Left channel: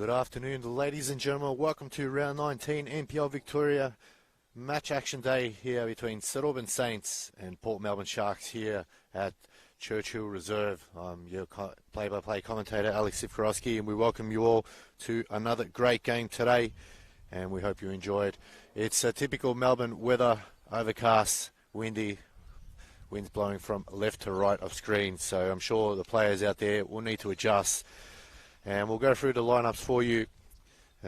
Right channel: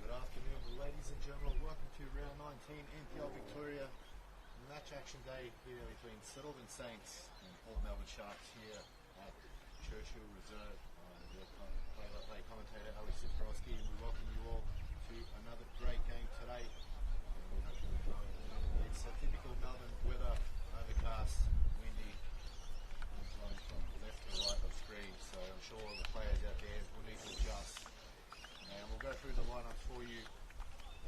Good afternoon, ladies and gentlemen. Welcome to round 19 NPL Victoria match action day here between St Albans Saints and Port Melbourne Sharks here at Churchill Reserve. I'm your play-by-play commentator, Alex Sivkorowski, and we welcome you all to another great game today, and we hope you enjoyed. It's a typical Melbourne weather, overcast, windy, winds blowing from left to right of screen, so I'm sure the players out there will need to adjust. And we'll go through the lineups for you.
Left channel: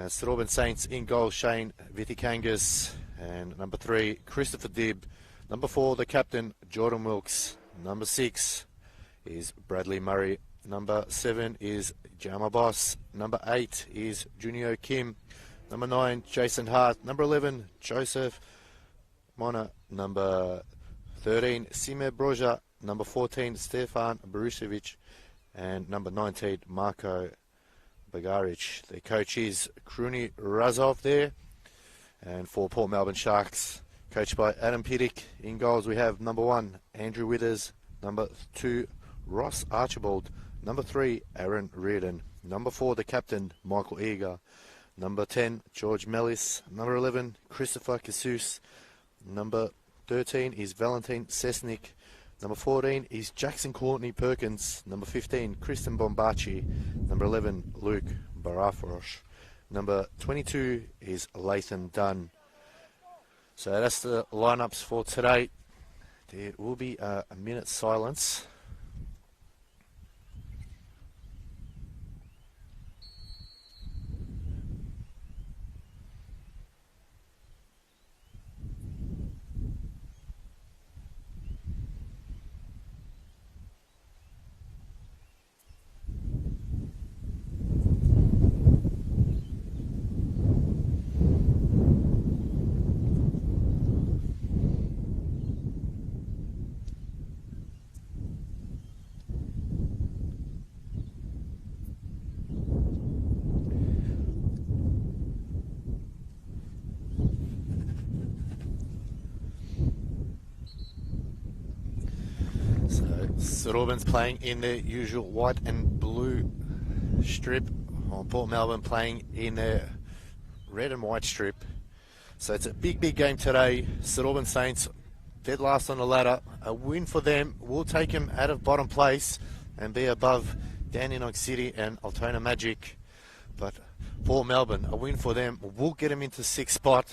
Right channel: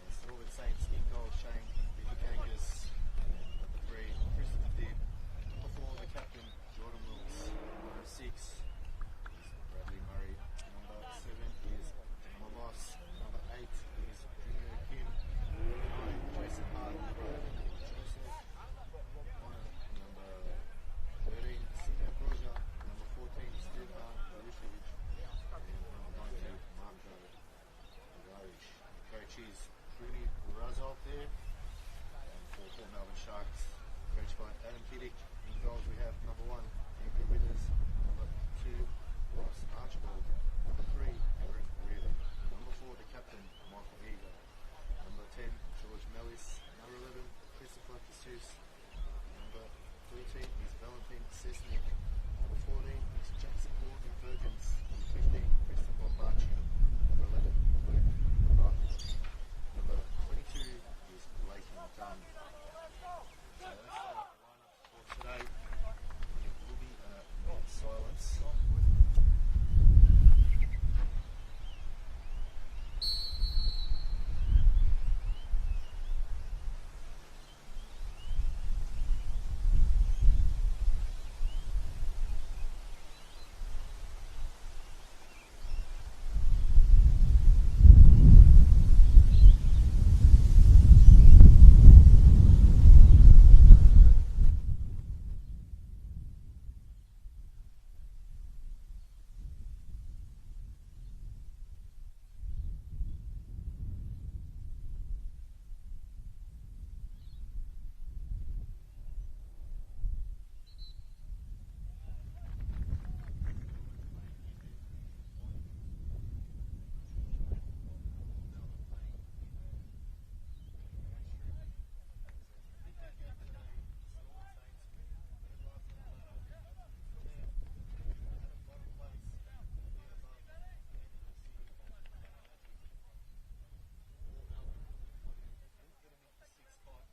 St Albans Saints in goal, Shane Vitikangas, and number 3, Christopher Dibb. Number 4, the captain, Jordan Wilkes. Number 6 is Bradley Murray. Number 7 is Jama Boss. Number 8 is Junio Kim. Number 9, Jason Hart. Number 11, Joseph Mona. Number 13, Sime Broja. Number 14, Stefan Borusevic. And number 19, Marko Bagaric. The coach is Kruni Razov there. And for Port Melbourne Sharks, coached by Adam Piddick. In goals we have number 1, Andrew Withers. Number 2, Ross Archibald. Number 3, Aaron Reardon. Number 4, the captain, Michael Eager. Number 10, George Mellis. Number 11, Christopher Casus. Number 13 is Valentin Sesnik. Number 14 is Jackson Courtney Perkins. Number 15, Kristen Bombachi. Number 11, Luke Barafarosh. Number 22 is Lathan Dunn. So that's the lineups for today. There will be a minute's silence. St Albans playing in their usual white and blue strip, while Port Melbourne playing in their red and white strip. So it's a big game today. St Albans Saints dead last on the ladder. A win for them will take them out of bottom place and be above Dandenong City and Altona Magic. But Port Melbourne, a win for them will get them into 6th spot,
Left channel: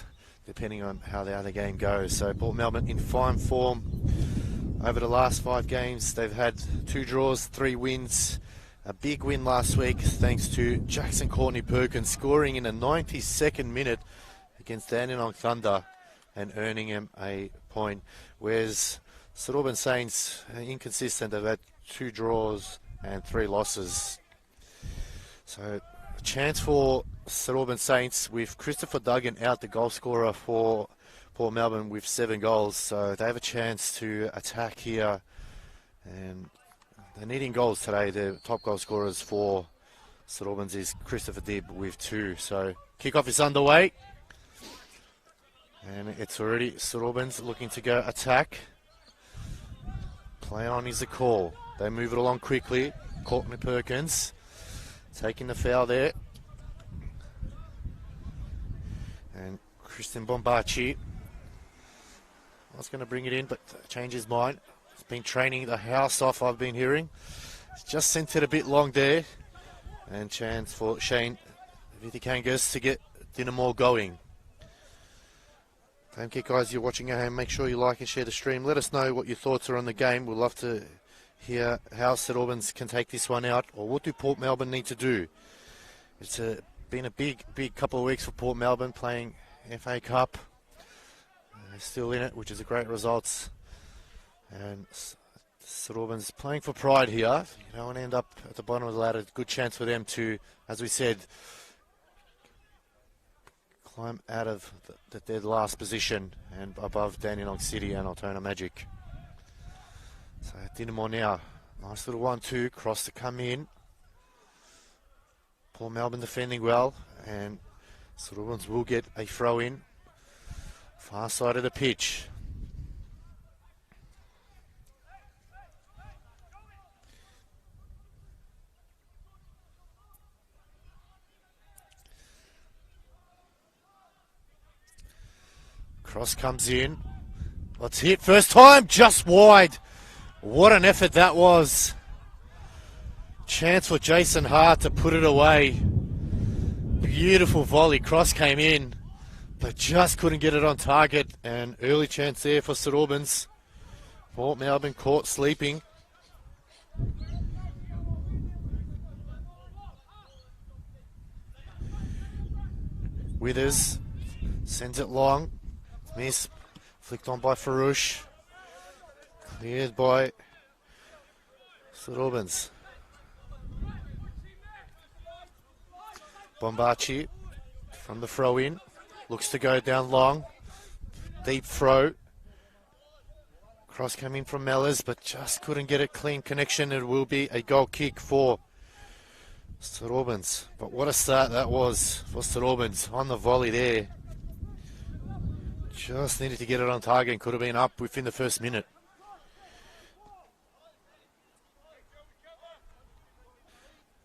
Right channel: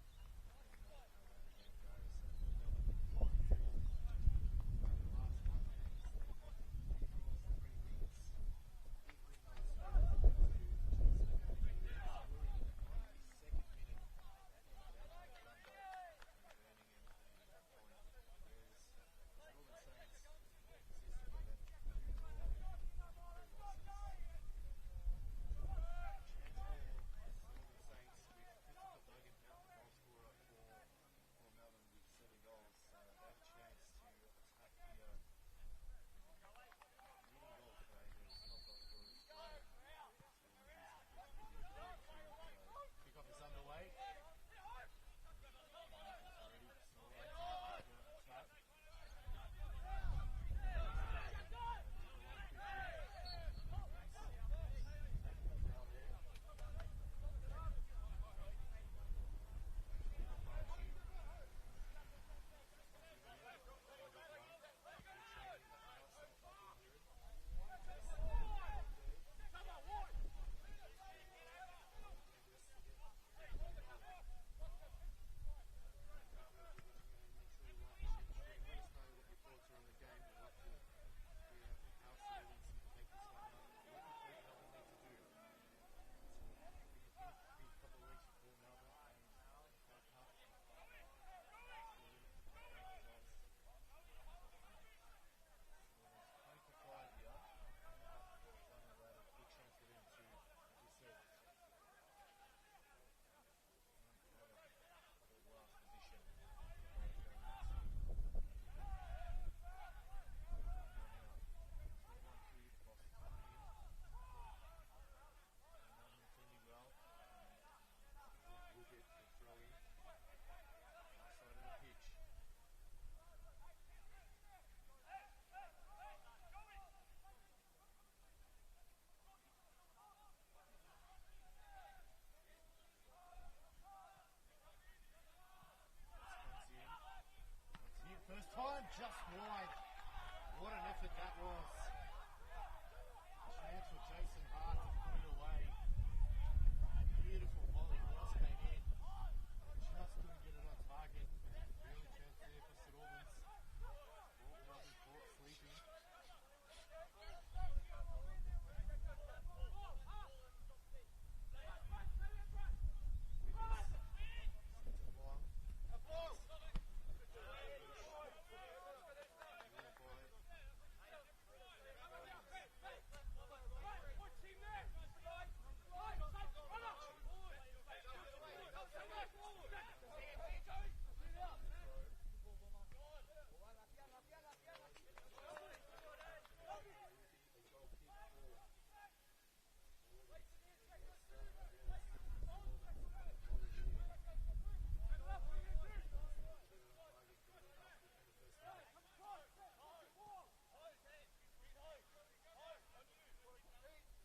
depending on how the other game goes. So Port Melbourne in fine form. Over the last 5 games, they've had 2 draws, 3 wins. A big win last week thanks to Jackson Courtney Perkins scoring in the 92nd minute against Dandenong Thunder and earning him a point. Whereas St Albans Saints are inconsistent. They've had 2 draws and 3 losses. So a chance for St Albans Saints with Christopher Duggan out, the goal scorer for Port Melbourne, with 7 goals, so they have a chance to attack here, and they're needing goals today. The top goal scorers for St Albans is Christopher Dibb with 2. So kickoff is underway, and it's already St Albans looking to go attack. Play on is the call. They move it along quickly. Courtney Perkins taking the foul there, and Kristen Bombachi was going to bring it in, but change his mind. He's been training the house off, I've been hearing. He's just sent it a bit long there. And chance for Shane Vitikangas to get Dinamo going. Don't forget, guys, you're watching at home, make sure you like and share the stream. Let us know what your thoughts are on the game. We'd love to hear how St Albans can take this one out, or what do Port Melbourne need to do. It's been a big couple of weeks for Port Melbourne, playing FA Cup. Still in it, which is a great result. And St Albans playing for pride here. You don't want to end up at the bottom of the ladder. Good chance for them to, as we said, climb out of the dead last position and above Dandenong City and Altona Magic. So Dinamo now. Nice little 1-2 cross to come in. Port Melbourne defending well, and St Albans will get a throw in. Far side of the pitch. Cross comes in. Let's hit. First time, just wide. What an effort that was. Chance for Jason Hart to put it away. Beautiful volley. Cross came in, but just couldn't get it on target. And early chance there for St Albans. Port Melbourne caught sleeping. Withers sends it long. Miss. Flicked on by Farouche. Cleared by St Albans. Bombachi from the throw in. Looks to go down long. Deep throw. Cross came in from Mellors, but just couldn't get a clean connection. It will be a goal kick for St Albans. But what a start that was for St Albans on the volley there. Just needed to get it on target and could have been up within the first minute.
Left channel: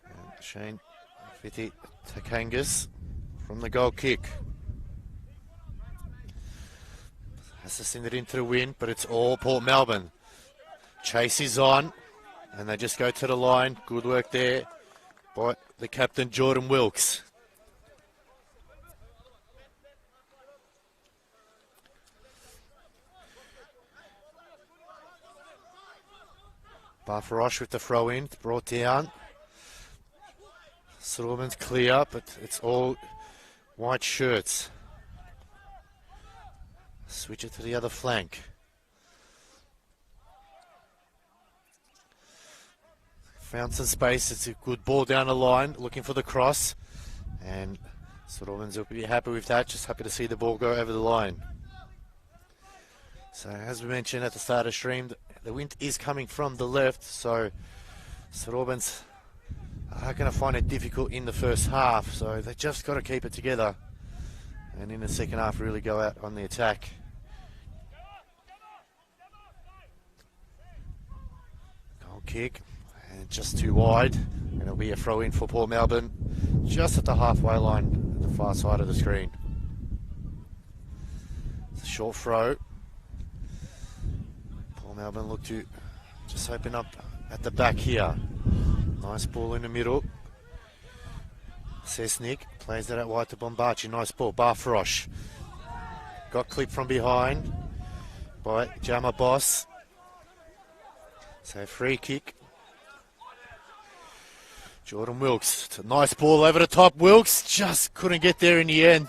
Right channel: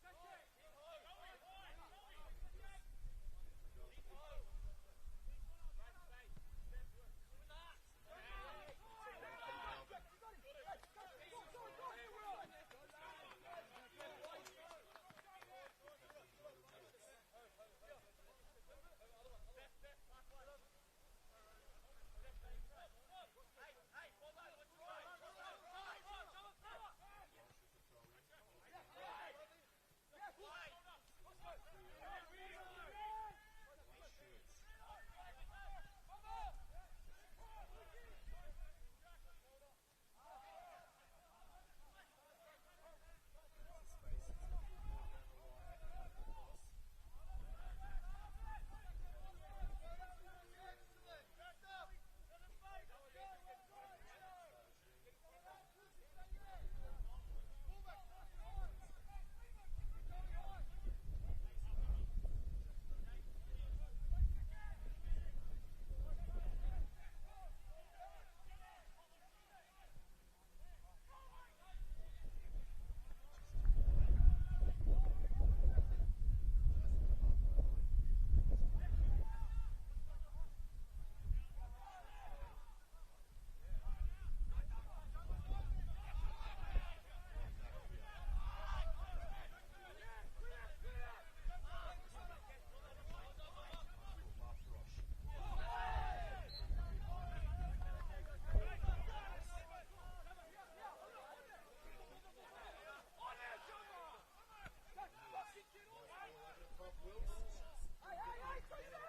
And Shane Fiti Takangas from the goal kick. Has to send it into the wind, but it's all Port Melbourne. Chase is on, and they just go to the line. Good work there by the captain, Jordan Wilkes. Barfarosh with the throw in, brought down. St Albans clear, but it's all white shirts. Switch it to the other flank. Found some space. It's a good ball down the line, looking for the cross. And St Albans will be happy with that. Just happy to see the ball go over the line. So as we mentioned at the start of the stream, the wind is coming from the left. So St Albans are going to find it difficult in the first half. So they just got to keep it together. And in the second half, really go out on the attack. Goal kick. And just too wide. And it'll be a throw in for Port Melbourne. Just at the halfway line, at the far side of the screen. It's a short throw. Port Melbourne look to just open up at the back here. Nice ball in the middle. Sesnik plays that out wide to Bombachi. Nice ball. Barfarosh. Got clipped from behind by Jama Boss. So free kick. Jordan Wilkes. It's a nice ball over the top. Wilkes just couldn't get there in the end.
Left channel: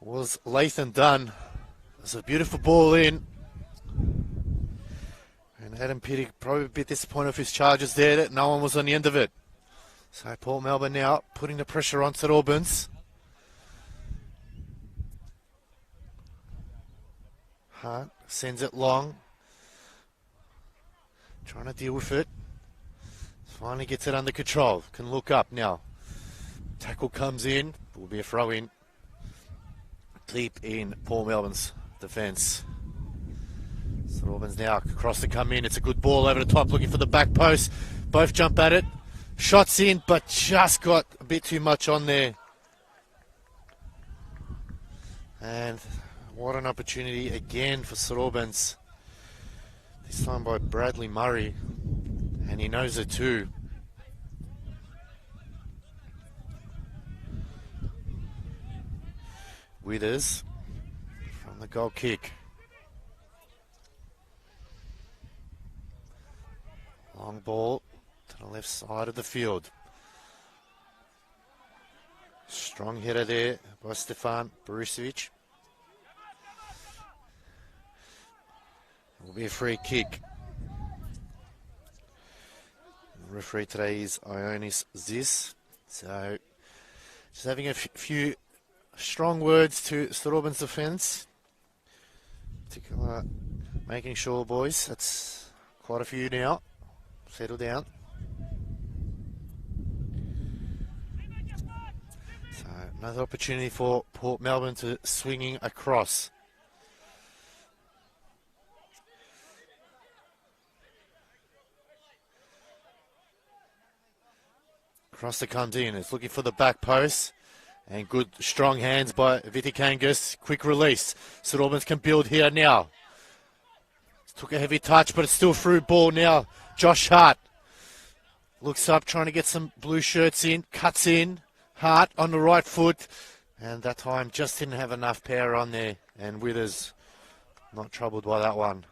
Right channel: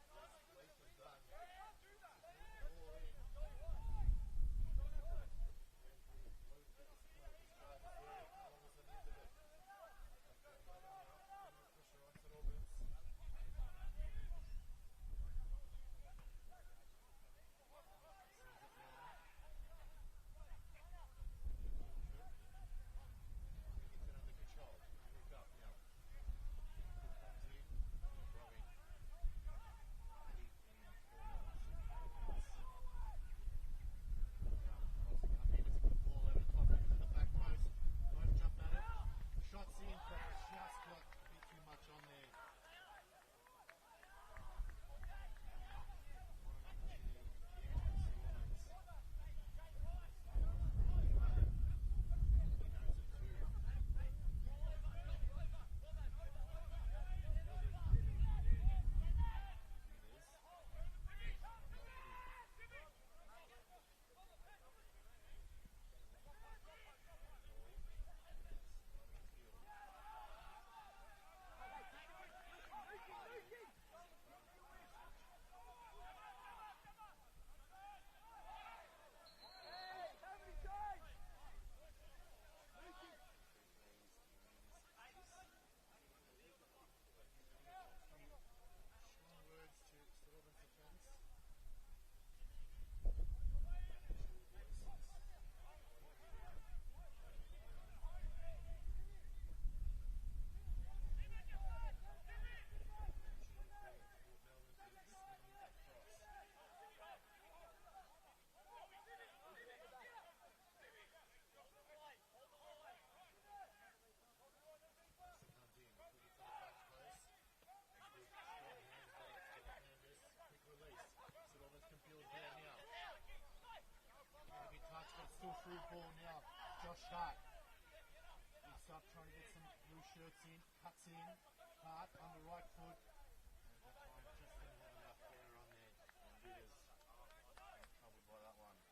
Was Lathan done. It's a beautiful ball in. And Adam Pittick probably a bit disappointed with his charges there that no one was on the end of it. So Port Melbourne now putting the pressure on St Albans. Hart sends it long. Trying to deal with it. Finally gets it under control. Can look up now. Tackle comes in. Will be a throw in. Deep in Port Melbourne's defence. St Albans now across to come in. It's a good ball over the top looking for the back post. Both jump at it. Shots in, but just got a bit too much on there. And what an opportunity again for St Albans. This time by Bradley Murray. And he knows it too. Withers from the goal kick. Long ball to the left side of the field. Strong header there by Stefan Borisevic. Will be a free kick. The referee today is Ionis Zis. So just having a few strong words to St Albans defence. Particular, making sure, boys, that's quite a few now. Settle down. So another opportunity for Port Melbourne to swinging across. Cross that comes in. It's looking for the back post. And good, strong hands by Vitikangas. Quick release. St Albans can build here now. Took a heavy touch, but it's still through ball now. Josh Hart looks up, trying to get some blue shirts in. Cuts in. Hart on the right foot. And that time just didn't have enough power on there. And Withers not troubled by that one.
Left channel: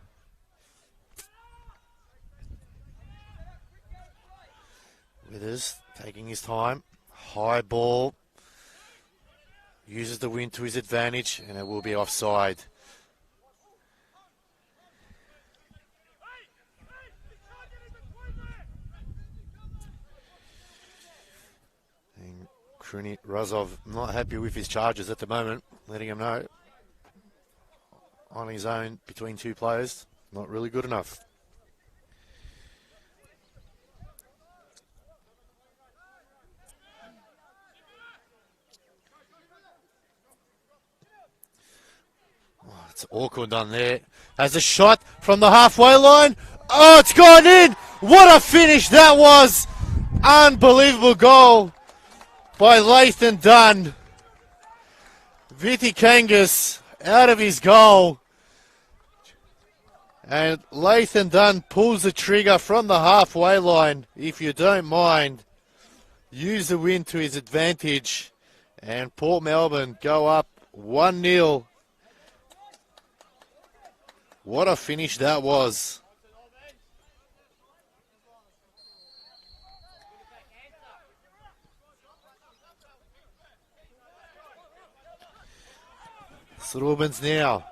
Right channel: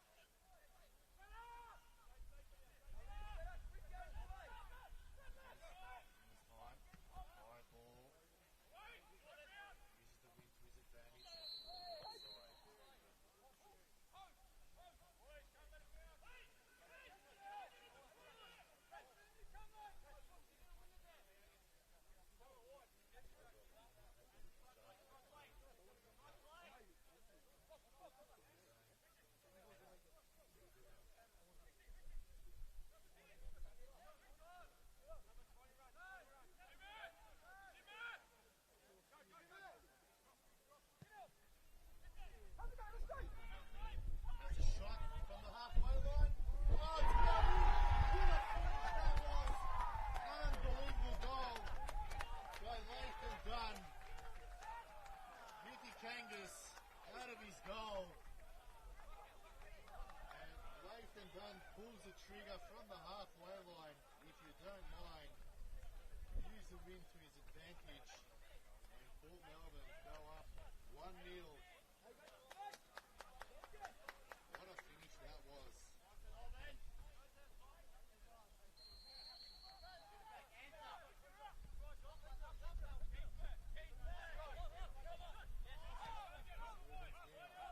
Withers taking his time. High ball. Uses the wind to his advantage, and it will be offside. And Kruni Razov not happy with his charges at the moment, letting him know on his own between two players, not really good enough. It's awkward done there. Has a shot from the halfway line. Oh, it's gone in. What a finish that was. Unbelievable goal by Lathan Dunn. Vitikangas out of his goal. And Lathan Dunn pulls the trigger from the halfway line. If you don't mind, use the wind to his advantage. And Port Melbourne go up 1-0. What a finish that was. St Albans now.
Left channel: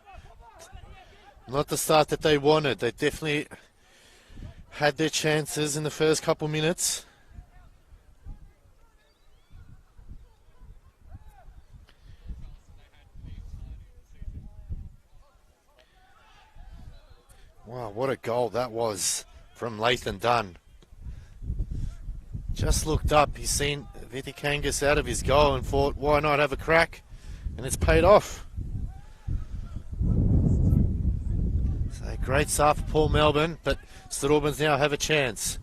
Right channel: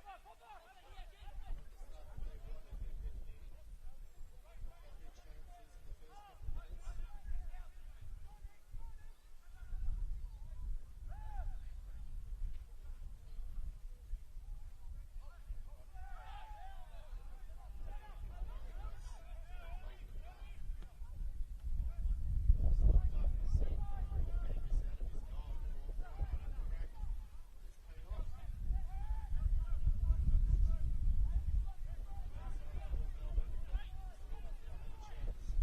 Not the start that they wanted. They definitely had their chances in the first couple minutes. Wow, what a goal that was from Lathan Dunn. Just looked up, he's seen Vitikangas out of his goal and thought, why not have a crack? And it's paid off. So great start for Port Melbourne, but St Albans now have a chance.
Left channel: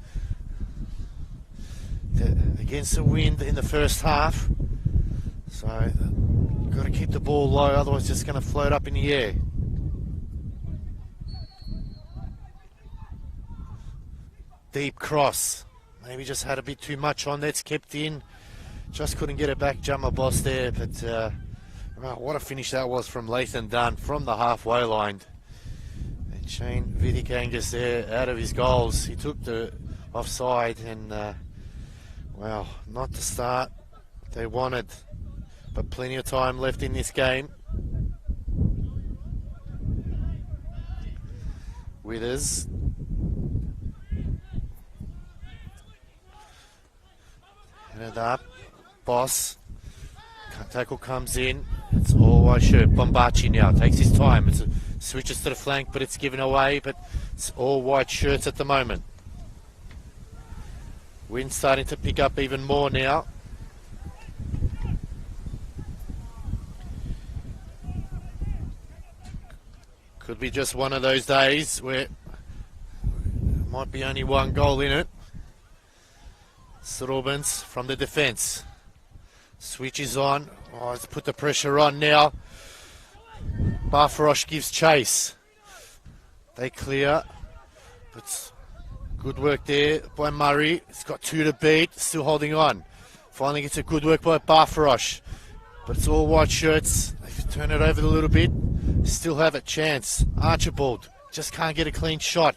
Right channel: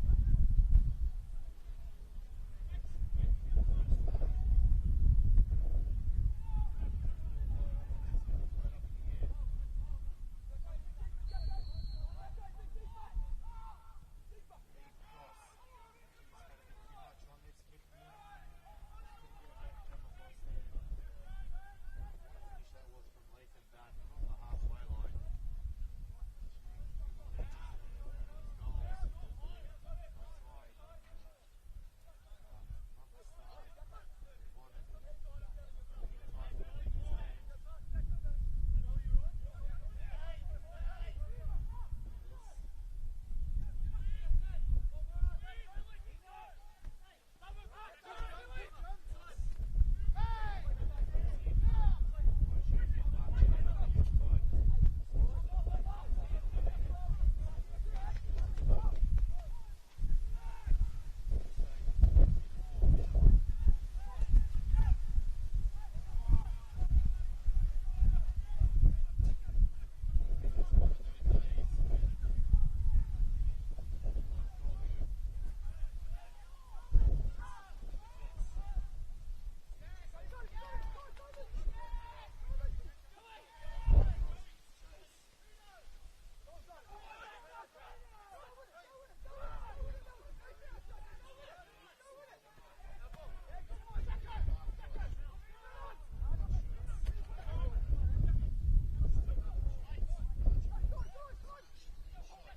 Against the wind in the first half. So, got to keep the ball low, otherwise it's just going to float up in the air. Deep cross. Maybe just had a bit too much on. That's kept in. Just couldn't get it back. Jummer boss there. But wow, what a finish that was from Lathan Dunn from the halfway line. And Shane Vitikangas there out of his goals. He took the offside and wow, not the start they wanted. But plenty of time left in this game. Withers. Headed up. Boss. Tackle comes in. It's all white shirt. Bombachi now takes his time. It switches to the flank, but it's given away. But it's all white shirts at the moment. Wind starting to pick up even more now. Could be just one of those days where might be only one goal in it. St Albans from the defence. Switches on. Oh, let's put the pressure on now. Barfarosh gives chase. They clear. But good work there by Murray. It's got two to beat. Still holding on. Finally gets a good work by Barfarosh. But it's all white shirts. If you turn it over a little bit, still have a chance. Archibald just can't get a clean shot.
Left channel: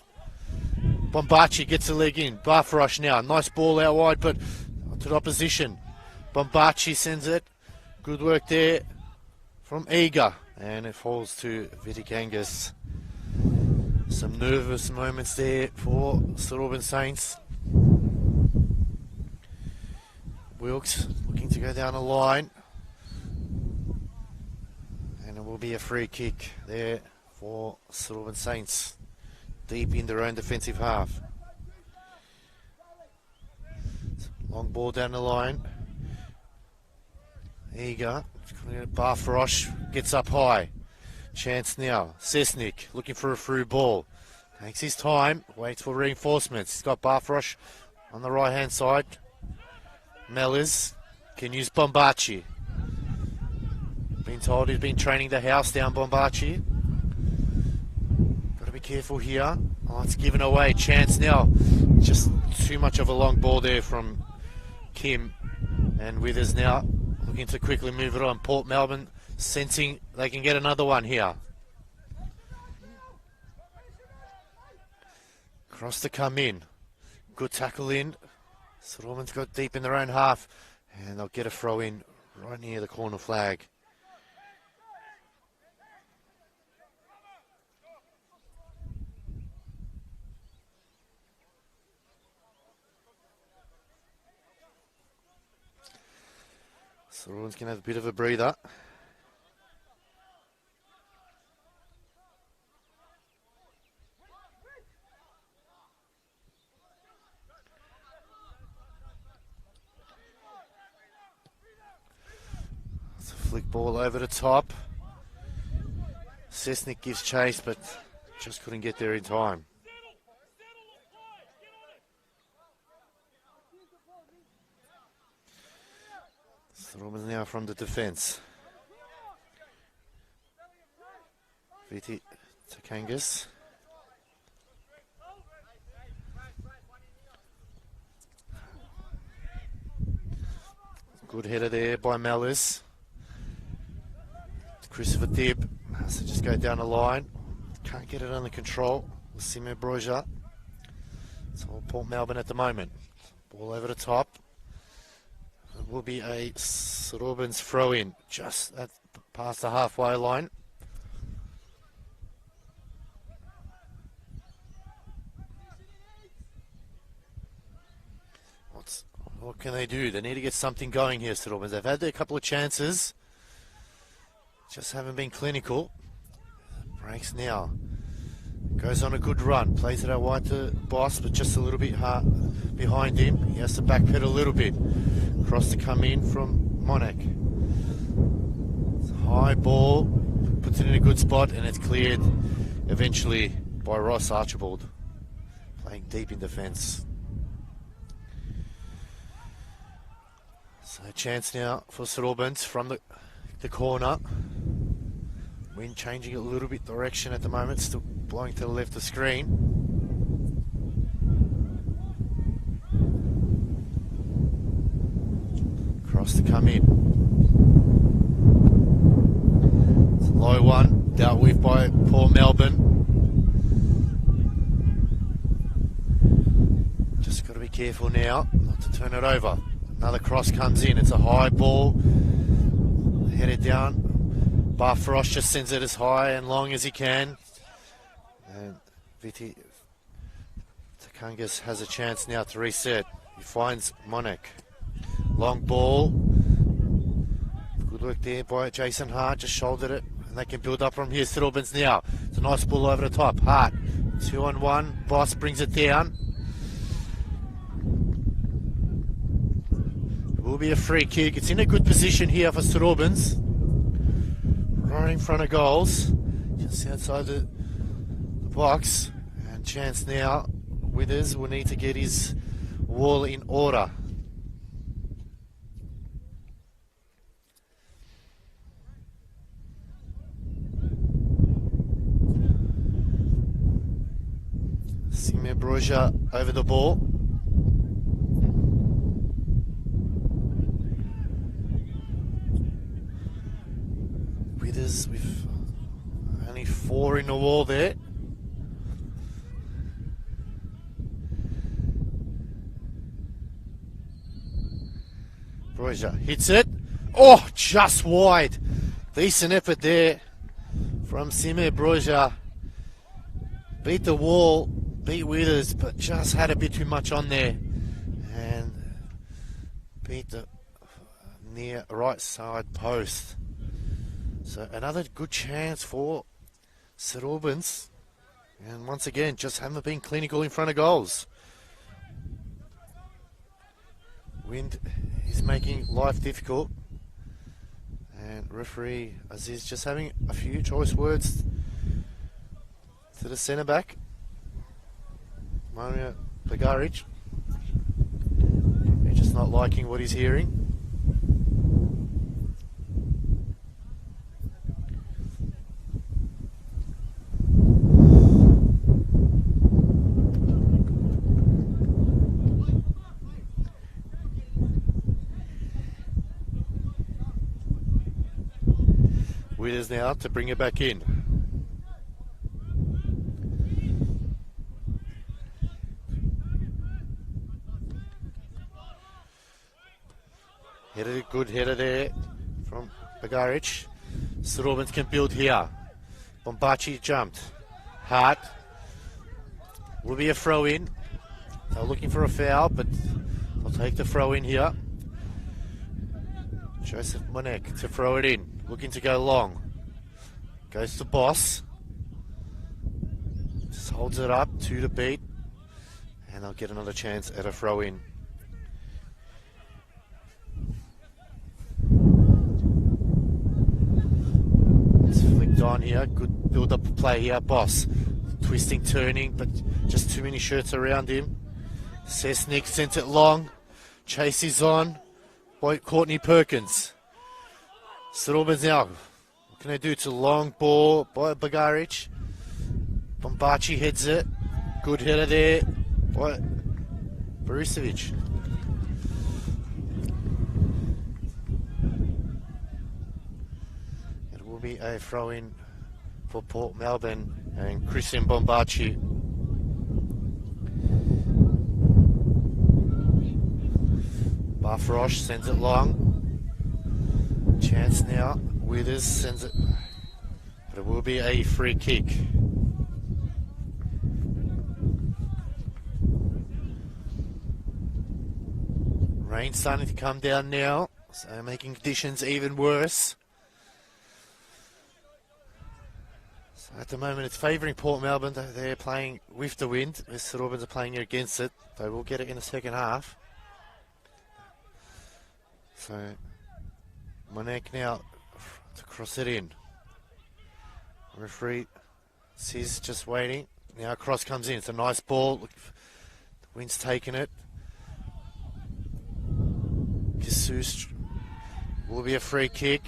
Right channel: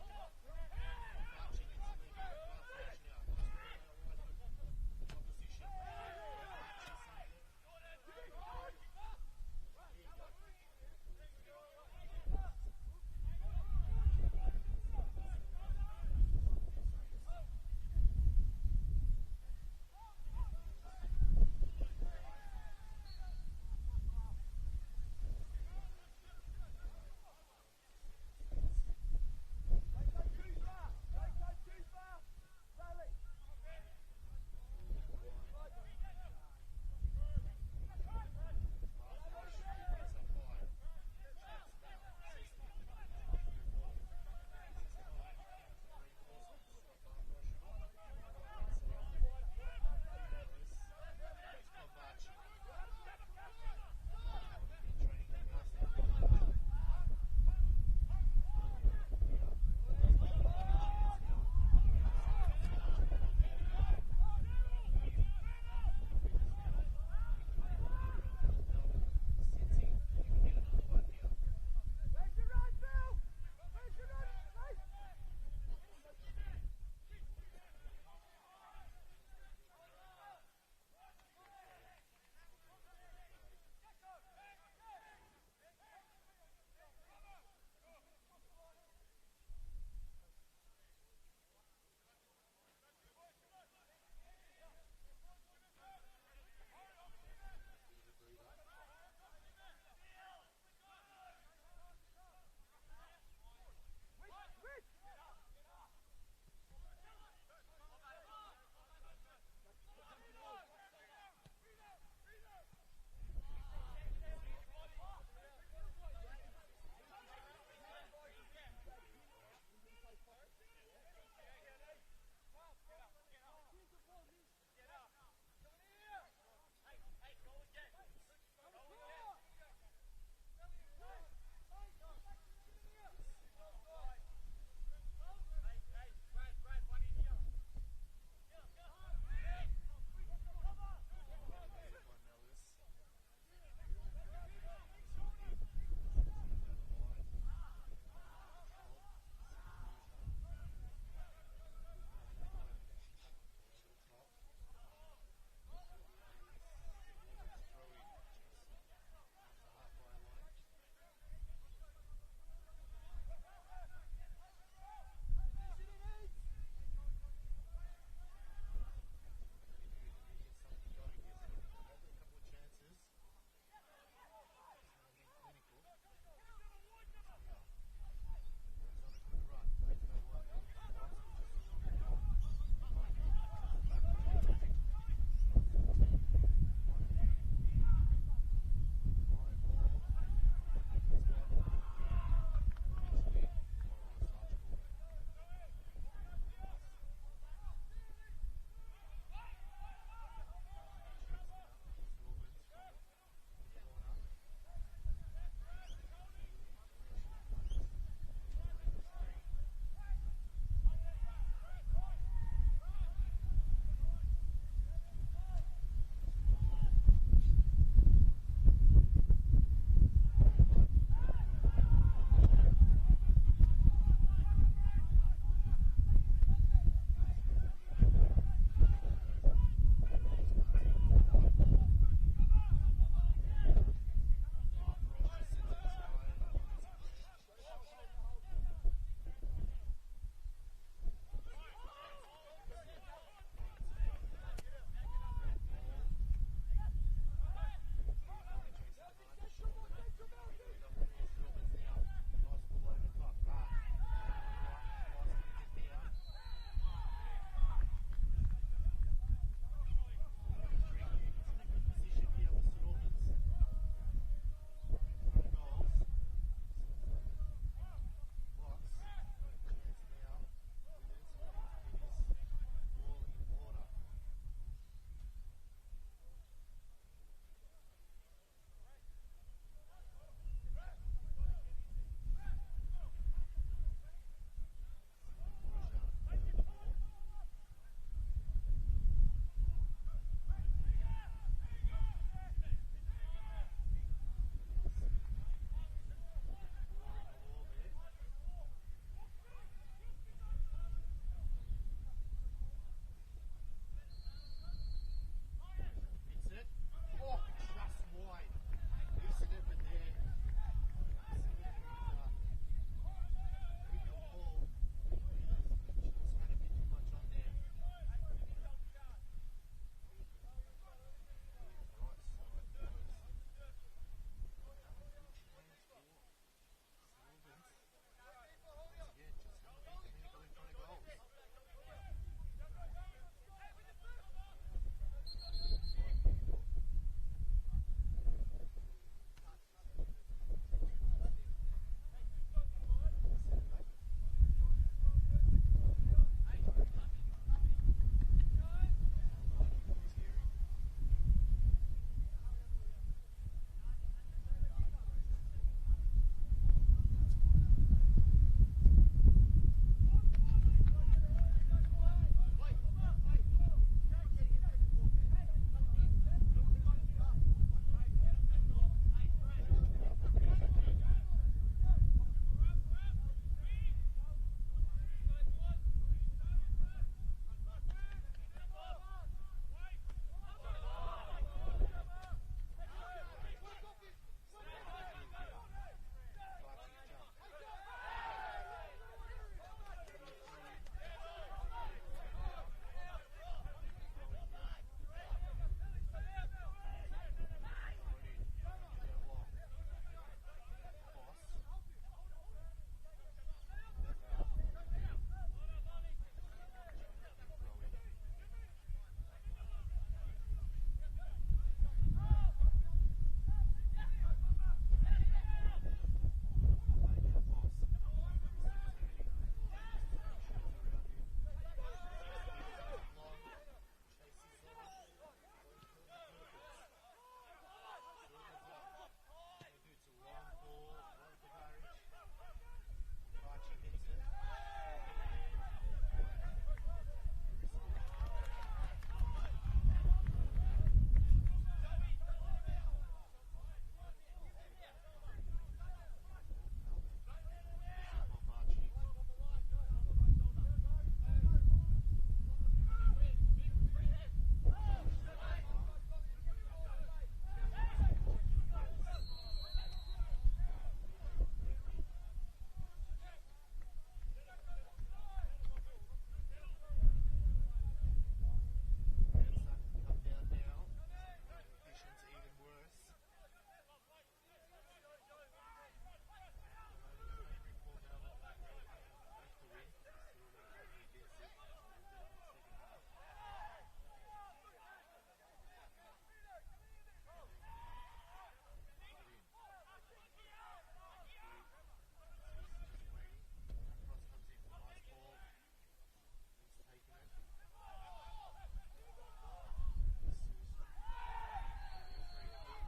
Bombachi gets a leg in. Barfarosh now. Nice ball out wide, but to the opposition. Bombachi sends it. Good work there from Eager. And it falls to Vitikangas. Some nervous moments there for St Albans Saints. Wilkes looking to go down the line. And it will be a free kick there for St Albans Saints. Deep in their own defensive half. Long ball down the line. Eager. Barfarosh gets up high. Chance now. Sesnik looking for a through ball. Takes his time. Waits for reinforcements. He's got Barfarosh on the right hand side. Mellors can use Bombachi. told he's been training the house down Bombachi. Got to be careful here. Oh, it's given away. Chance now. Just too much of a long ball there from Kim. And Withers now looking to quickly move it on. Port Melbourne sensing they can get another one here. Cross to come in. Good tackle in. St Albans got deep in their own half. And they'll get a throw in right near the corner flag. So everyone's going to have a bit of a breather. It's a flick ball over the top. Cessnick gives chase, but just couldn't get there in time. Robins now from the defence. VT Takangas. Good header there by Mellis. Christopher Dibb has to just go down the line. Can't get it under control. Sime Broja. It's all Port Melbourne at the moment. Ball over the top. It will be a St Albans throw in just at past the halfway line. What can they do? They need to get something going here, St Albans. They've had their couple of chances, just haven't been clinical. Breaks now. Goes on a good run. Plays it out wide to Boss, but just a little bit hard behind him. He has to backpedal a little bit. Cross to come in from Monac. It's a high ball. Puts it in a good spot, and it's cleared eventually by Ross Archibald. Playing deep in defence. So a chance now for St Albans from the corner. Wind changing a little bit direction at the moment, still blowing to the left of the screen. Cross to come in. It's a low one, dealt with by Port Melbourne. Just got to be careful now not to turn it over. Another cross comes in, it's a high ball. Headed down. Bar Frost just sends it as high and long as he can. And Viti Takangas has a chance now to reset. He finds Monac. Long ball. Good work there by Jason Hart. Just shouldered it. And they can build up from here. St Albans now. It's a nice ball over the top. Hart. 2-on-1. Boss brings it down. It will be a free kick. It's in a good position here for St Albans. Right in front of goals, just outside the box, and chance now. Withers will need to get his wall in order. Sime Broja over the ball. With only 4 in the wall there. Broja hits it. Oh, just wide. Decent effort there from Sime Broja. Beat the wall, beat Withers, but just had a bit too much on there. And beat the near right side post. So another good chance for St Albans. And once again, just haven't been clinical in front of goals. Wind is making life difficult. And referee Aziz just having a few choice words to the centre back, Mario Bagaric. He's just not liking what he's hearing. Withers now to bring it back in. Good header there from Bagaric. St Albans can build here. Bombachi jumped. Hart. Will be a throw in. They're looking for a foul, but I'll take the throw in here. Joseph Monek to throw it in. Looking to go long. Goes to Boss. Just holds it up, 2 to beat. And they'll get another chance at a throw in. It's flicked on here. Good build up play here. Boss. Twisting, turning, but just too many shirts around him. Sesnick sent it long. Chase is on. Courtney Perkins. St Albans now. What can they do? It's a long ball by Bagaric. Bombachi heads it. Good header there by Borisevic. It will be a throw in for Port Melbourne and Christian Bombachi. Barfrosh sends it long. Chance now. Withers sends it. But it will be a free kick. Rain starting to come down now, so making conditions even worse. So at the moment it's favouring Port Melbourne. They're playing with the wind. The St Albans are playing against it. They will get it in the second half. So Monek now to cross it in. Referee Sis just waiting. Now cross comes in. It's a nice ball. The wind's taking it. Jesus will be a free kick.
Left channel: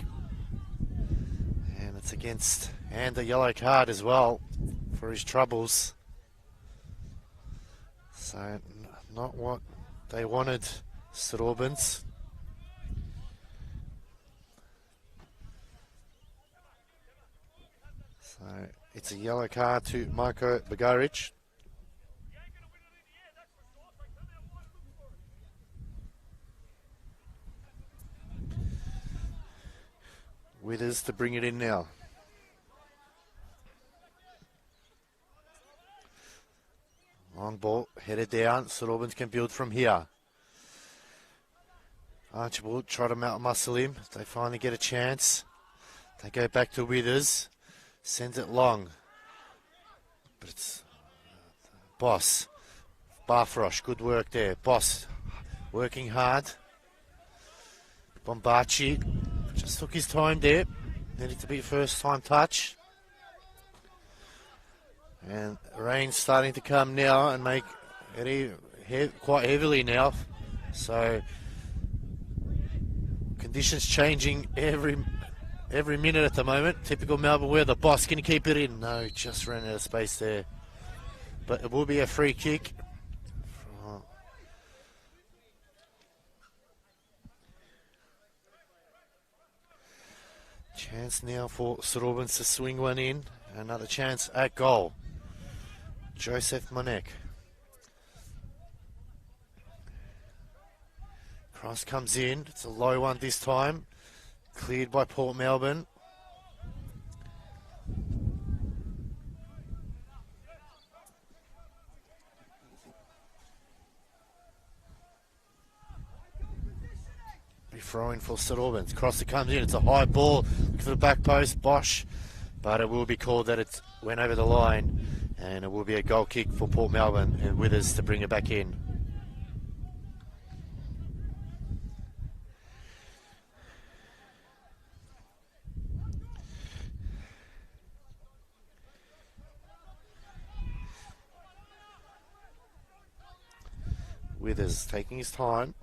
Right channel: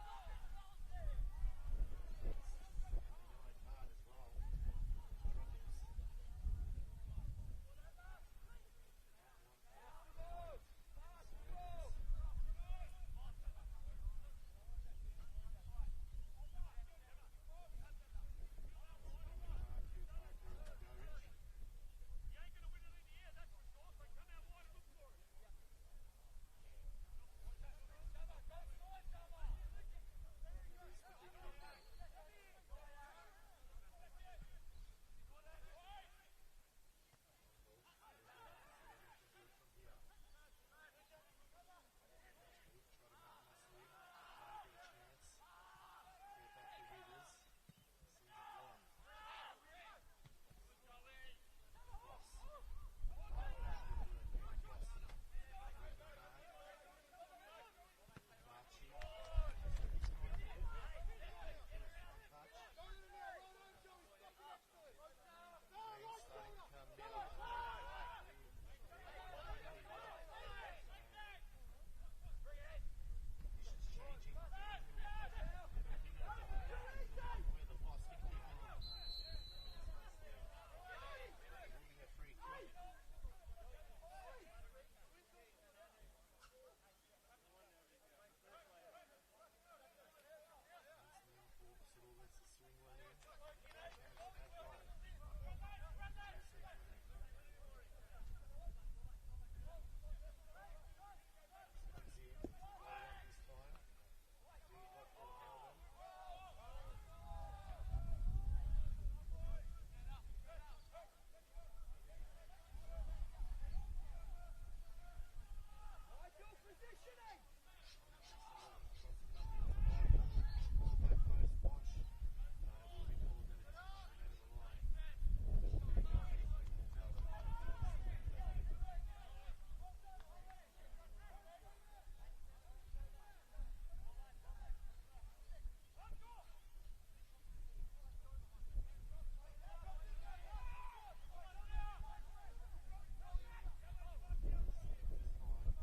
And it's against, and a yellow card as well for his troubles. So not what they wanted, St Albans. It's a yellow card to Marko Bagaric. Withers to bring it in now. Long ball, headed down. St Albans can build from here. Archibald try to muscle him. They finally get a chance. They go back to Withers. Sends it long. But it's Boss. Barfrosh, good work there. Boss working hard. Bombachi just took his time there. Needed to be first time touch. And rain's starting to come now and make it quite heavily now. So conditions changing every minute at the moment. Typical Melbourne weather. Boss, can you keep it in? No, just ran out of space there. But it will be a free kick. Chance now for St Albans to swing one in. Another chance at goal. Joseph Monek. Cross comes in. It's a low one this time. Cleared by Port Melbourne. Be throwing for St Albans. Cross it comes in. It's a high ball. Look for the back post. Bosch. But it will be called that it went over the line. And it will be a goal kick for Port Melbourne. And Withers to bring it back in. Withers taking his time.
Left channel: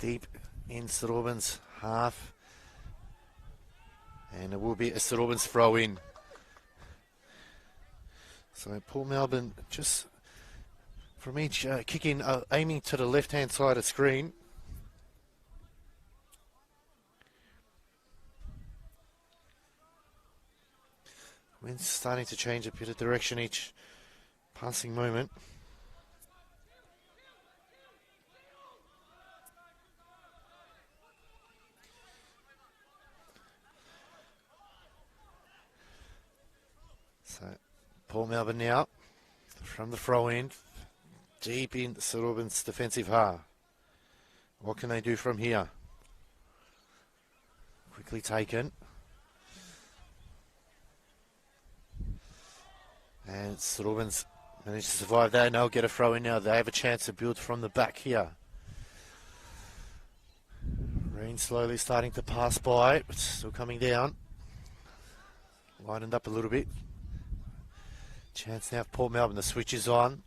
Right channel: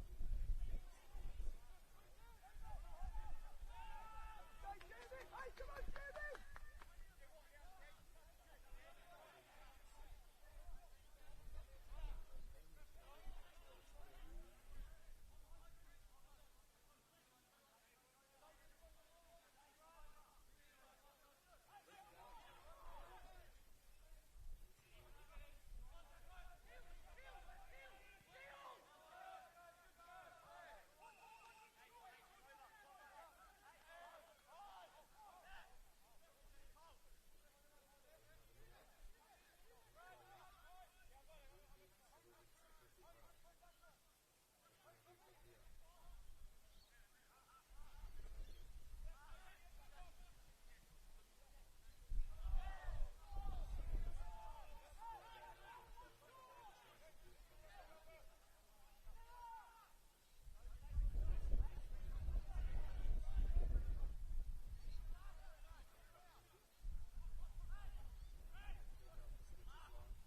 Deep in St Albans half. And it will be a St Albans throw in. So Port Melbourne just from each kicking, aiming to the left-hand side of screen. Wind's starting to change a bit of direction each passing moment. So, Port Melbourne now from the throw in, deep in St Albans' defensive half. What can they do from here? Quickly taken. And St Albans managed to survive that, and they'll get a throw in now. They have a chance to build from the back here. Rain slowly starting to pass by, but still coming down. Lightened up a little bit. Chance now for Port Melbourne. The switch is on.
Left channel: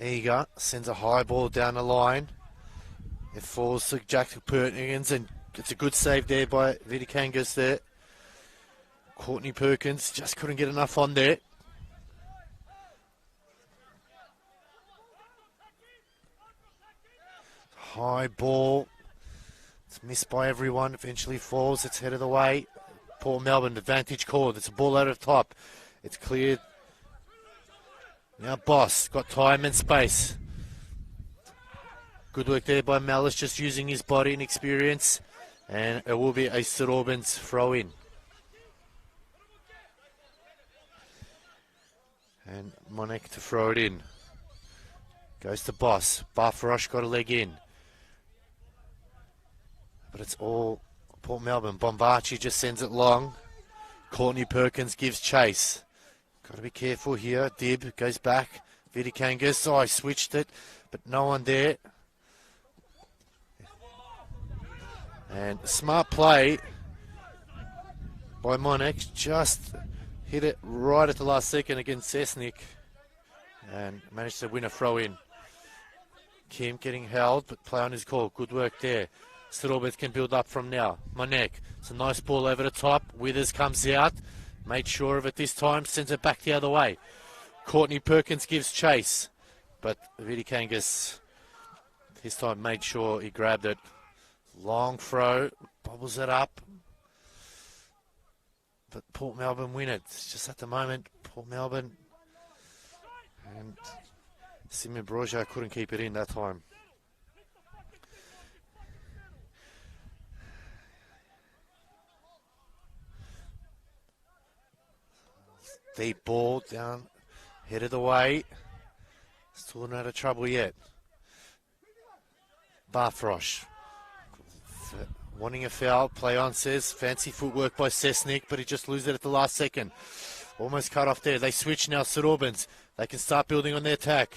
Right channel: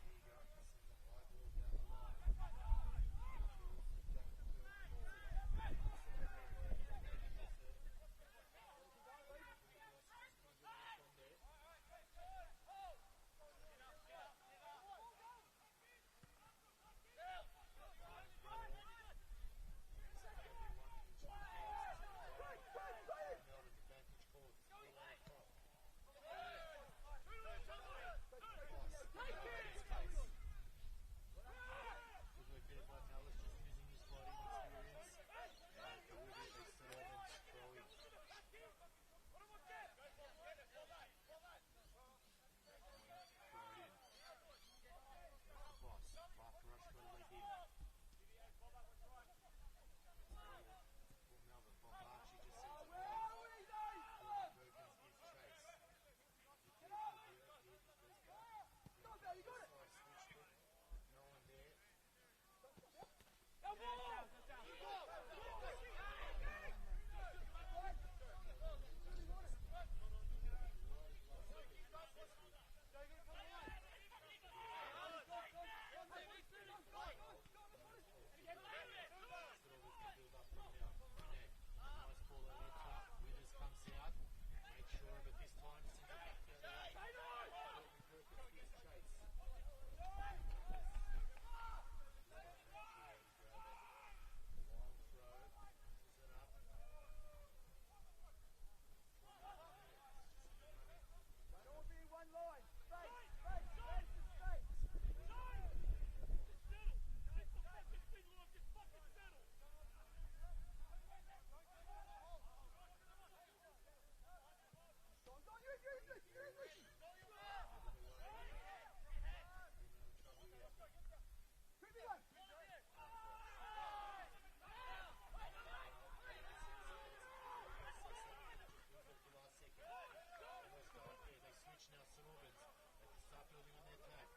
Eager sends a high ball down the line. It falls to Jack Perkins, and it's a good save there by VIC NPL1 there. Courtney Perkins just couldn't get enough on there. High ball. It's missed by everyone. Eventually falls. It's headed away. Port Melbourne, advantage called. It's a ball out of top. It's cleared. Now Boss got time and space. Good work there by Malice, just using his body and experience. And it will be a St Albans throw in. And Monek to throw it in. Goes to Boss. Barfarosh got a leg in. But it's all Port Melbourne. Bombachi just sends it long. Courtney Perkins gives chase. Got to be careful here. Dib goes back. VIC NPL1. Oh, I switched it, but no one there. And smart play by Monek. Just hit it right at the last second against Cessnick. And managed to win a throw in. Kim getting held, but play on his call. Good work there. St Albans can build up from now. Monek. It's a nice ball over the top. Withers comes out. Made sure of it this time. Sends it back the other way. Courtney Perkins gives chase. But VIC NPL1 this time made sure he grabbed it. Long throw. Bobbles it up. But Port Melbourne win it. It's just at the moment, Port Melbourne. And Simon Broja couldn't keep it in that time. Deep ball down, headed away. Still not out of trouble yet. Barfrosh wanting a foul. Play on says fancy footwork by Cessnick, but he just loses it at the last second. Almost cut off there. They switch now. St Albans. They can start building on their attack.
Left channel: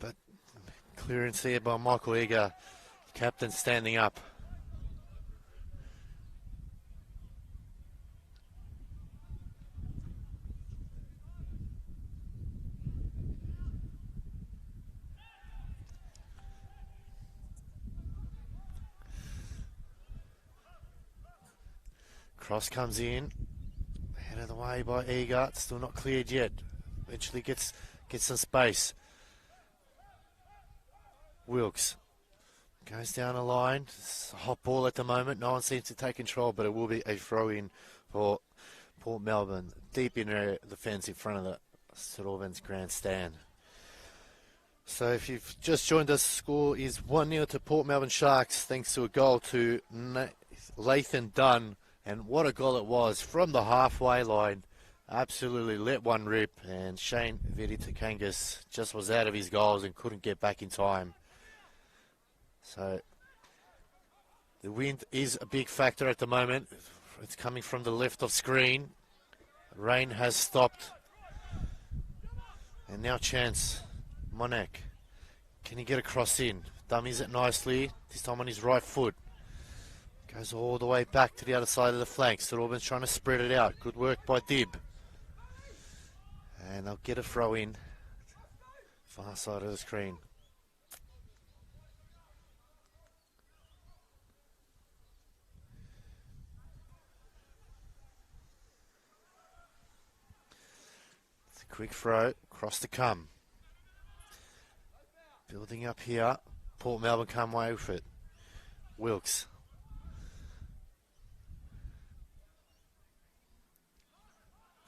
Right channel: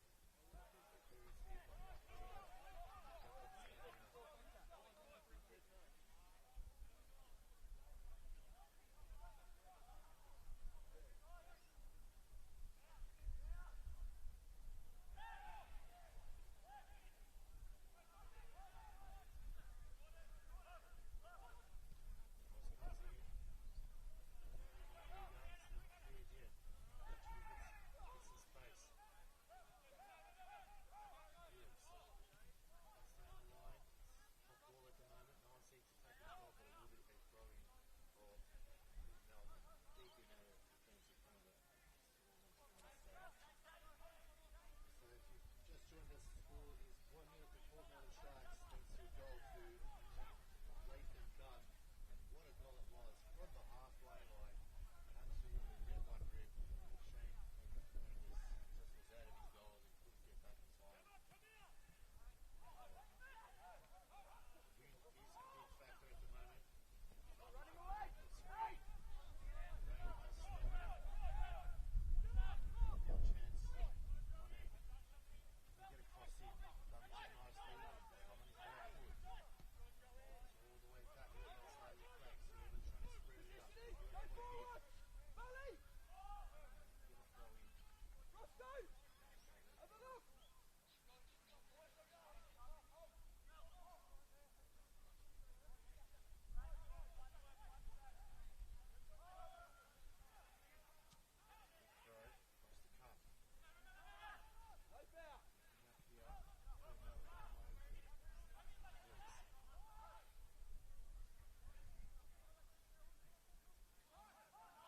But clearance there by Michael Eager, captain standing up. Cross comes in, head of the way by Eager, still not cleared yet. Eventually gets some space. Wilkes goes down the line. It's a hot ball at the moment. No one seems to take control, but it will be a throw in for Port Melbourne. Deep in area, the fence in front of the St Albans grandstand. So if you've just joined us, the score is 1-0 to Port Melbourne Sharks, thanks to a goal to Lathan Dunn. And what a goal it was from the halfway line. Absolutely let one rip. And Shane VIC NPL1 just was out of his goals and couldn't get back in time. So the wind is a big factor at the moment. It's coming from the left of screen. Rain has stopped. And now chance. Monek. Can he get a cross in? Dummies it nicely. This time on his right foot. Goes all the way back to the other side of the flank. St Albans trying to spread it out. Good work by Dib. And they'll get a throw in. Far side of the screen. Quick throw, across the come. Building up here. Port Melbourne come away with it. Wilkes.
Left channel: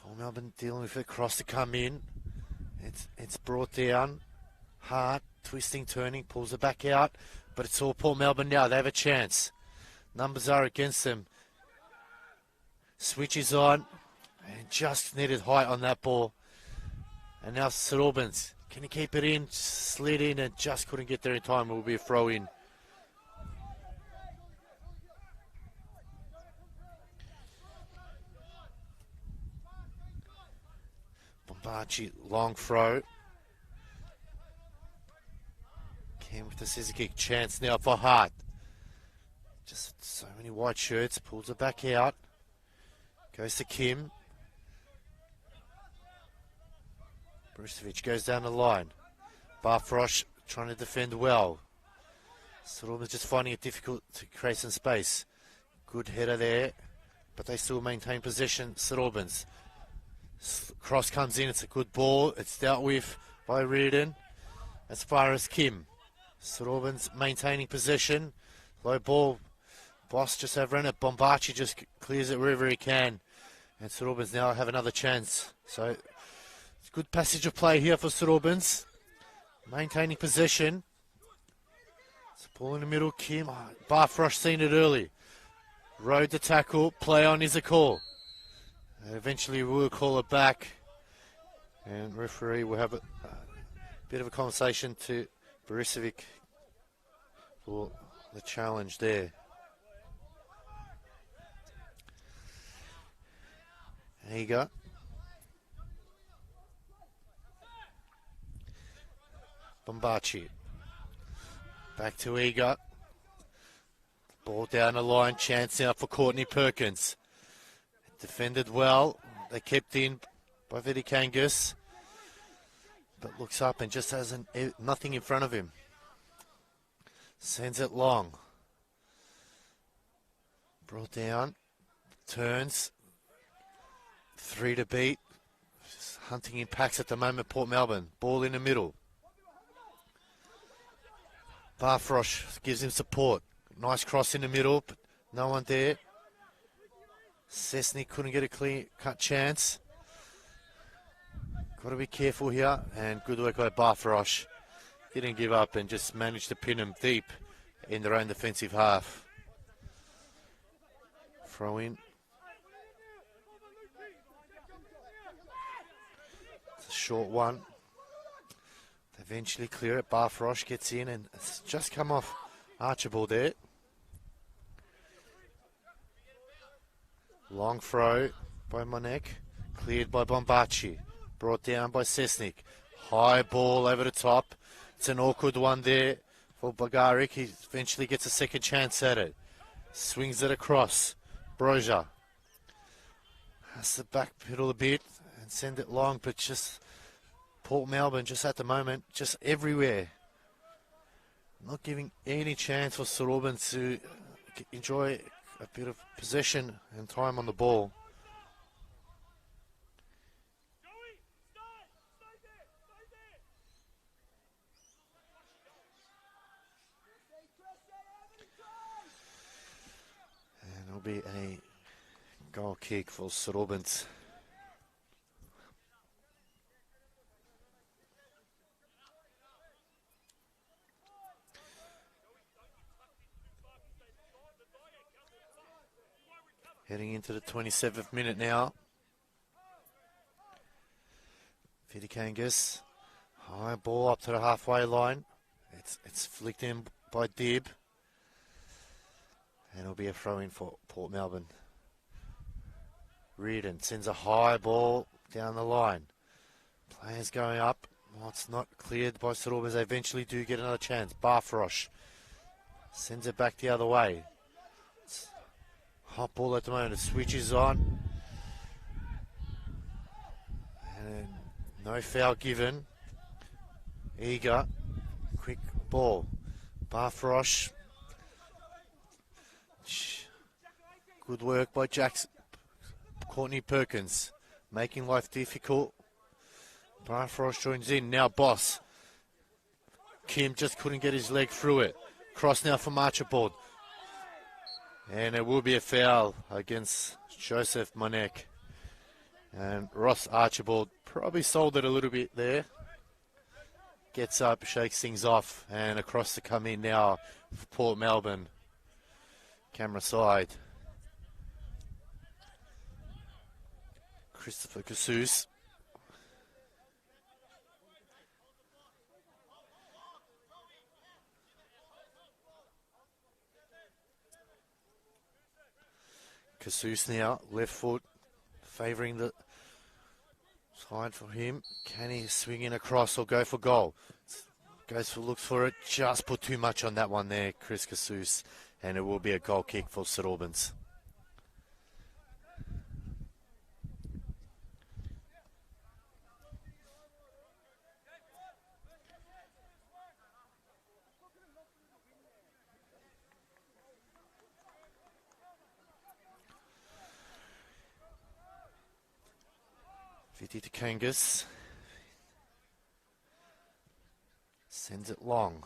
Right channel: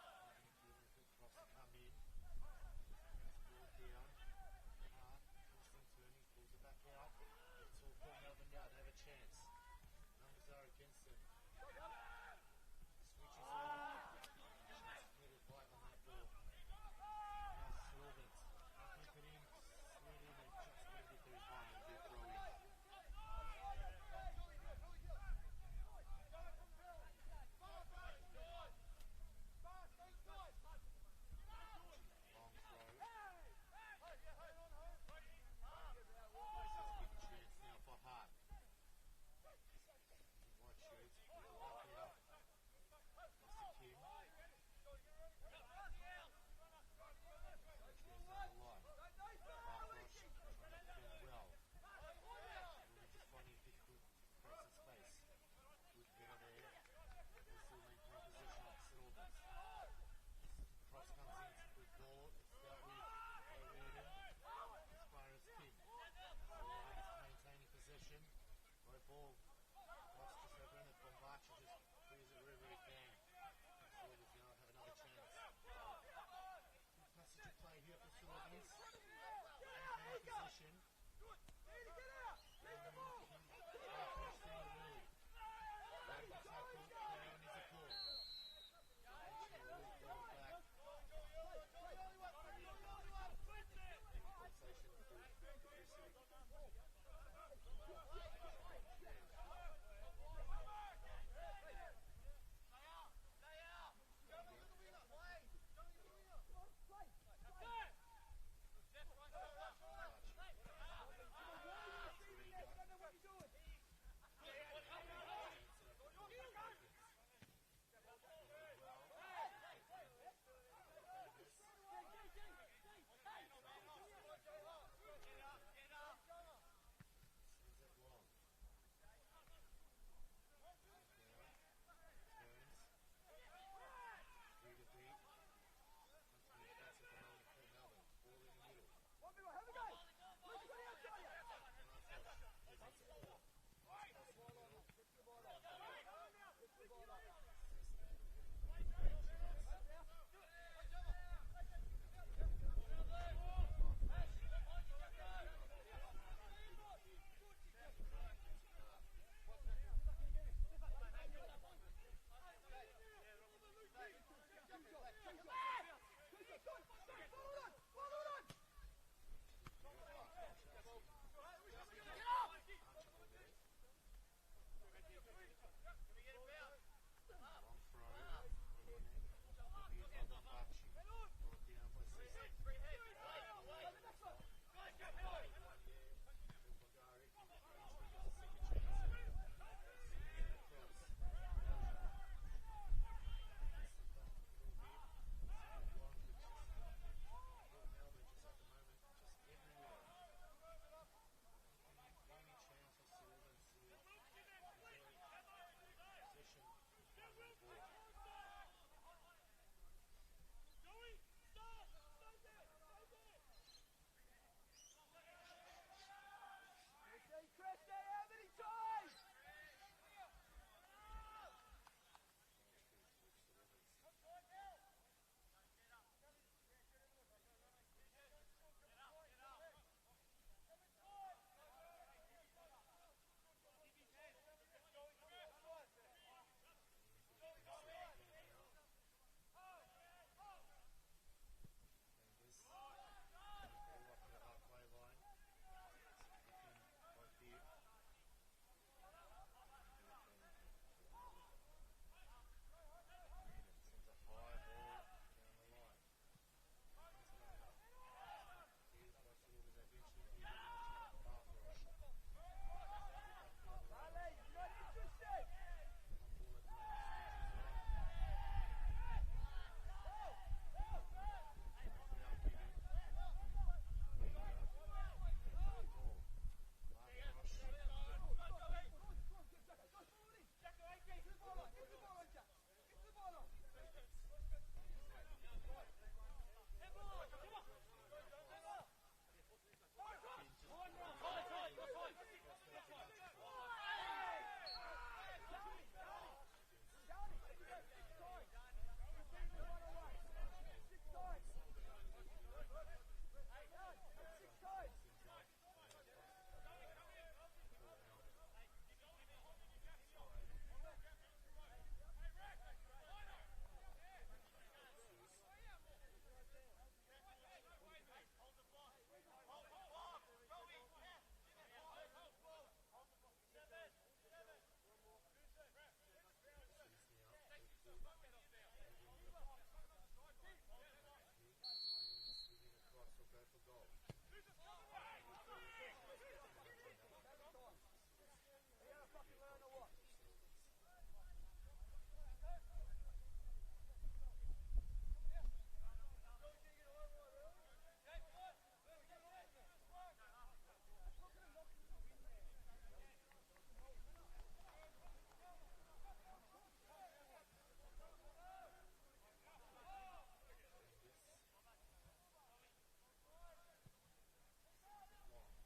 Port Melbourne dealing with it, across the come in. It's brought down. Hart, twisting, turning, pulls it back out. But it's all Port Melbourne now. They have a chance. Numbers are against them. Switches on. And just needed height on that ball. And now St Albans. Can he keep it in? Slid in and just couldn't get there in time. It will be a throw in. Bombachi, long throw. Cam with the scissor kick. Chance now for Hart. Just so many white shirts. Pulls it back out. Goes to Kim. Bristovic goes down the line. Barfrosh trying to defend well. St Albans just finding it difficult to create some space. Good header there, but they still maintain possession. St Albans. Cross comes in, it's a good ball. It's dealt with by Reardon. As far as Kim. St Albans maintaining possession. Low ball. Boss just overrun it. Bombachi just clears it wherever he can. And St Albans now have another chance. So good passage of play here for St Albans. Maintaining possession. It's a ball in the middle. Kim. Barfrosh seen it early. Rode the tackle. Play on is a call. Eventually we'll call it back. And referee will have a bit of a conversation to Borisovic for the challenge there. There you go. Bombachi. Back to Eager. Ball down the line. Chance now for Courtney Perkins. Defended well. They kept in by VIC Angus. But looks up and just has nothing in front of him. Sends it long. Brought down. Turns. 3 to beat. Just hunting impacts at the moment, Port Melbourne. Ball in the middle. Barfrosh gives him support. Nice cross in the middle, but no one there. Cessny couldn't get a clean cut chance. Got to be careful here, and good work by Barfrosh. Didn't give up and just managed to pin him deep in their own defensive half. Throw in. It's a short one. Eventually clear it. Barfrosh gets in and it's just come off Archibald there. Long throw by Monek. Cleared by Bombachi. Brought down by Cessnik. High ball over the top. It's an awkward one there for Bagarik. He eventually gets a second chance at it. Swings it across. Broja has to backpedal a bit and send it long, but just Port Melbourne just at the moment, just everywhere. Not giving any chance for St Albans to enjoy a bit of possession and time on the ball. And it'll be a goal kick for St Albans. Heading into the 27th minute now. Vidikangas. High ball up to the halfway line. It's flicked in by Dib. And it'll be a throw in for Port Melbourne. Reardon sends a high ball down the line. Players going up. Oh, it's not cleared by St Albans. They eventually do get another chance. Barfrosh sends it back the other way. Hot ball at the moment, it switches on. And no foul given. Eager. Quick ball. Barfrosh. Good work by Jackson. Courtney Perkins. Making life difficult Barfrost joins in. Now Boss. Kim just couldn't get his leg through it. Cross now from Archibald. And it will be a foul against Joseph Monek. And Ross Archibald probably sold it a little bit there. Gets up, shakes things off, and across to come in now for Port Melbourne. Camera side. Christopher Casus. Casus now, left foot, favouring the side for him. Can he swing in across or go for goal? Looks for it, just put too much on that one there, Chris Casus, and it will be a goal kick for St Albans. Viti to Kangas. Sends it long.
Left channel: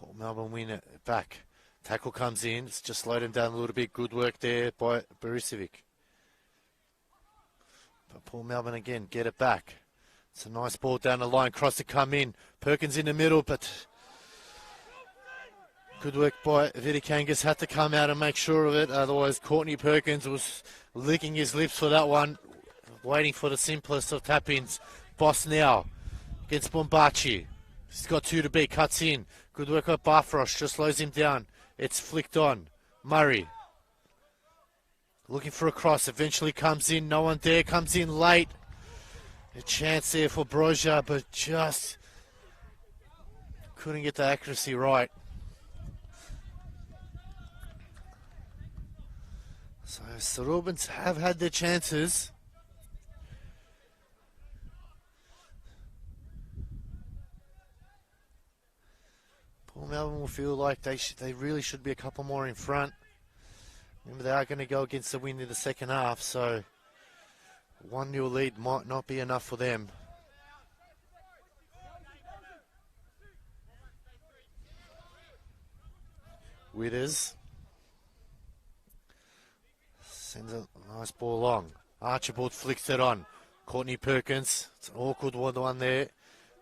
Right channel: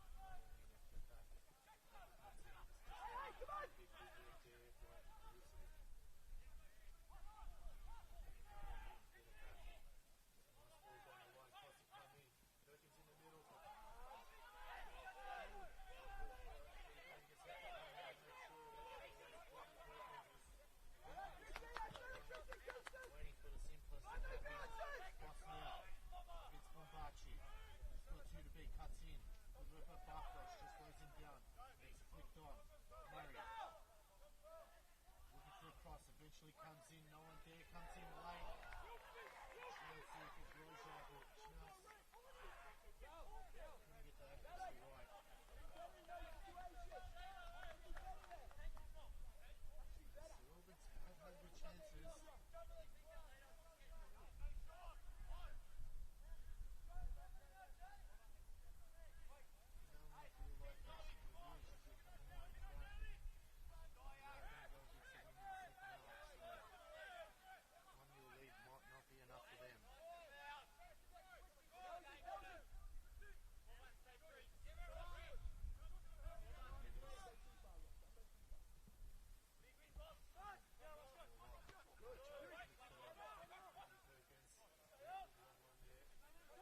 Port Melbourne win it back. Tackle comes in. It's just slowed him down a little bit. Good work there by Borisevic. But Port Melbourne again get it back. It's a nice ball down the line. Cross to come in. Perkins in the middle, but good work by Viti Kangas. Had to come out and make sure of it. Otherwise, Courtney Perkins was licking his lips for that one. Waiting for the simplest of tap-ins. Boss now against Bombachi. He's got two to beat. Cuts in. Good work by Barfrost. Just slows him down. It's flicked on. Murray. Looking for a cross. Eventually comes in. No one there. Comes in late. A chance there for Broja, but just couldn't get the accuracy right. So St Albans have had their chances. Port Melbourne will feel like they really should be a couple more in front. Remember, they are going to go against the wind in the second half, so 1-0 lead might not be enough for them. Withers sends a nice ball long. Archibald flicks it on. Courtney Perkins, it's an awkward one there.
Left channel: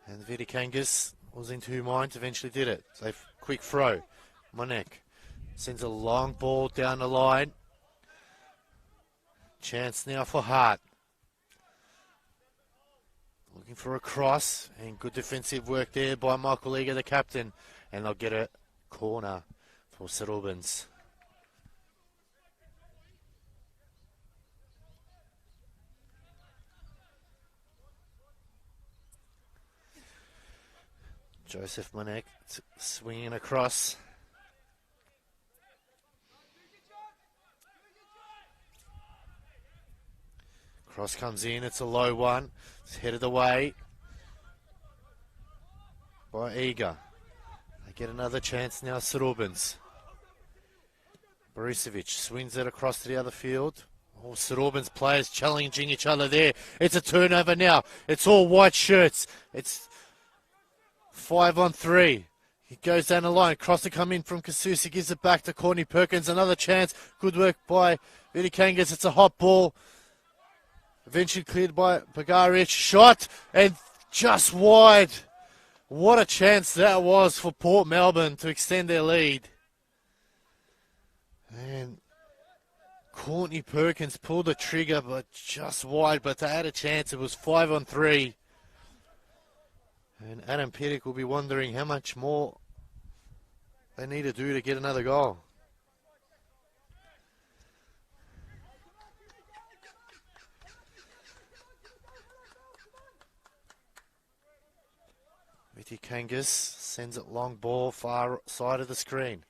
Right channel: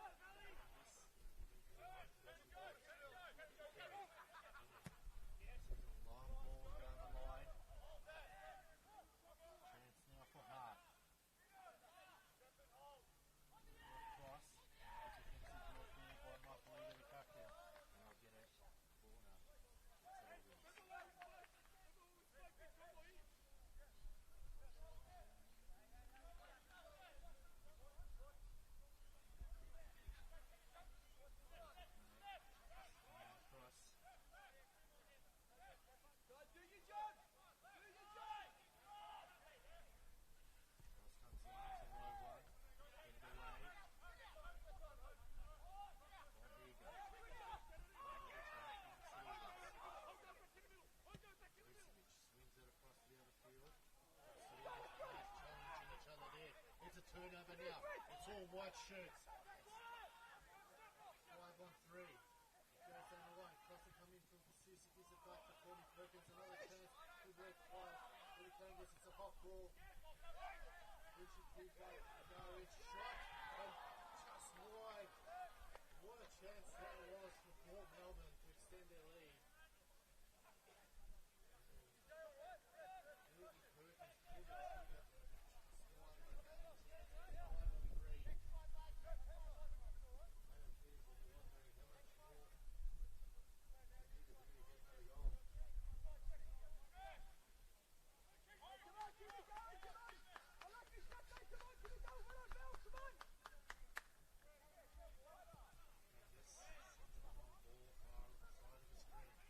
And Viti Kangas was in two minds, eventually did it. So quick throw. Monek sends a long ball down the line. Chance now for Hart. Looking for a cross, and good defensive work there by Michael Eager, the captain. And they'll get a corner for St Albans. Joseph Monek swinging across. Cross comes in, it's a low one. It's headed away by Eager. They get another chance now, St Albans. Borisevic swings it across to the other field. All St Albans players challenging each other there. It's a turnover now. It's all white shirts. It's 5-on-3. He goes down the line. Cross to come in from Casus. He gives it back to Courtney Perkins. Another chance. Good work by Viti Kangas. It's a hot ball. Eventually cleared by Bagaric. Shot and just wide. What a chance that was for Port Melbourne to extend their lead. And Courtney Perkins pulled the trigger, but just wide. But they had a chance. It was 5-on-3. And Adam Pittock will be wondering how much more they need to do to get another goal. Viti Kangas sends it long ball, far side of the screen.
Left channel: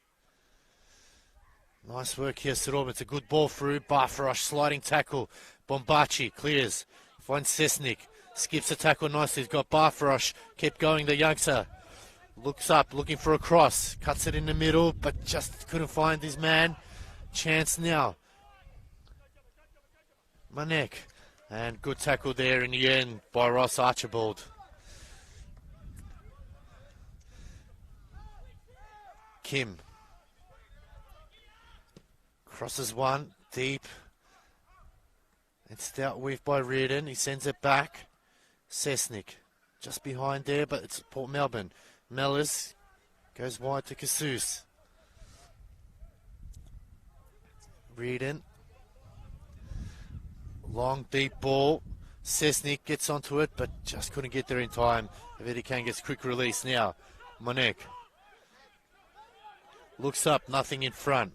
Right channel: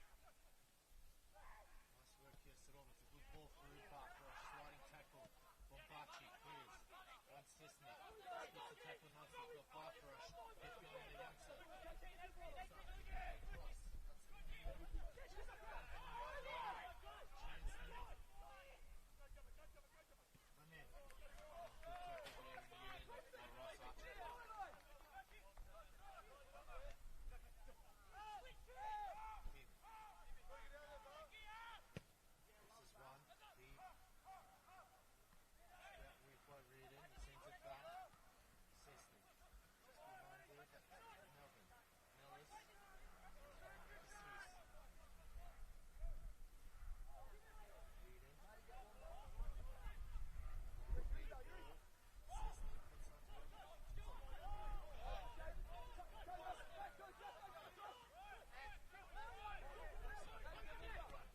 Nice work here, St Albans. It's a good ball through. Barfrosh, sliding tackle. Bombachi clears. Finds Sesnik. Skips the tackle nicely. He's got Barfrosh. Kept going, the youngster. Looks up, looking for a cross. Cuts it in the middle, but just couldn't find his man. Chance now. Monek. And good tackle there in the end by Ross Archibald. Kim. Crosses one, deep. It's dealt with by Reardon. He sends it back. Cessnick just behind there, but it's Port Melbourne. Mellors goes wide to Casus. Reardon. Long, deep ball. Cessnick gets onto it, but just couldn't get there in time. Vidikan gets quick release now. Monek. Looks up, nothing in front.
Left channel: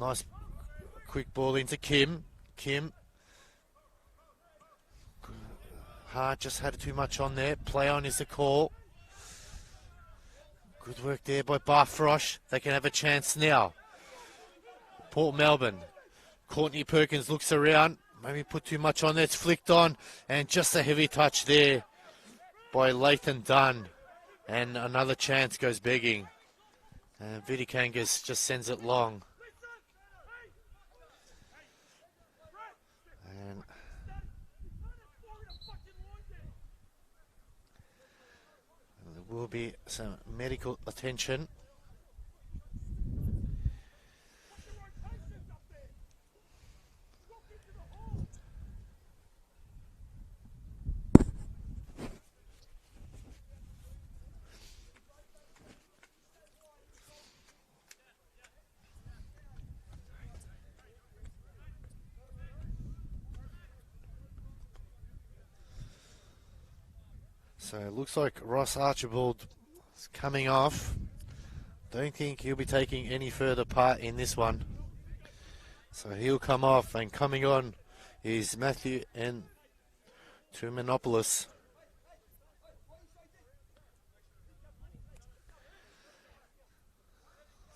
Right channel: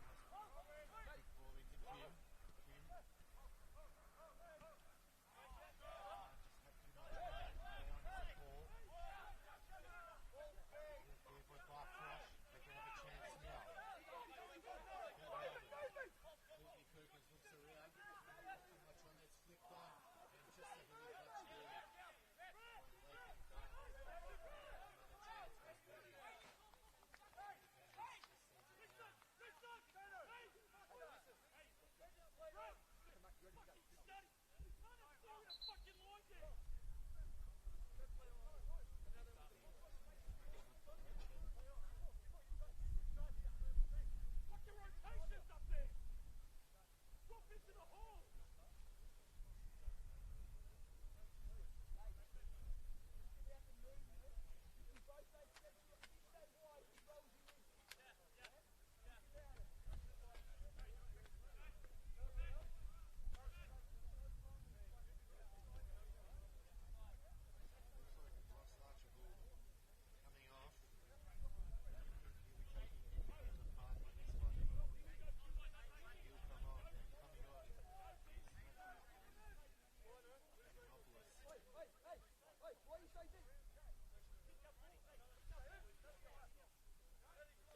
Nice quick ball into Kim. Kim. Hart just had too much on there. Play on is the call. Good work there by Barfrosh. They can have a chance now. Port Melbourne. Courtney Perkins looks around. Maybe put too much on there. It's flicked on. And just a heavy touch there by Lathan Dunn. And another chance goes begging. And Vidikangas just sends it long. And there will be some medical attention. So it looks like Ross Archibald is coming off. Don't think he'll be taking any further part in this one. So he'll come off, and coming on is Matthew and Tumanopoulos.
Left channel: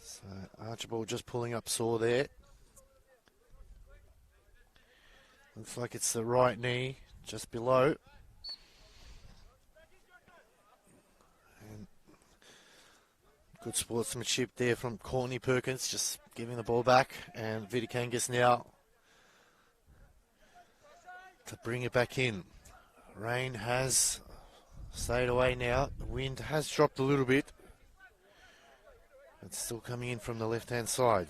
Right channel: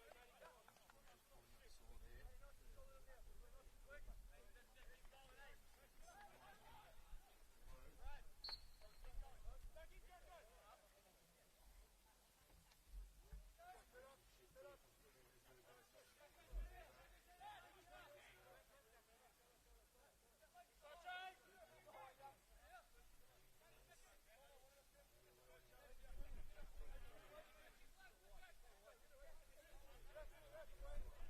So Archibald just pulling up sore there. Looks like it's the right knee, just below. Good sportsmanship there from Courtney Perkins, just giving the ball back, and Vidikangas now to bring it back in. Rain has stayed away now. The wind has dropped a little bit. It's still coming in from the left-hand side.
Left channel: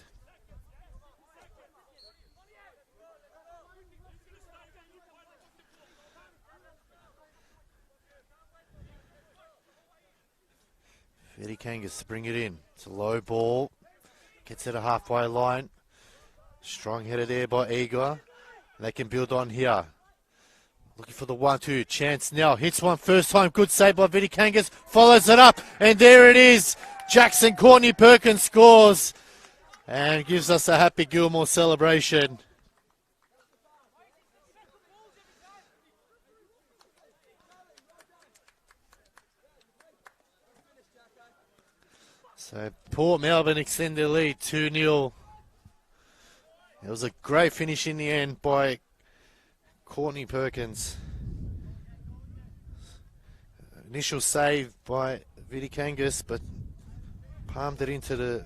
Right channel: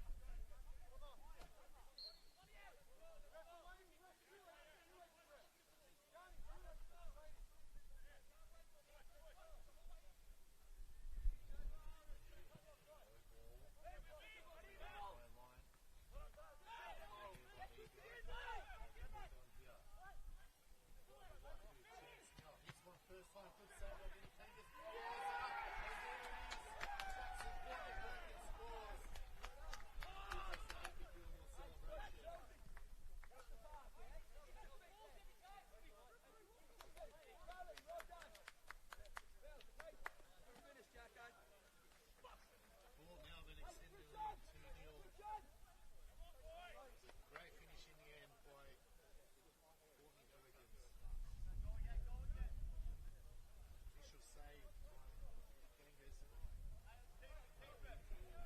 Vidikangas to bring it in. It's a low ball. Gets it a halfway line. Strong header there by Igor. They can build on here. Looking for the 1-2. Chance now. Hits one first time. Good save by Vidikangas. Follows it up. And there it is. Jackson Courtney Perkins scores. And gives us a happy Gilmore celebration. So Port Melbourne extend their lead 2-0. It was a great finish in the end by Courtney Perkins. Initial save by Vidikangas, but palmed it into the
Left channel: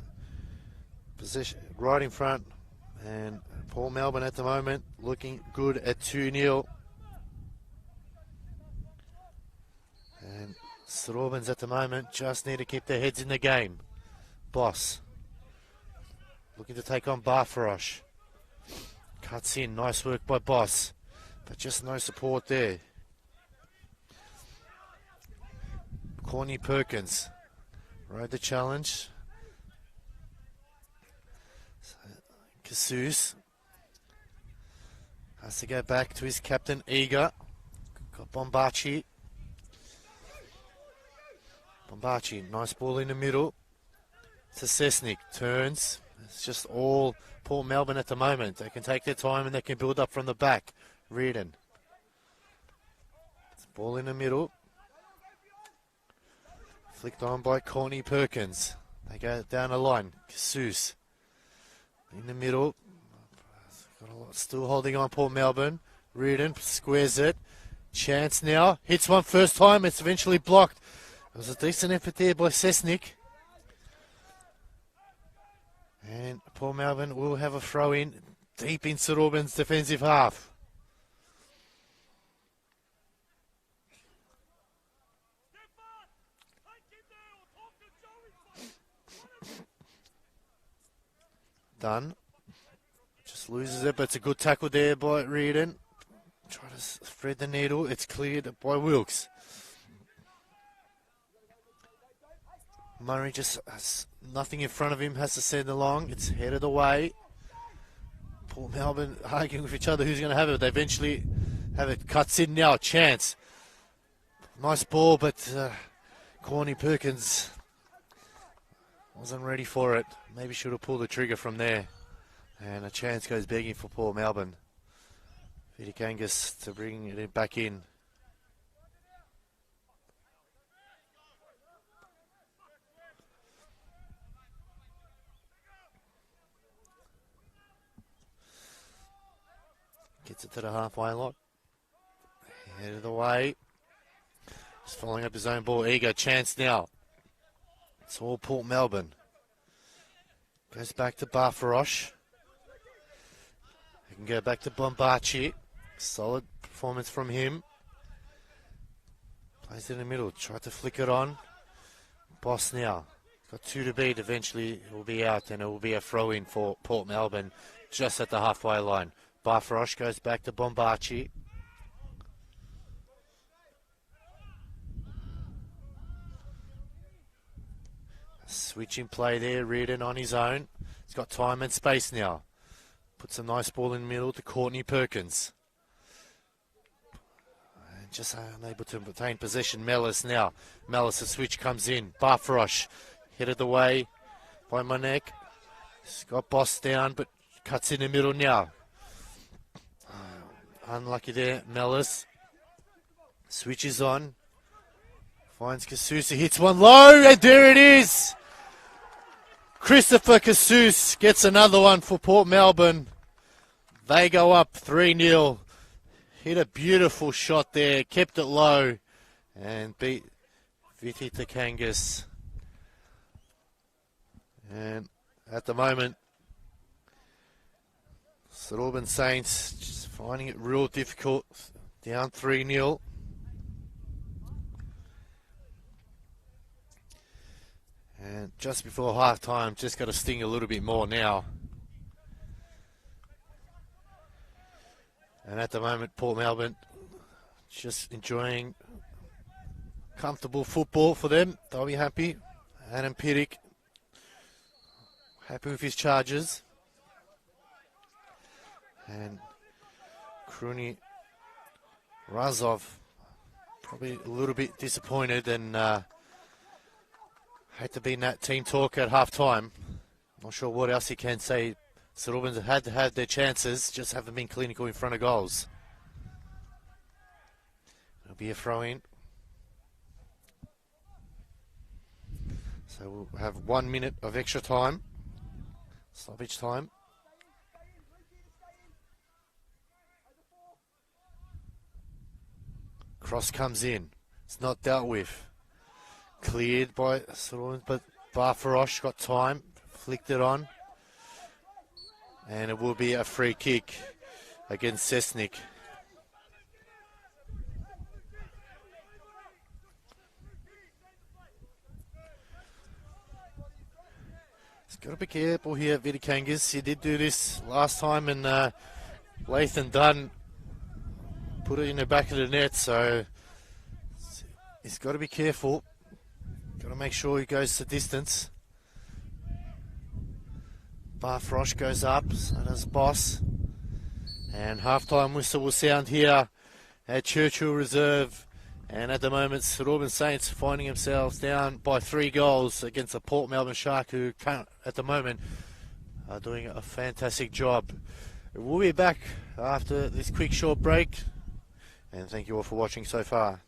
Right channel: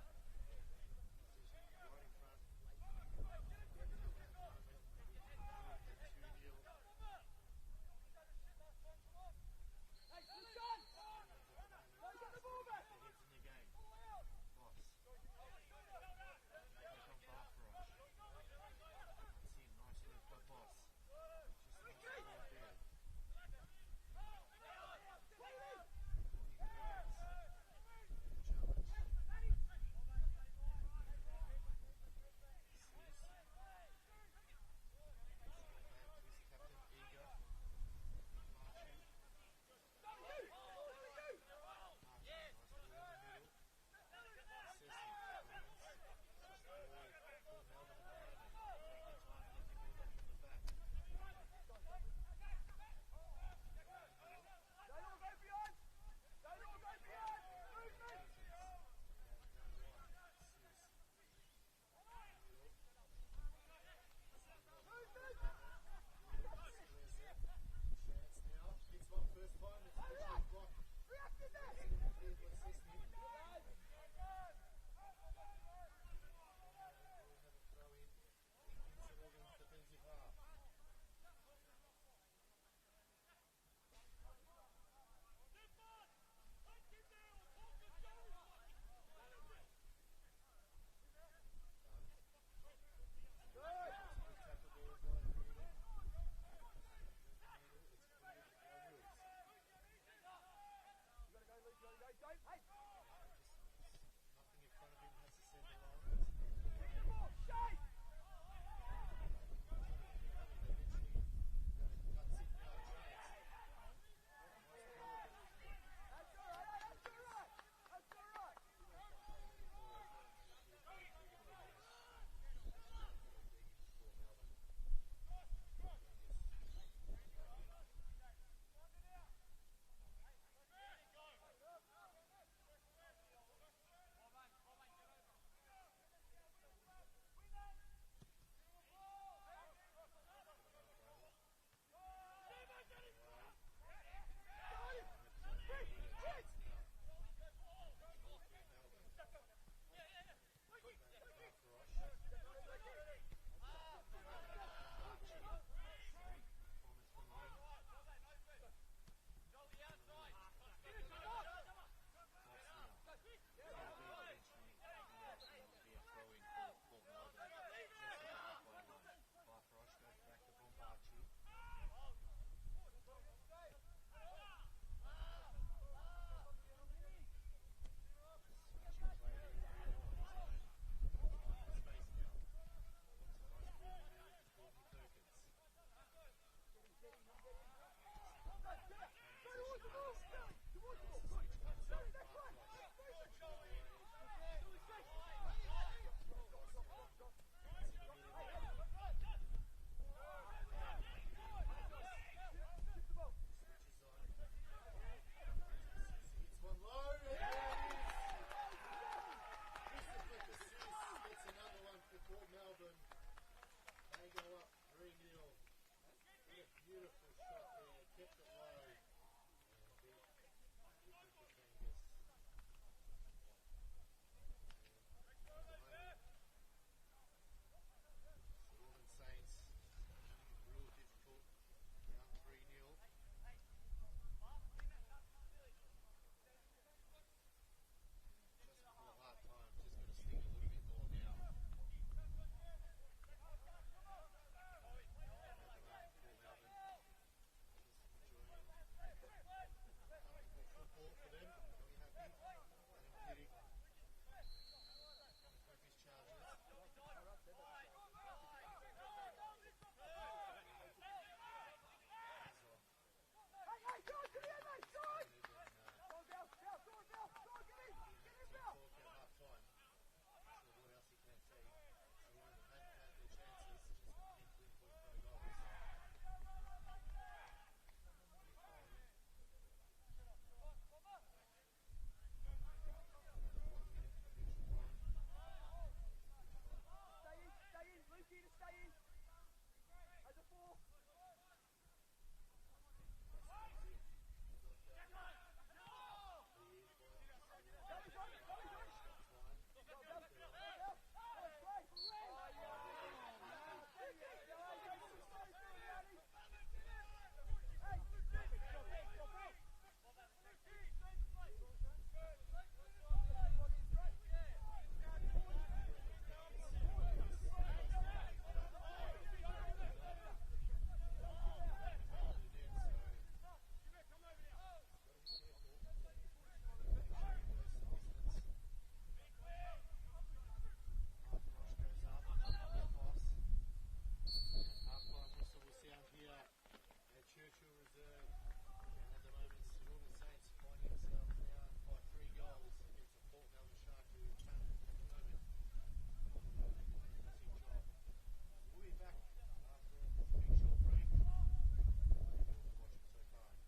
position right in front. And Port Melbourne at the moment looking good at 2-0. And St Albans at the moment just need to keep their heads in the game. Boss looking to take on Barfarosh. Cuts in, nice work by Boss, but just no support there. Courtney Perkins rode the challenge. Casus has to go back to his captain Eager. Got Bombachi. Bombachi, nice ball in the middle. To Cessnick, turns. It's just all Port Melbourne at the moment. They can take their time and they can build up from the back. Reardon. Ball in the middle. Flicked on by Courtney Perkins. They go down the line. Casus. In the middle. Still holding on Port Melbourne. Reardon squares it. Chance now. Hits one first time. It's eventually blocked. It was a decent effort there by Cessnick. And Port Melbourne will have a throw in deep in St Albans' defensive half. Dunn just loses it, but it's a good tackle there by Reardon. Try to thread the needle. It's cleared by Wilkes. Murray just has nothing in front of him, has to send along. It's headed away. Port Melbourne arguing with each other who's going to have it. They eventually have it. Cuts in now. Chance. Nice ball, but Corny Perkins wasn't ready for it. Maybe should have pulled the trigger from there. And a chance goes begging for Port Melbourne. VIC Angus to bring it back in. Gets it to the halfway lot. Head of the way. He's following up his own ball. Eager chance now. It's all Port Melbourne. Goes back to Barfarosh. He can go back to Bombachi. Solid performance from him. Plays in the middle. Tried to flick it on. Boss now. Got 2 to beat. Eventually it will be out and it will be a throw-in for Port Melbourne just at the halfway line. Barfarosh goes back to Bombachi. Switching play there, Reardon on his own. He's got time and space now. Puts a nice ball in the middle to Courtney Perkins. And just unable to retain possession. Mellis now. Mellis, the switch comes in. Barfarosh headed away by Monek. He's got Boss down, but cuts in the middle now. Unlucky there, Mellis. Switches on. Finds Kasusa, hits one low, and there it is! Christopher Casus gets another one for Port Melbourne. They go up 3-0. Hit a beautiful shot there, kept it low, and beat Viti Takangas. And at the moment, St Albans Saints just finding it real difficult, down 3-0. And just before half time, just got to sting a little bit more now. And at the moment, Port Melbourne just enjoying comfortable football for them. They'll be happy. Adam Piddick happy with his charges. And Kruni Razov probably a little bit disappointed and hate to be in that team talk at half time. Not sure what else he can say. St Albans have had to have their chances, just haven't been clinical in front of goals. It'll be a throw in. So we'll have 1 minute of extra time. Stoppage time. Cross comes in. It's not dealt with. Cleared by St Albans, but Barfarosh got time. Flicked it on. And it will be a free kick against Cessnick. He's got to be careful here, Vitikangas. He did do this last time, and Lathan Dunn put it in the back of the net, so he's got to be careful. Got to make sure he goes the distance. Barfrosh goes up, so does Boss. And halftime whistle will sound here at Churchill Reserve. And at the moment, St Albans Saints finding themselves down by 3 goals against a Port Melbourne Shark who at the moment are doing a fantastic job. We'll be back after this quick short break. And thank you all for watching so far.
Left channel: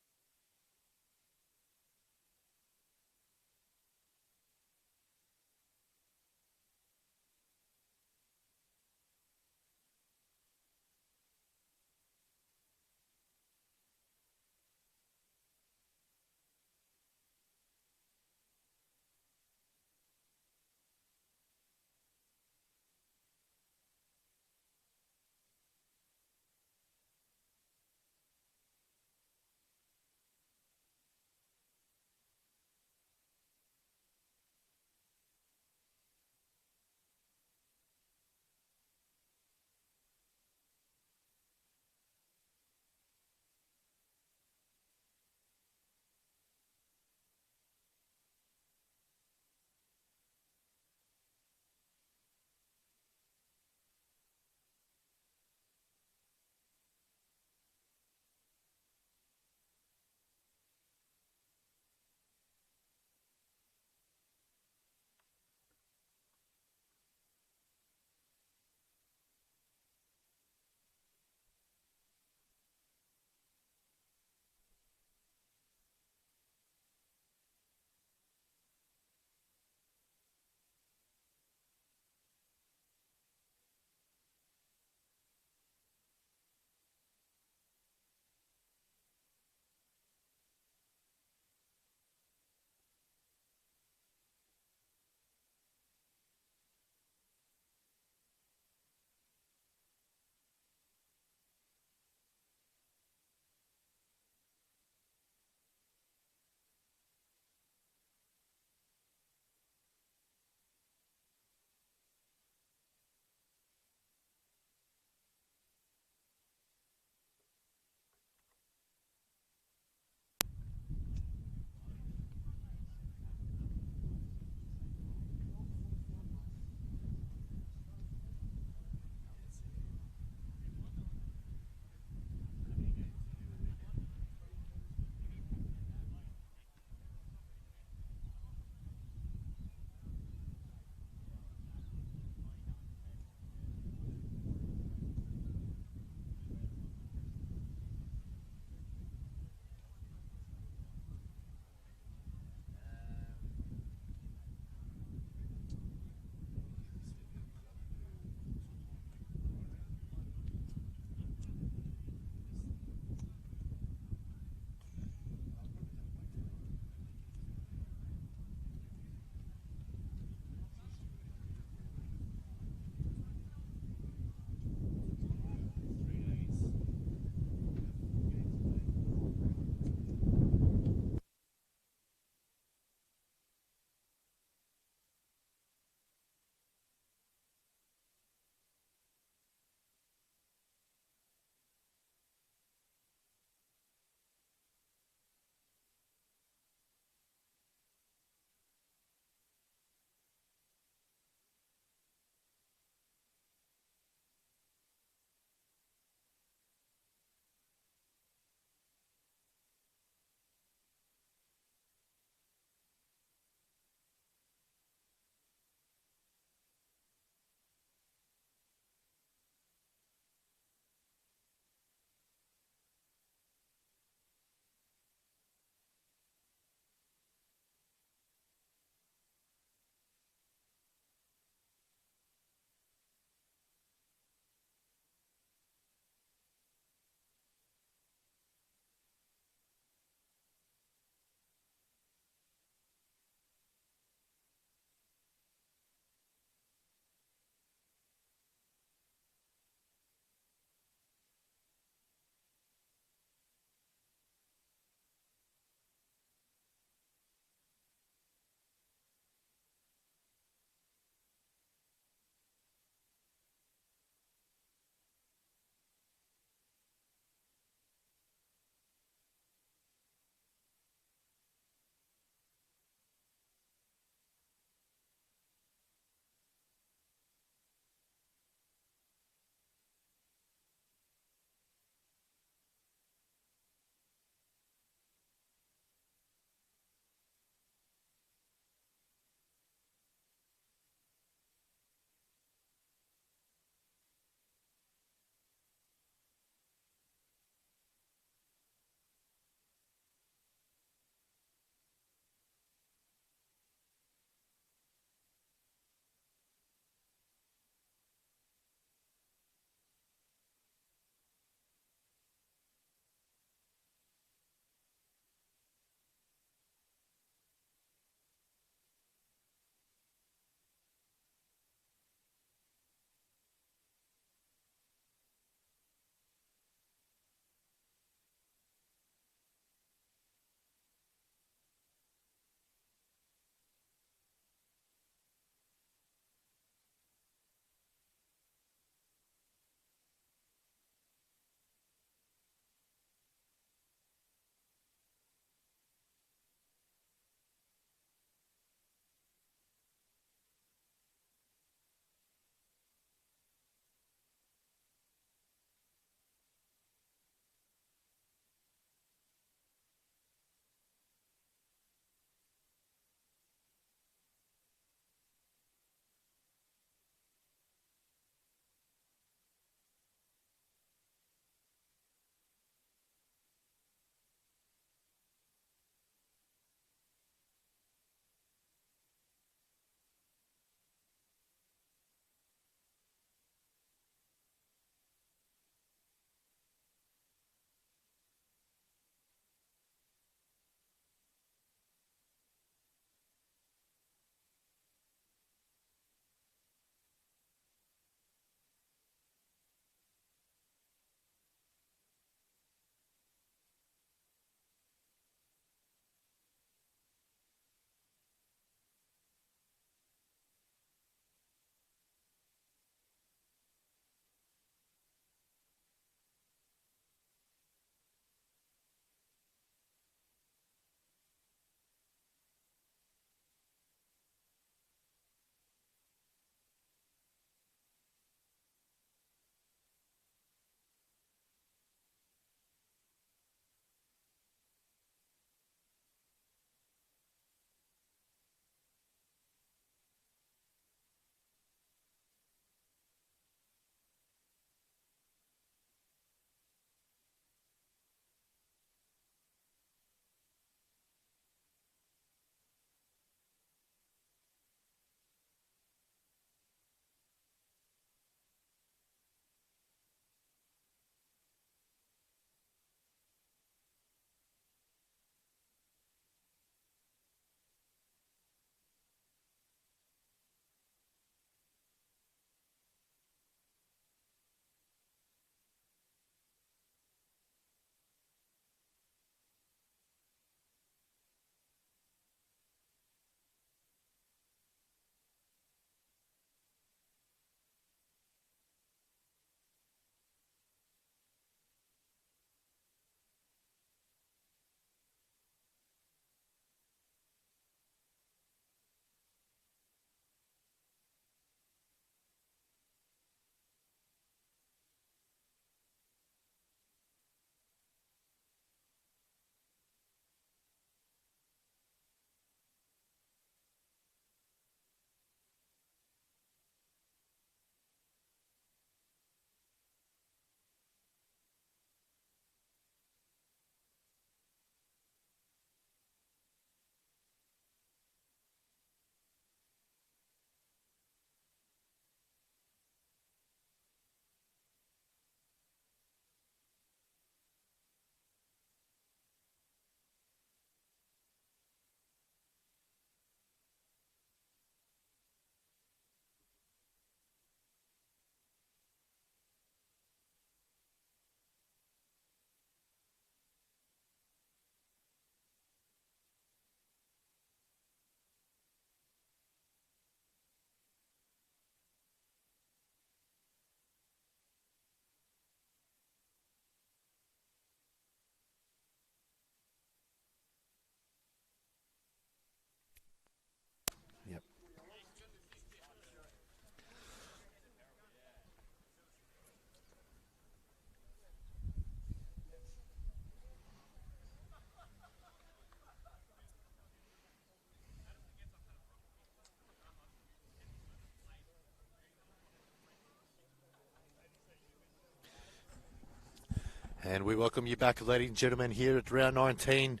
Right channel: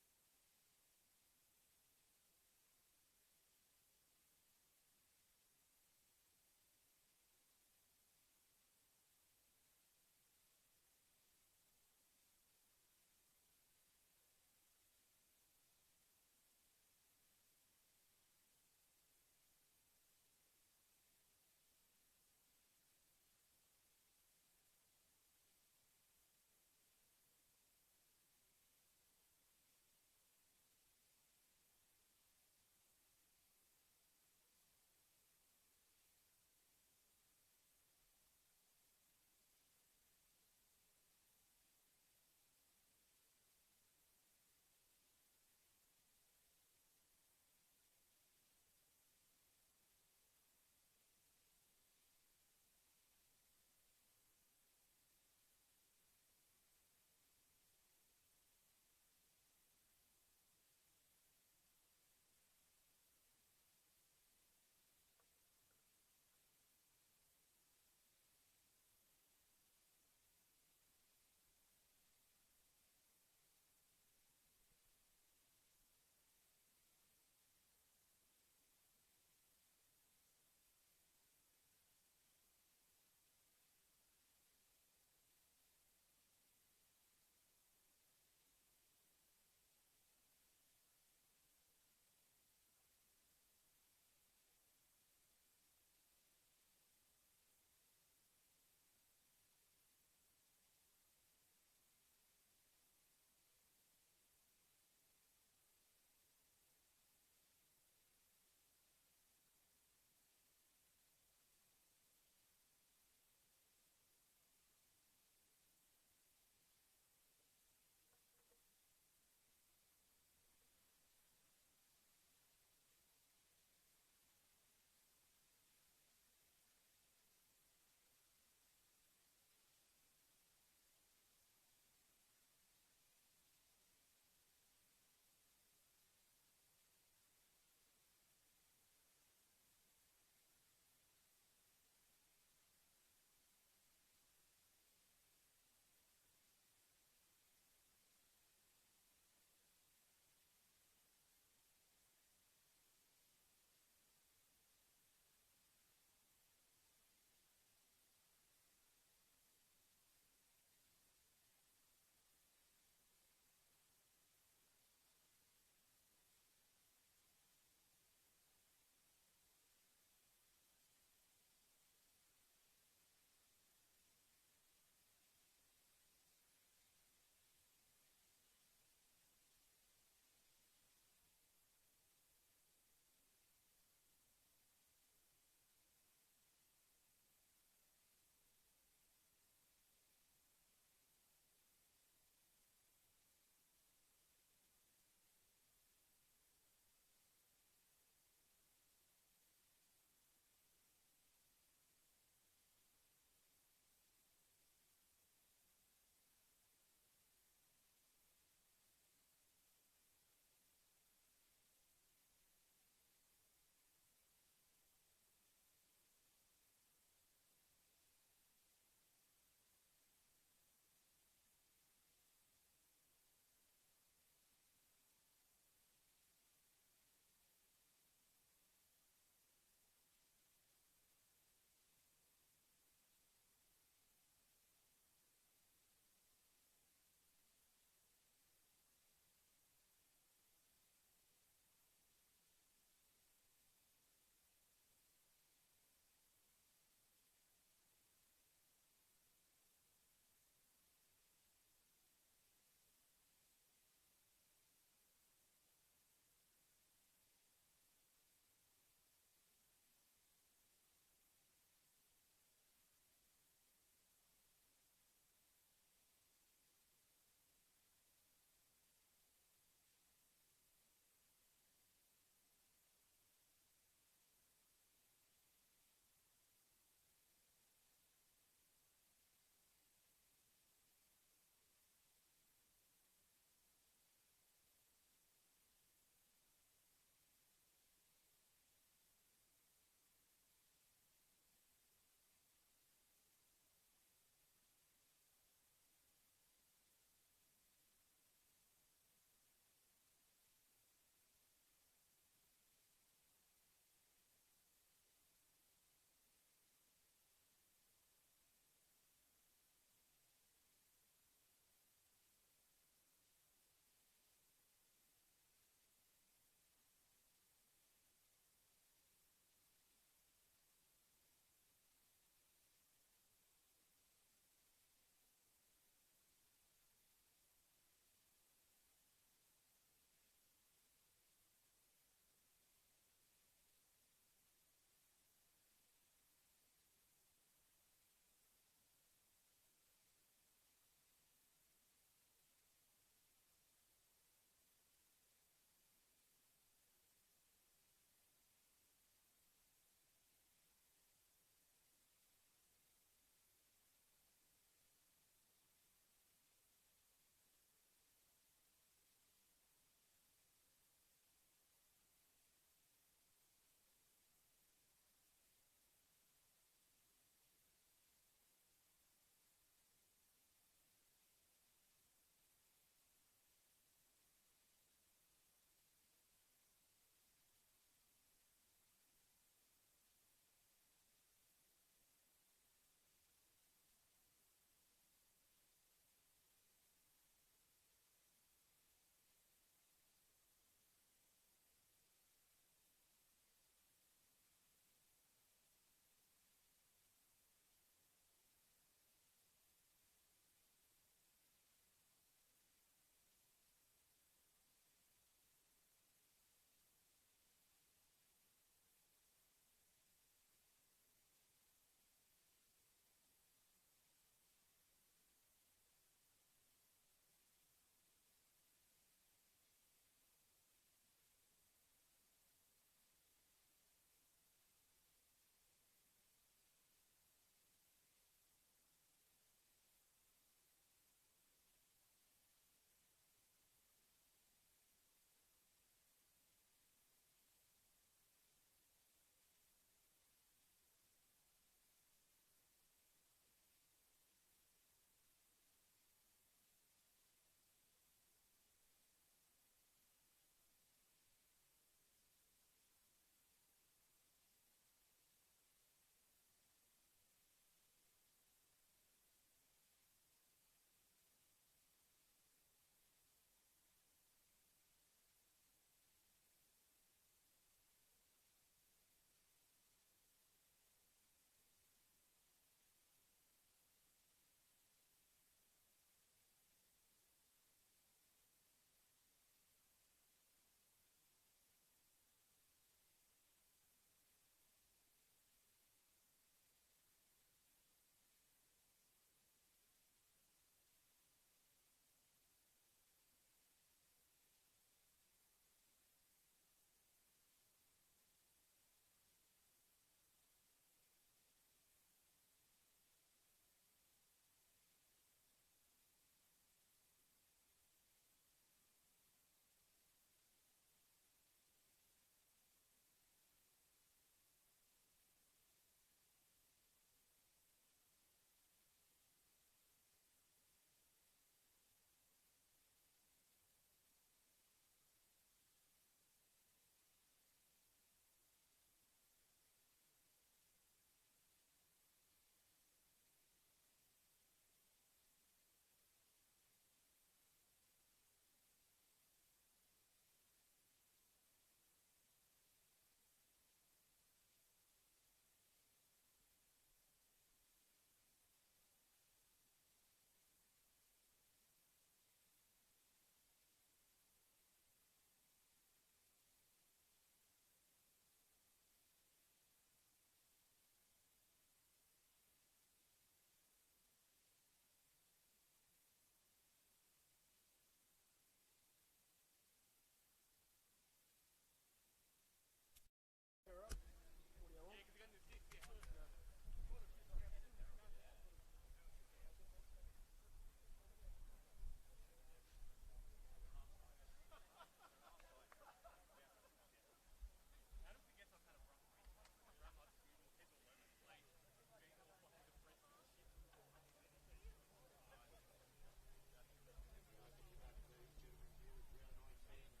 And we welcome you back, ladies and gentlemen, here at round 19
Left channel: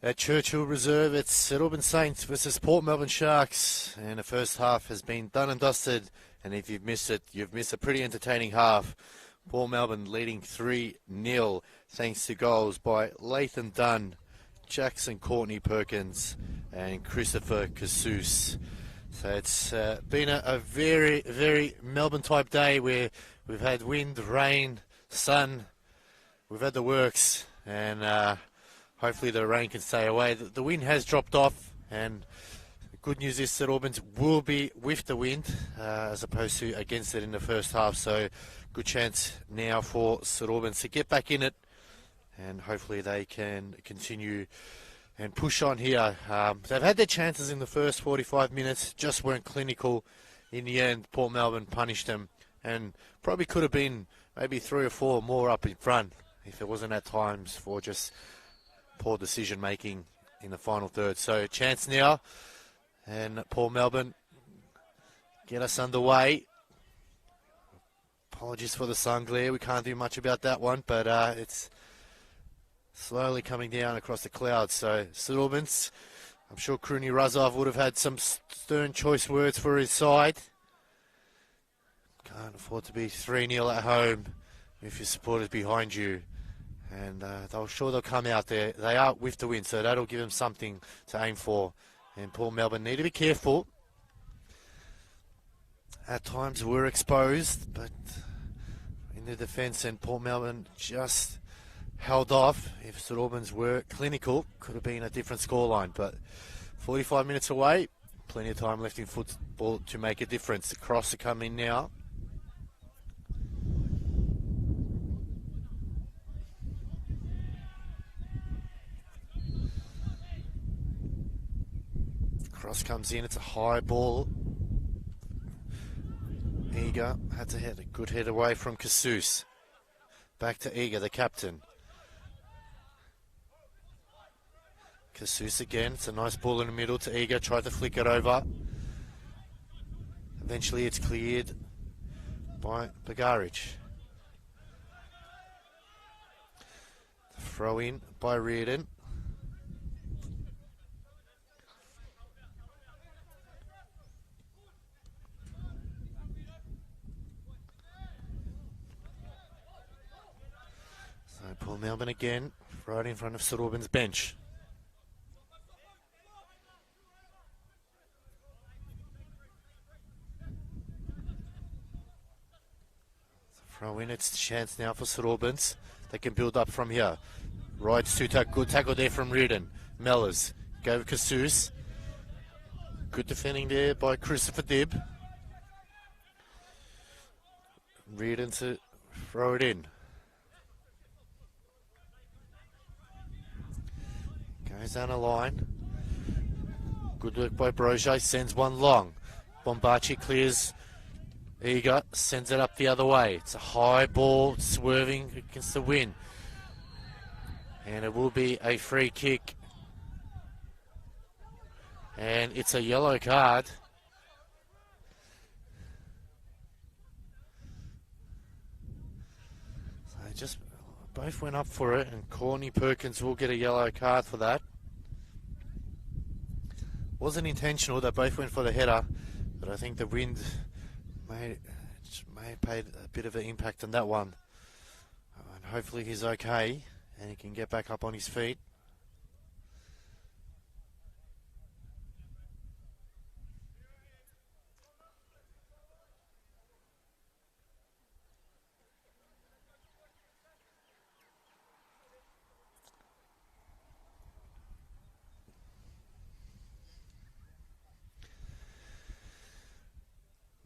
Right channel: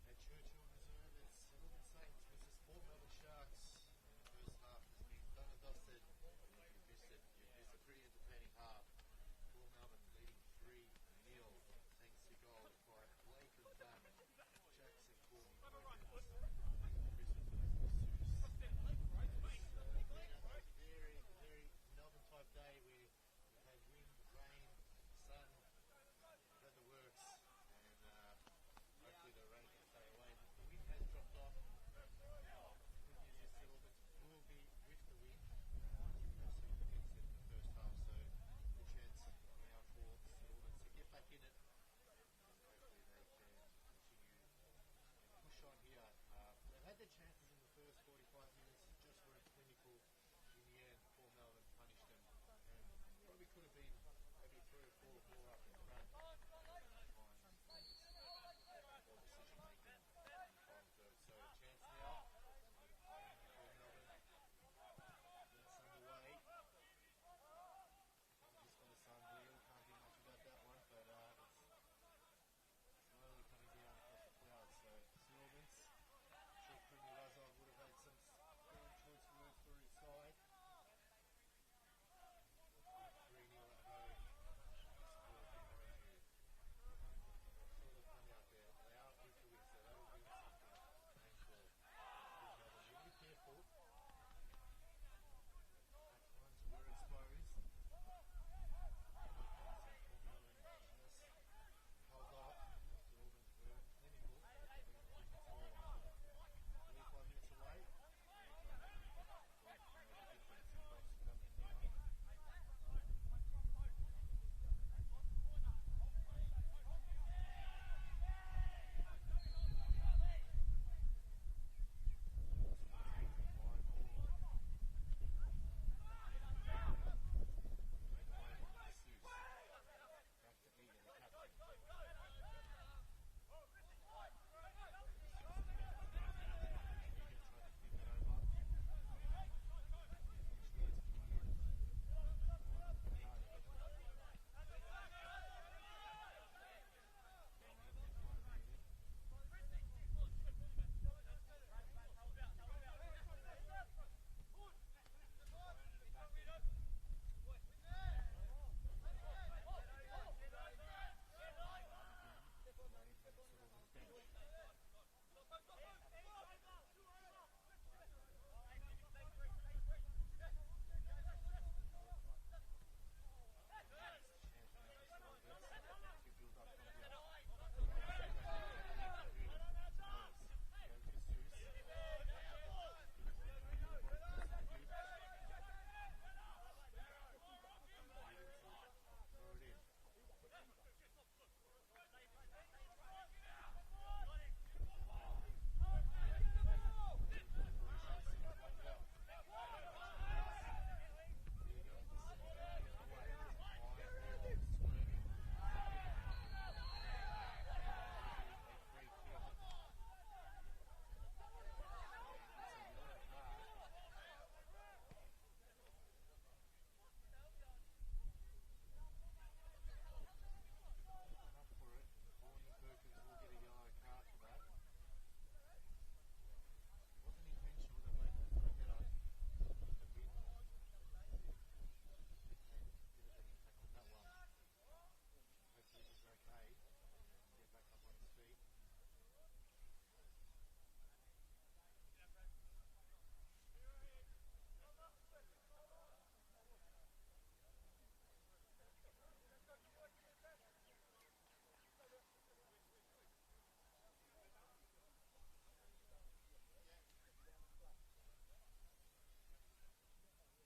at Churchill Reserve. It's St Albans Saints versus Port Melbourne Sharks. And the first half has been done and dusted. And if you've missed it, you've missed a pretty entertaining half. Port Melbourne leading 3-0 thanks to goals by Lathan Dunn, Jackson Courtney Perkins and Christopher Casus. So it's been a very, very Melbourne-type day where we've had wind, rain, sun. We've had the works, and hopefully the rain can stay away. The wind has dropped off, and the good news is that Albans will be with the wind as opposed to against it in the first half. So good chance now for St Albans to get back in it, and hopefully they can continue and push on here. They've had their chances in the first 45 minutes, just weren't clinical. In the end, Port Melbourne punished them, and probably could have been maybe 3 or 4 more up in front if it wasn't at times for just poor decision making in the final third. So chance now, and Port Melbourne get us underway. Apologies for the sun glare, we can't do much about that one, but it's slowly coming down across the clouds. So St Albans, I'm sure Kruni Razov would have had some stern choice words for his side. Can't afford to be 3-0 at home if your supporters behind you. And they'll come out there. They are with the win, so that'll give them something to aim for. And Port Melbourne need to be careful. At times we're exposed, but in the defence, and Port Melbourne just held off. If St Albans were clinical, could have been a different scoreline. But 45 minutes away, plenty of time left in football to make a difference. The cross to come in now. Cross comes in, it's a high ball. Eager had to hit a good head away from Casus. Back to Eager, the captain. Casus again, it's a nice ball in the middle to Eager, tried to flick it over. Eventually it's cleared by Bagaric. Throw in by Reardon. Port Melbourne again, right in front of St Albans bench. Throw in, it's a chance now for St Albans. They can build up from here. Right, good tackle there from Reardon. Mellors, go with Casus. Good defending there by Christopher Dibb. Reardon to throw it in. Goes down a line. Good work by Broge, sends one long. Bombaci clears. Eager, sends it up the other way. It's a high ball, swerving against the wind. And it will be a free kick. And it's a yellow card. So just both went up for it, and Courtney Perkins will get a yellow card for that. Wasn't intentional, they both went for the header, but I think the wind may have played a bit of an impact on that one. And hopefully he's okay and he can get back up on his feet.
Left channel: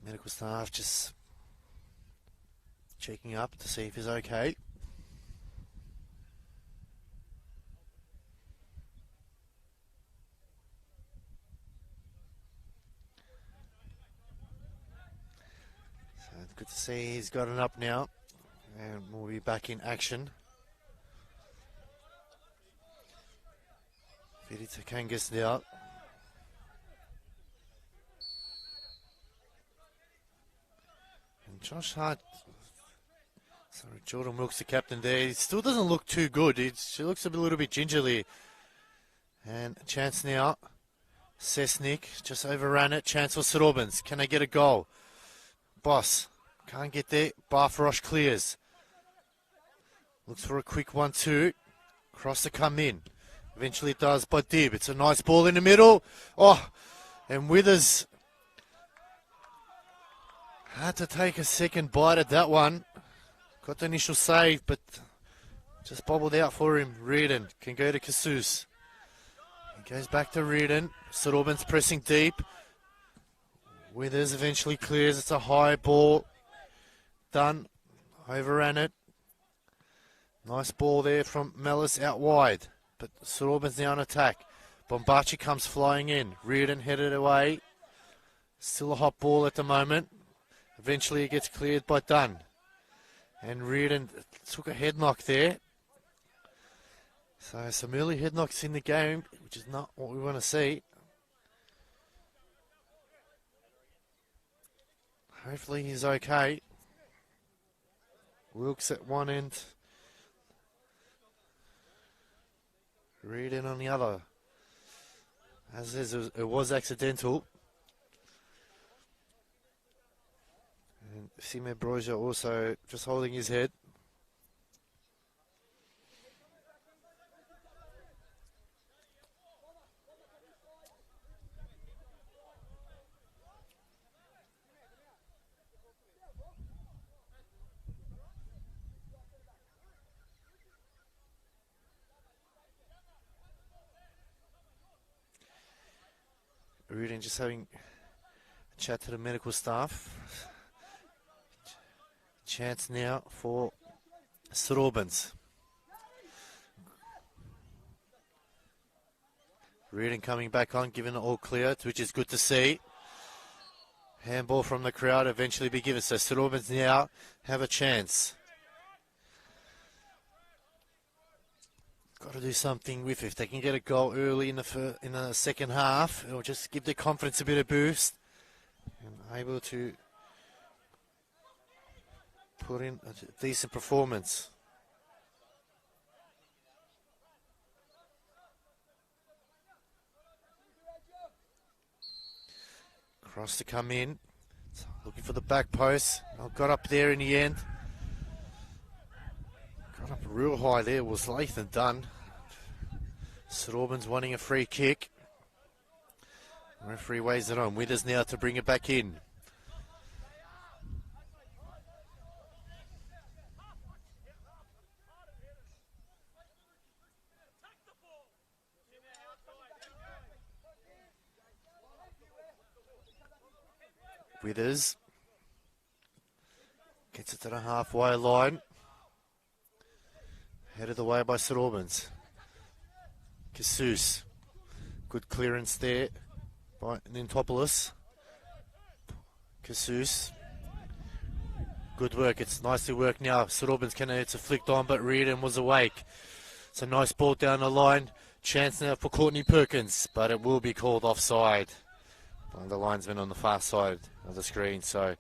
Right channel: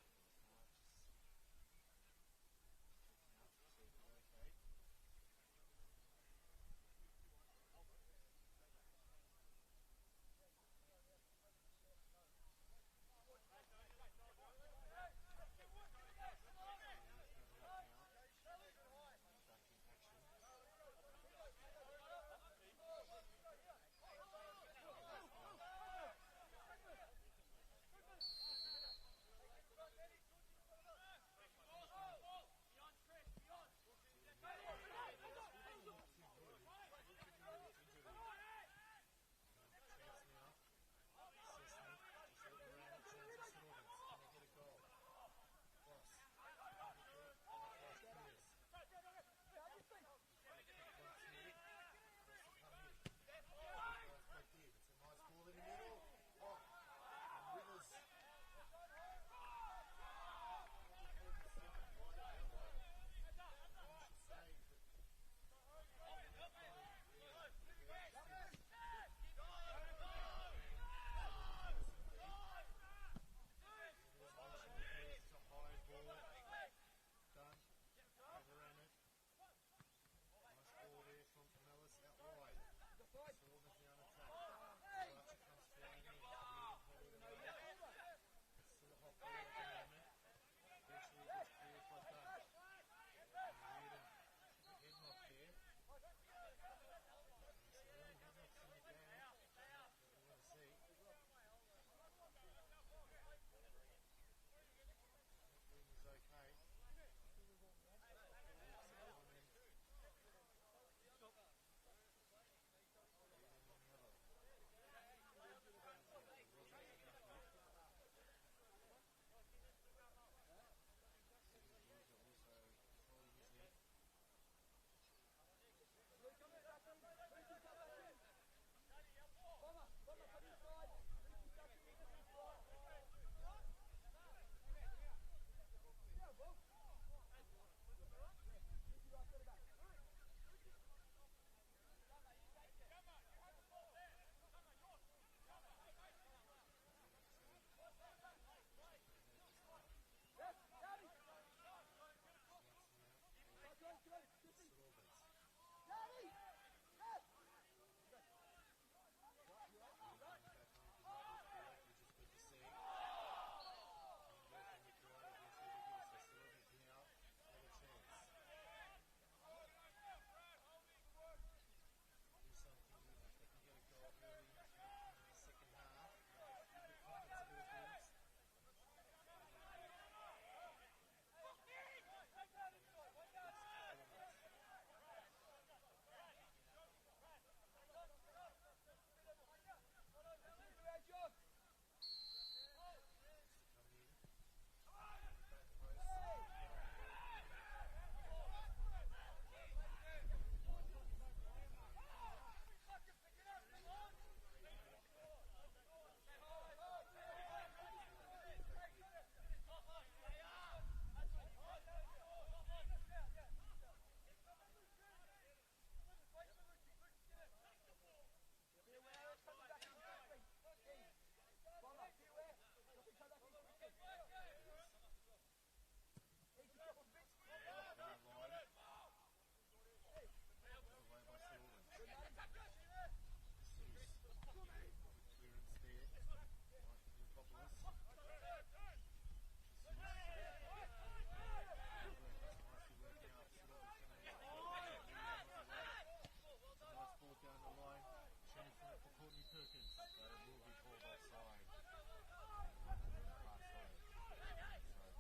Medical staff just checking up to see if he's okay. So it's good to see he's got it up now, and we'll be back in action. Vidi Takangas now. Josh Hart So Jordan Wilkes, the captain there. He still doesn't look too good. She looks a little bit gingerly. And a chance now. Cessnick just overran it. Chance for St Albans. Can they get a goal? Boss can't get there. Barfarosh clears. Looks for a quick 1-2. Cross to come in. Eventually it does by Dib. It's a nice ball in the middle. Oh, and Withers had to take a second bite at that one. Got the initial save, but just bobbled out for him. Reardon can go to Casus. He goes back to Reardon. St Albans pressing deep. Withers eventually clears. It's a high ball. Done. Overran it. Nice ball there from Mellis out wide. But St Albans now on attack. Bombachi comes flying in. Reardon headed away. Still a hot ball at the moment. Eventually it gets cleared by Dunn. And Reardon took a head knock there. So some early head knocks in the game, which is not what we want to see. Hopefully he's okay. Wilkes at one end. Reardon on the other. As is, it was accidental. And Sime Broja also just holding his head. Reardon just having a chat to the medical staff. Chance now for St Albans. Reardon coming back on, giving it all clear, which is good to see. Handball from the crowd eventually be given. So St Albans now have a chance. Got to do something with it. If they can get a goal early in the second half, it'll just give their confidence a bit of boost. And able to put in a decent performance. Cross to come in. Looking for the back post. Got up there in the end. Got up real high there. Was Lathan done. St Albans wanting a free kick. Referee weighs it on. Withers now to bring it back in. Withers gets it to the halfway line. Headed away by St Albans. Casus. Good clearance there by Nintopoulos. Casus. Good work. It's nicely worked now. St Albans it's a flicked on, but Reardon was awake. It's a nice ball down the line. Chance now for Courtney Perkins, but it will be called offside. The linesman on the far side of the screen. So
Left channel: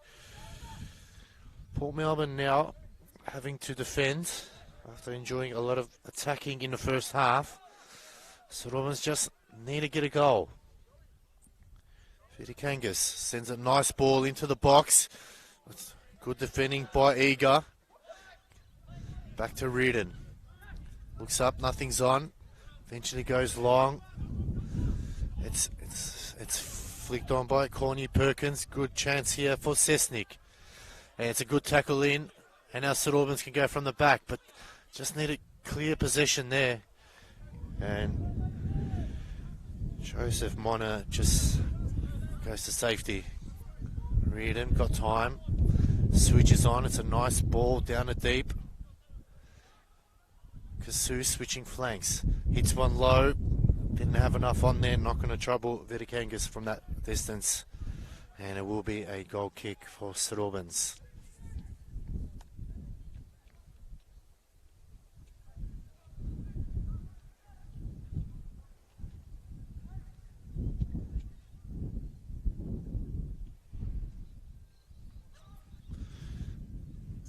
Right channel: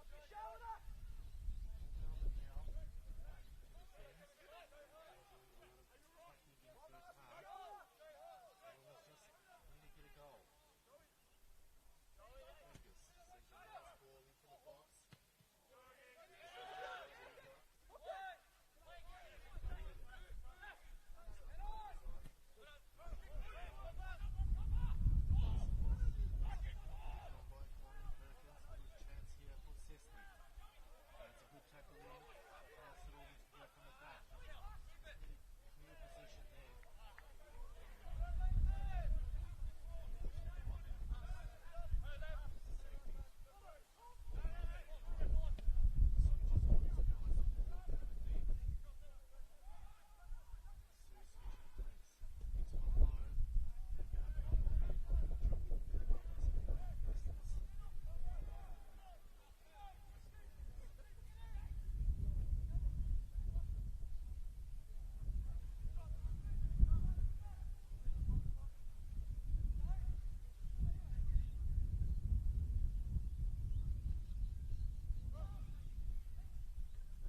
Port Melbourne now having to defend after enjoying a lot of attacking in the first half. St Albans just need to get a goal. Vidikangas sends a nice ball into the box. Good defending by Eager. Back to Reardon. Looks up, nothing's on. Eventually goes long. It's flicked on by Corny Perkins. Good chance here for Cessnick. And it's a good tackle in. And now St Albans can go from the back, but just need a clear possession there. And Joseph Mona just goes to safety. Reardon got time. Switches on. It's a nice ball down the deep. Casus switching flanks. Hits one low. Didn't have enough on there. Not going to trouble Vidikangas from that distance. And it will be a goal kick for St Albans.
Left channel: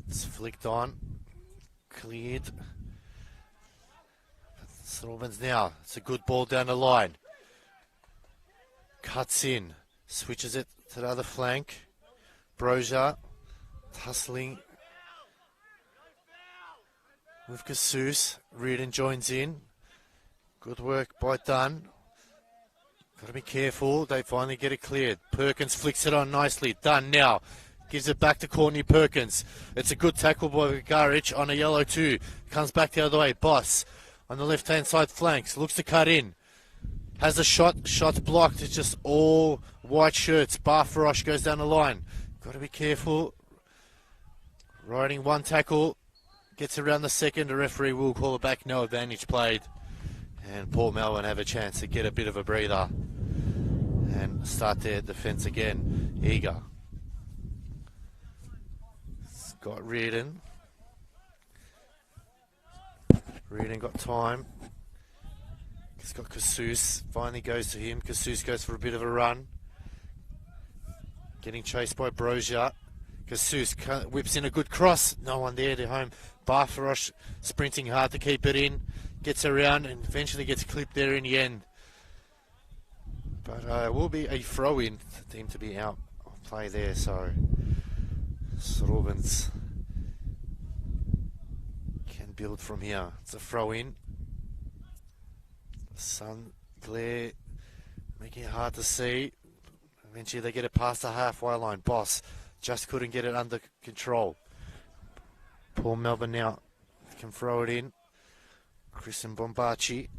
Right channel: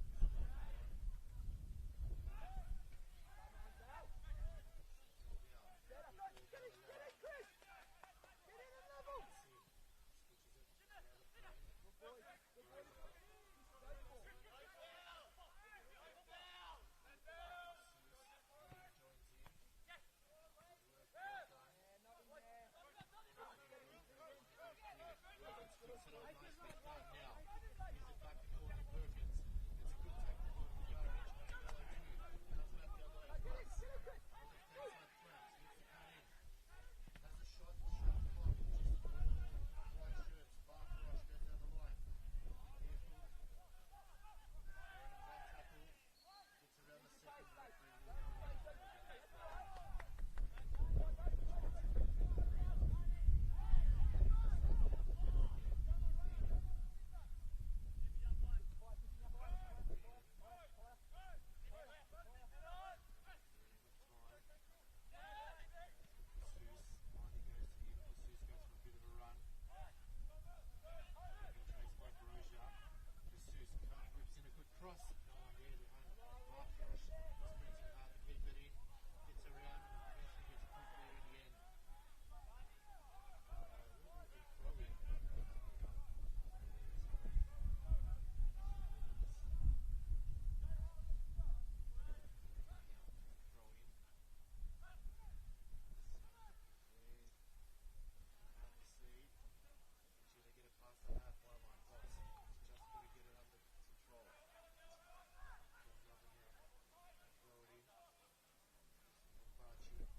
It's flicked on. Cleared. St Albans now. It's a good ball down the line. Cuts in. Switches it to the other flank. Brozier. Tussling with Casus. Reardon joins in. Good work by Dunn. Got to be careful. They finally get it cleared. Perkins flicks it on nicely. Dunn now. Gives it back to Courtney Perkins. It's a good tackle by Garich on a yellow too. Comes back the other way. Boss on the left-hand side flanks. Looks to cut in. Has a shot. Shot's blocked. It's just all white shirts. Barfarosh goes down the line. Got to be careful. Riding one tackle. Gets around the second. The referee will call it back. No advantage played. And Port Melbourne have a chance to get a bit of a breather. And start their defence again. Eager. Got Reardon. Reardon got time. He's got Casus. Finally goes to him. Casus goes for a bit of a run. Getting chased by Brozier. Casus whips in a good cross. No one there to home. Barfarosh sprinting hard to keep it in. Gets around and eventually gets clipped there in the end. But it will be a throw-in for him to be out of play there. So St Albans can build from here. It's a throw-in. Sun glare making it hard to see. Eventually they get it past the halfway line. Boss just couldn't get it under control. Paul Melbourne now can throw it in. Chris and Bombachi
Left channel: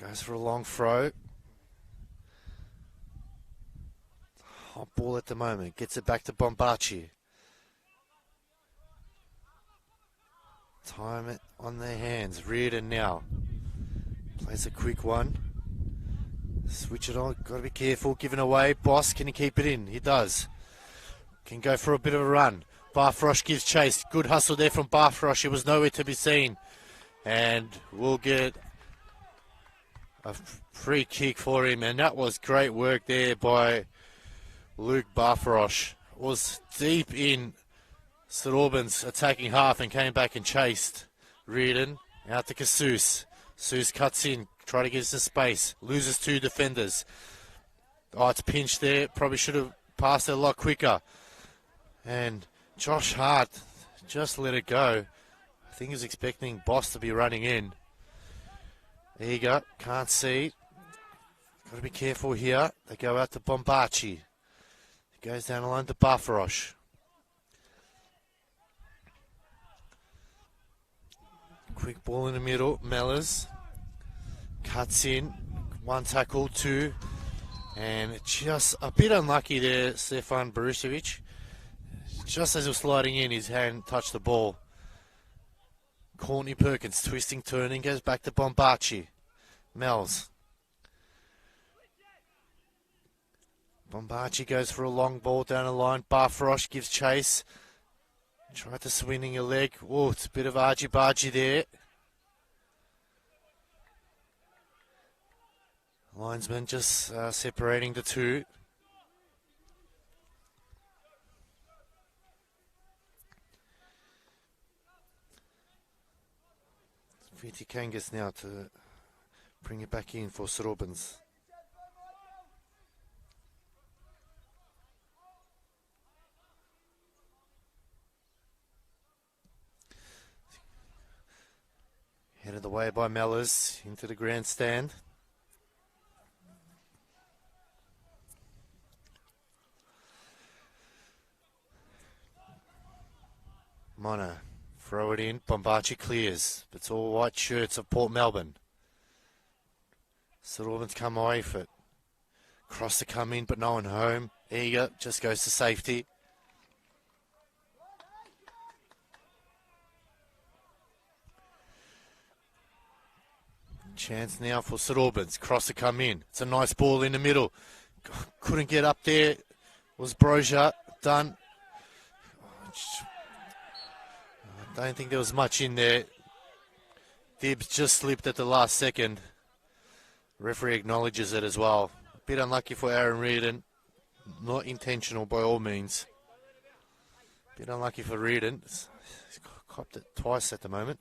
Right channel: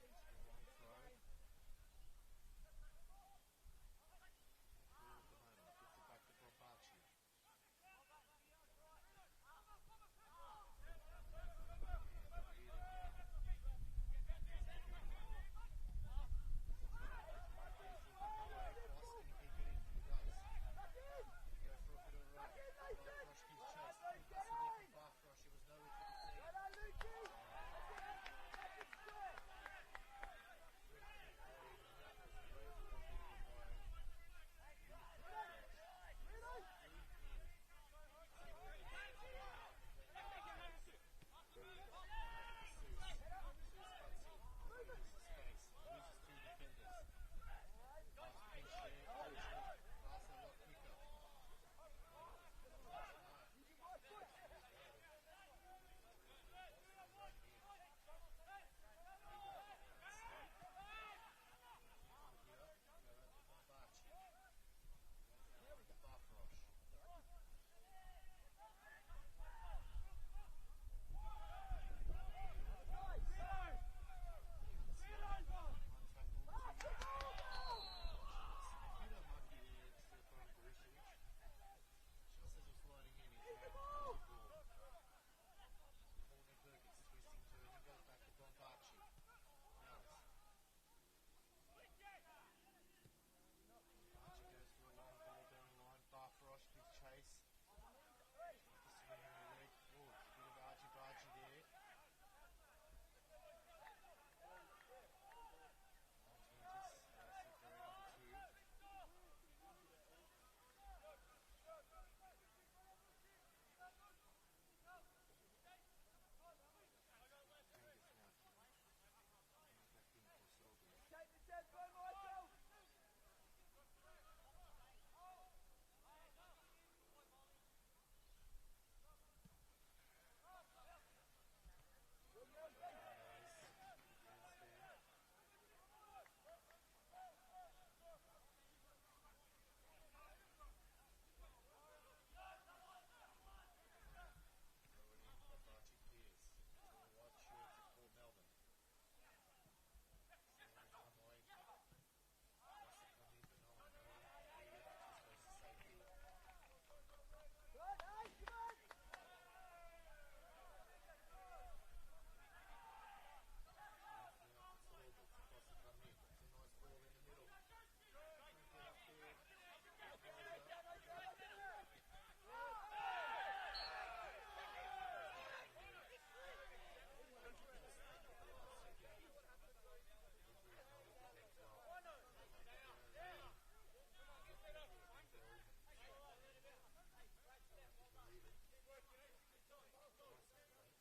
goes for a long throw. Hot ball at the moment. Gets it back to Bombachi. Time it on their hands. Reardon now. Plays a quick one. Switch it on. Got to be careful. Giving away. Boss, can he keep it in? He does. Can go for a bit of a run. Barfarosh gives chase. Good hustle there from Barfarosh. It was nowhere to be seen. And we'll get a free kick for him. And that was great work there by Luke Barfarosh. Was deep in St Albans attacking half and came back and chased Reardon. Out to Casus. Casus cuts in. Try to get some space. Loses two defenders. Oh, it's pinched there. Probably should have passed it a lot quicker. And Josh Hart just let it go. I think he's expecting Boss to be running in. Eager, can't see. Got to be careful here. They go out to Bombachi. He goes down the line to Barfarosh. Quick ball in the middle. Mellors cuts in. One tackle, two. And just a bit unlucky there, Stefan Borisevic. Just as he was sliding in, his hand touched the ball. Courtney Perkins twisting, turning, goes back to Bombachi. Mells. Bombachi goes for a long ball down the line. Barfarosh gives chase. Tried to swinging a leg. Oh, it's a bit of argy-bargy there. Linesman just separating the two. Viti Kangas now to bring it back in for St Albans. Headed away by Mellors into the grandstand. Mono. Throw it in. Bombachi clears. It's all white shirts of Port Melbourne. St Albans come away for it. Cross to come in, but no one home. Eager just goes to safety. Chance now for St Albans. Cross to come in. It's a nice ball in the middle. Couldn't get up there. Was Brozier done? I don't think there was much in there. Dibbs just slipped at the last second. Referee acknowledges it as well. A bit unlucky for Aaron Reardon. Not intentional by all means. Bit unlucky for Reardon. He's copped it twice at the moment.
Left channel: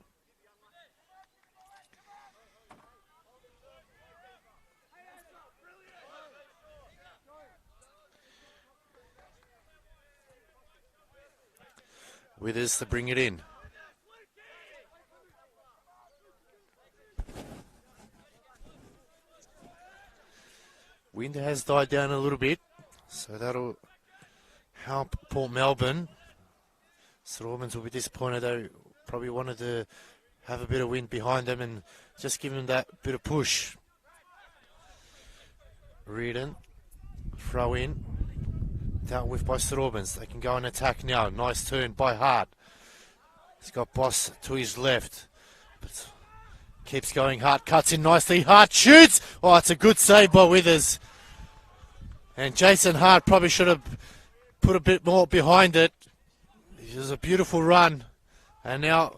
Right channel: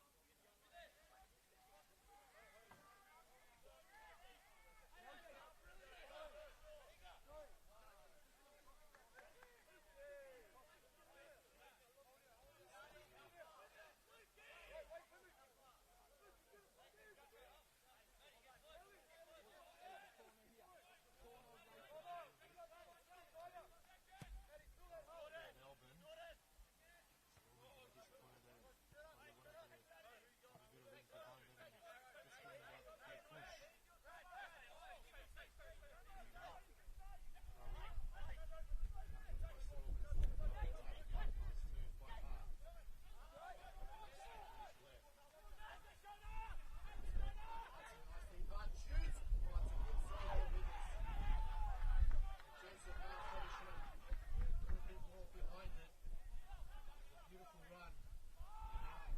Withers to bring it in. Wind has died down a little bit, so that'll help Port Melbourne. St Albans will be disappointed. They probably wanted to have a bit of wind behind them and just give them that bit of push. Reardon, throw in, dealt with by St Albans. They can go and attack now. Nice turn by Hart. He's got Boss to his left, but keeps going. Hart cuts in nicely. Hart shoots. Oh, it's a good save by Withers. And Jason Hart probably should have put a bit more behind it. It was a beautiful run. And now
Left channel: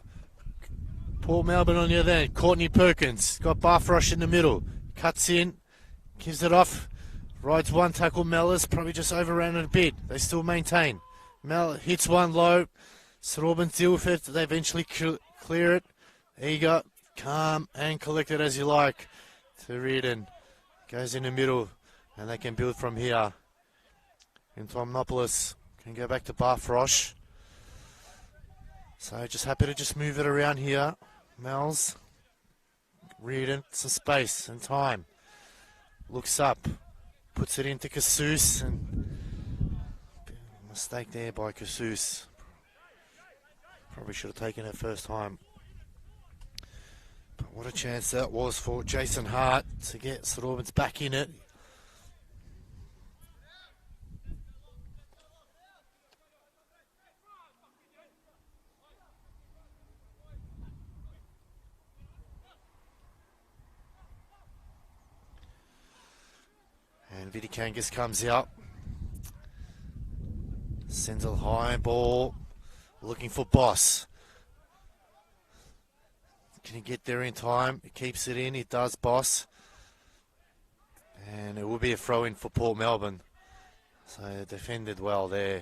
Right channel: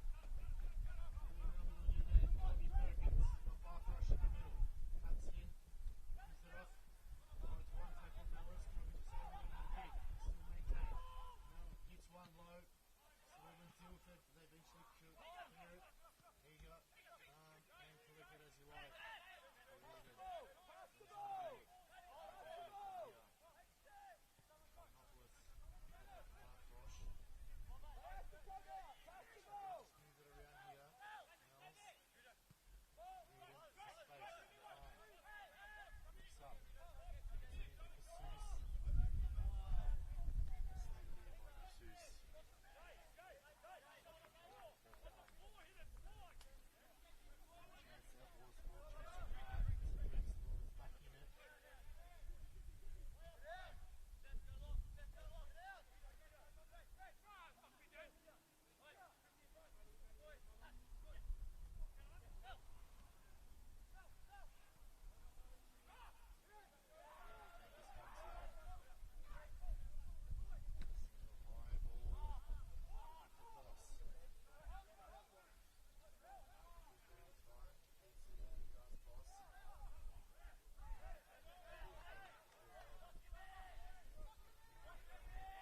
Port Melbourne on the other end. Courtney Perkins got Barfrosh in the middle. Cuts in, gives it off. Rides one tackle. Mellors probably just overran it a bit. They still maintain. Mel hits one low. St Albans deal with it. They eventually clear it. Eager, calm and collected as you like. To Reardon. Goes in the middle. And they can build from here. And Tomnopoulos can go back to Barfrosh. So just happy to just move it around here. Mel's. Reardon, some space and time. Looks up. Puts it into Casus. And mistake there by Casus. Probably should have taken it first time. But what a chance that was for Jason Hart to get St Albans back in it. And Vidikangas comes out. Sends a high ball. Looking for Boss. Can he get there in time? He keeps it in. He does, Boss. And it will be a throw-in for Port Melbourne. So defended well there.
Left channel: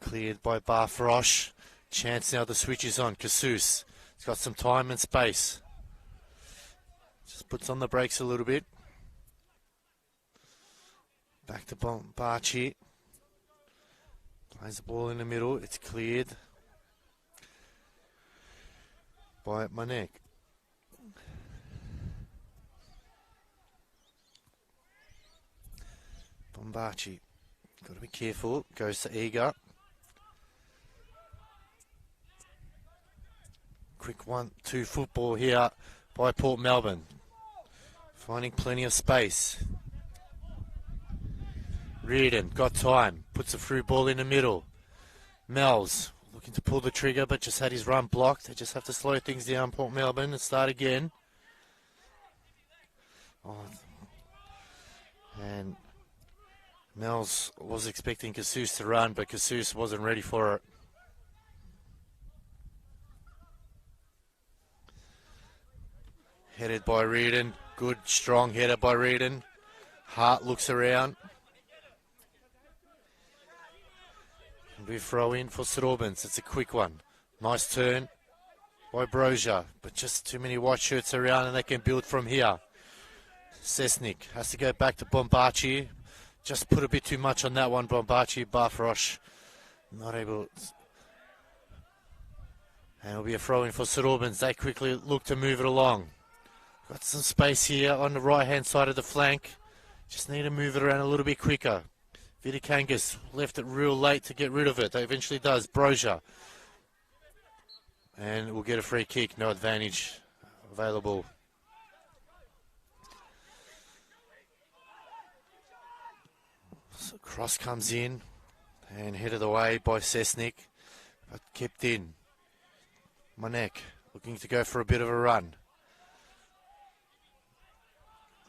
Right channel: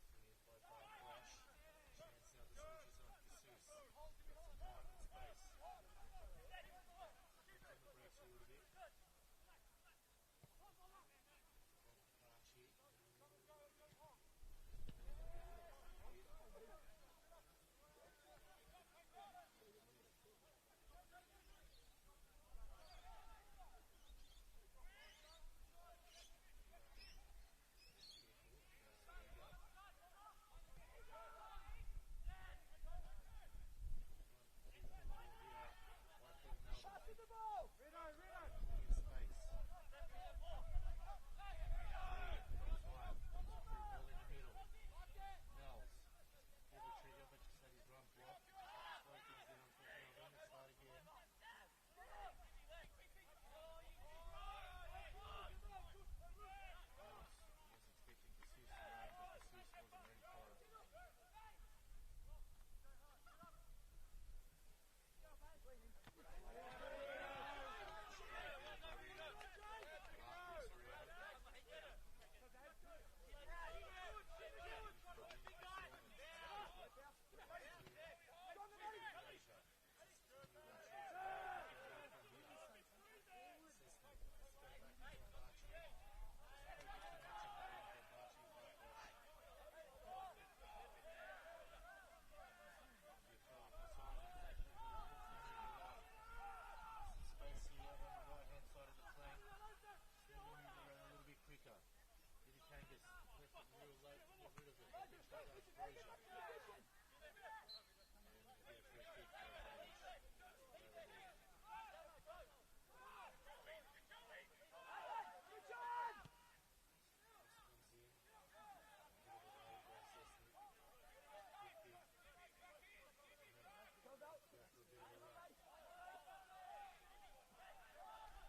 Cleared by Barfrosh. Chance now the switch is on. Casus. He's got some time and space. Just puts on the brakes a little bit. Back to Bombachi. Plays the ball in the middle. It's cleared by Manek. Bombachi. Got to be careful. Goes to Eager. Quick 1-2 football here by Port Melbourne. Finding plenty of space. Reardon got time, puts a through ball in the middle. Mel's looking to pull the trigger, but just had his run blocked. They just have to slow things down, Port Melbourne, and start again. Oh. And Mel's was expecting Casus to run, but Casus wasn't ready for it. Headed by Reardon. Good, strong header by Reardon. Hart looks around. We throw in for St Albans. It's a quick one. Nice turn by Brozier, but just too many white shirts around and they can build from here. Sesnik has to go back to Bombachi. Just put a bit too much on that one, Bombachi. Barfrosh not able. And it'll be a throw in for St Albans. They quickly look to move it along. Got some space here on the right hand side of the flank. Just need to move it around a little bit quicker. Vidikangas left it real late to get rid of it. They eventually does. Brozier. And we'll get a free kick. No advantage available. So cross comes in and headed away by Sesnik, but kept in. Manek looking to go for a bit of a run.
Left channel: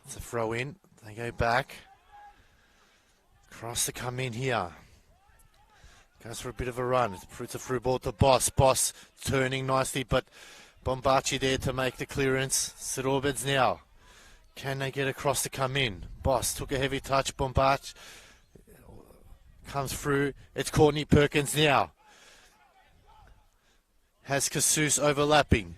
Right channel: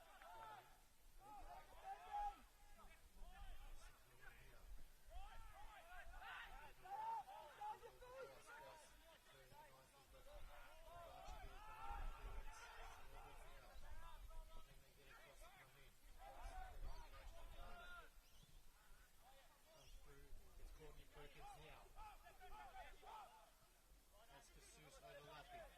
It's a throw in. They go back. Cross to come in here. Goes for a bit of a run. It's a through ball to Boss. Boss turning nicely, but Bombachi there to make the clearance. St Albans now Can they get across to come in? Boss took a heavy touch. Bombach comes through. It's Courtney Perkins now. Has Casus overlapping.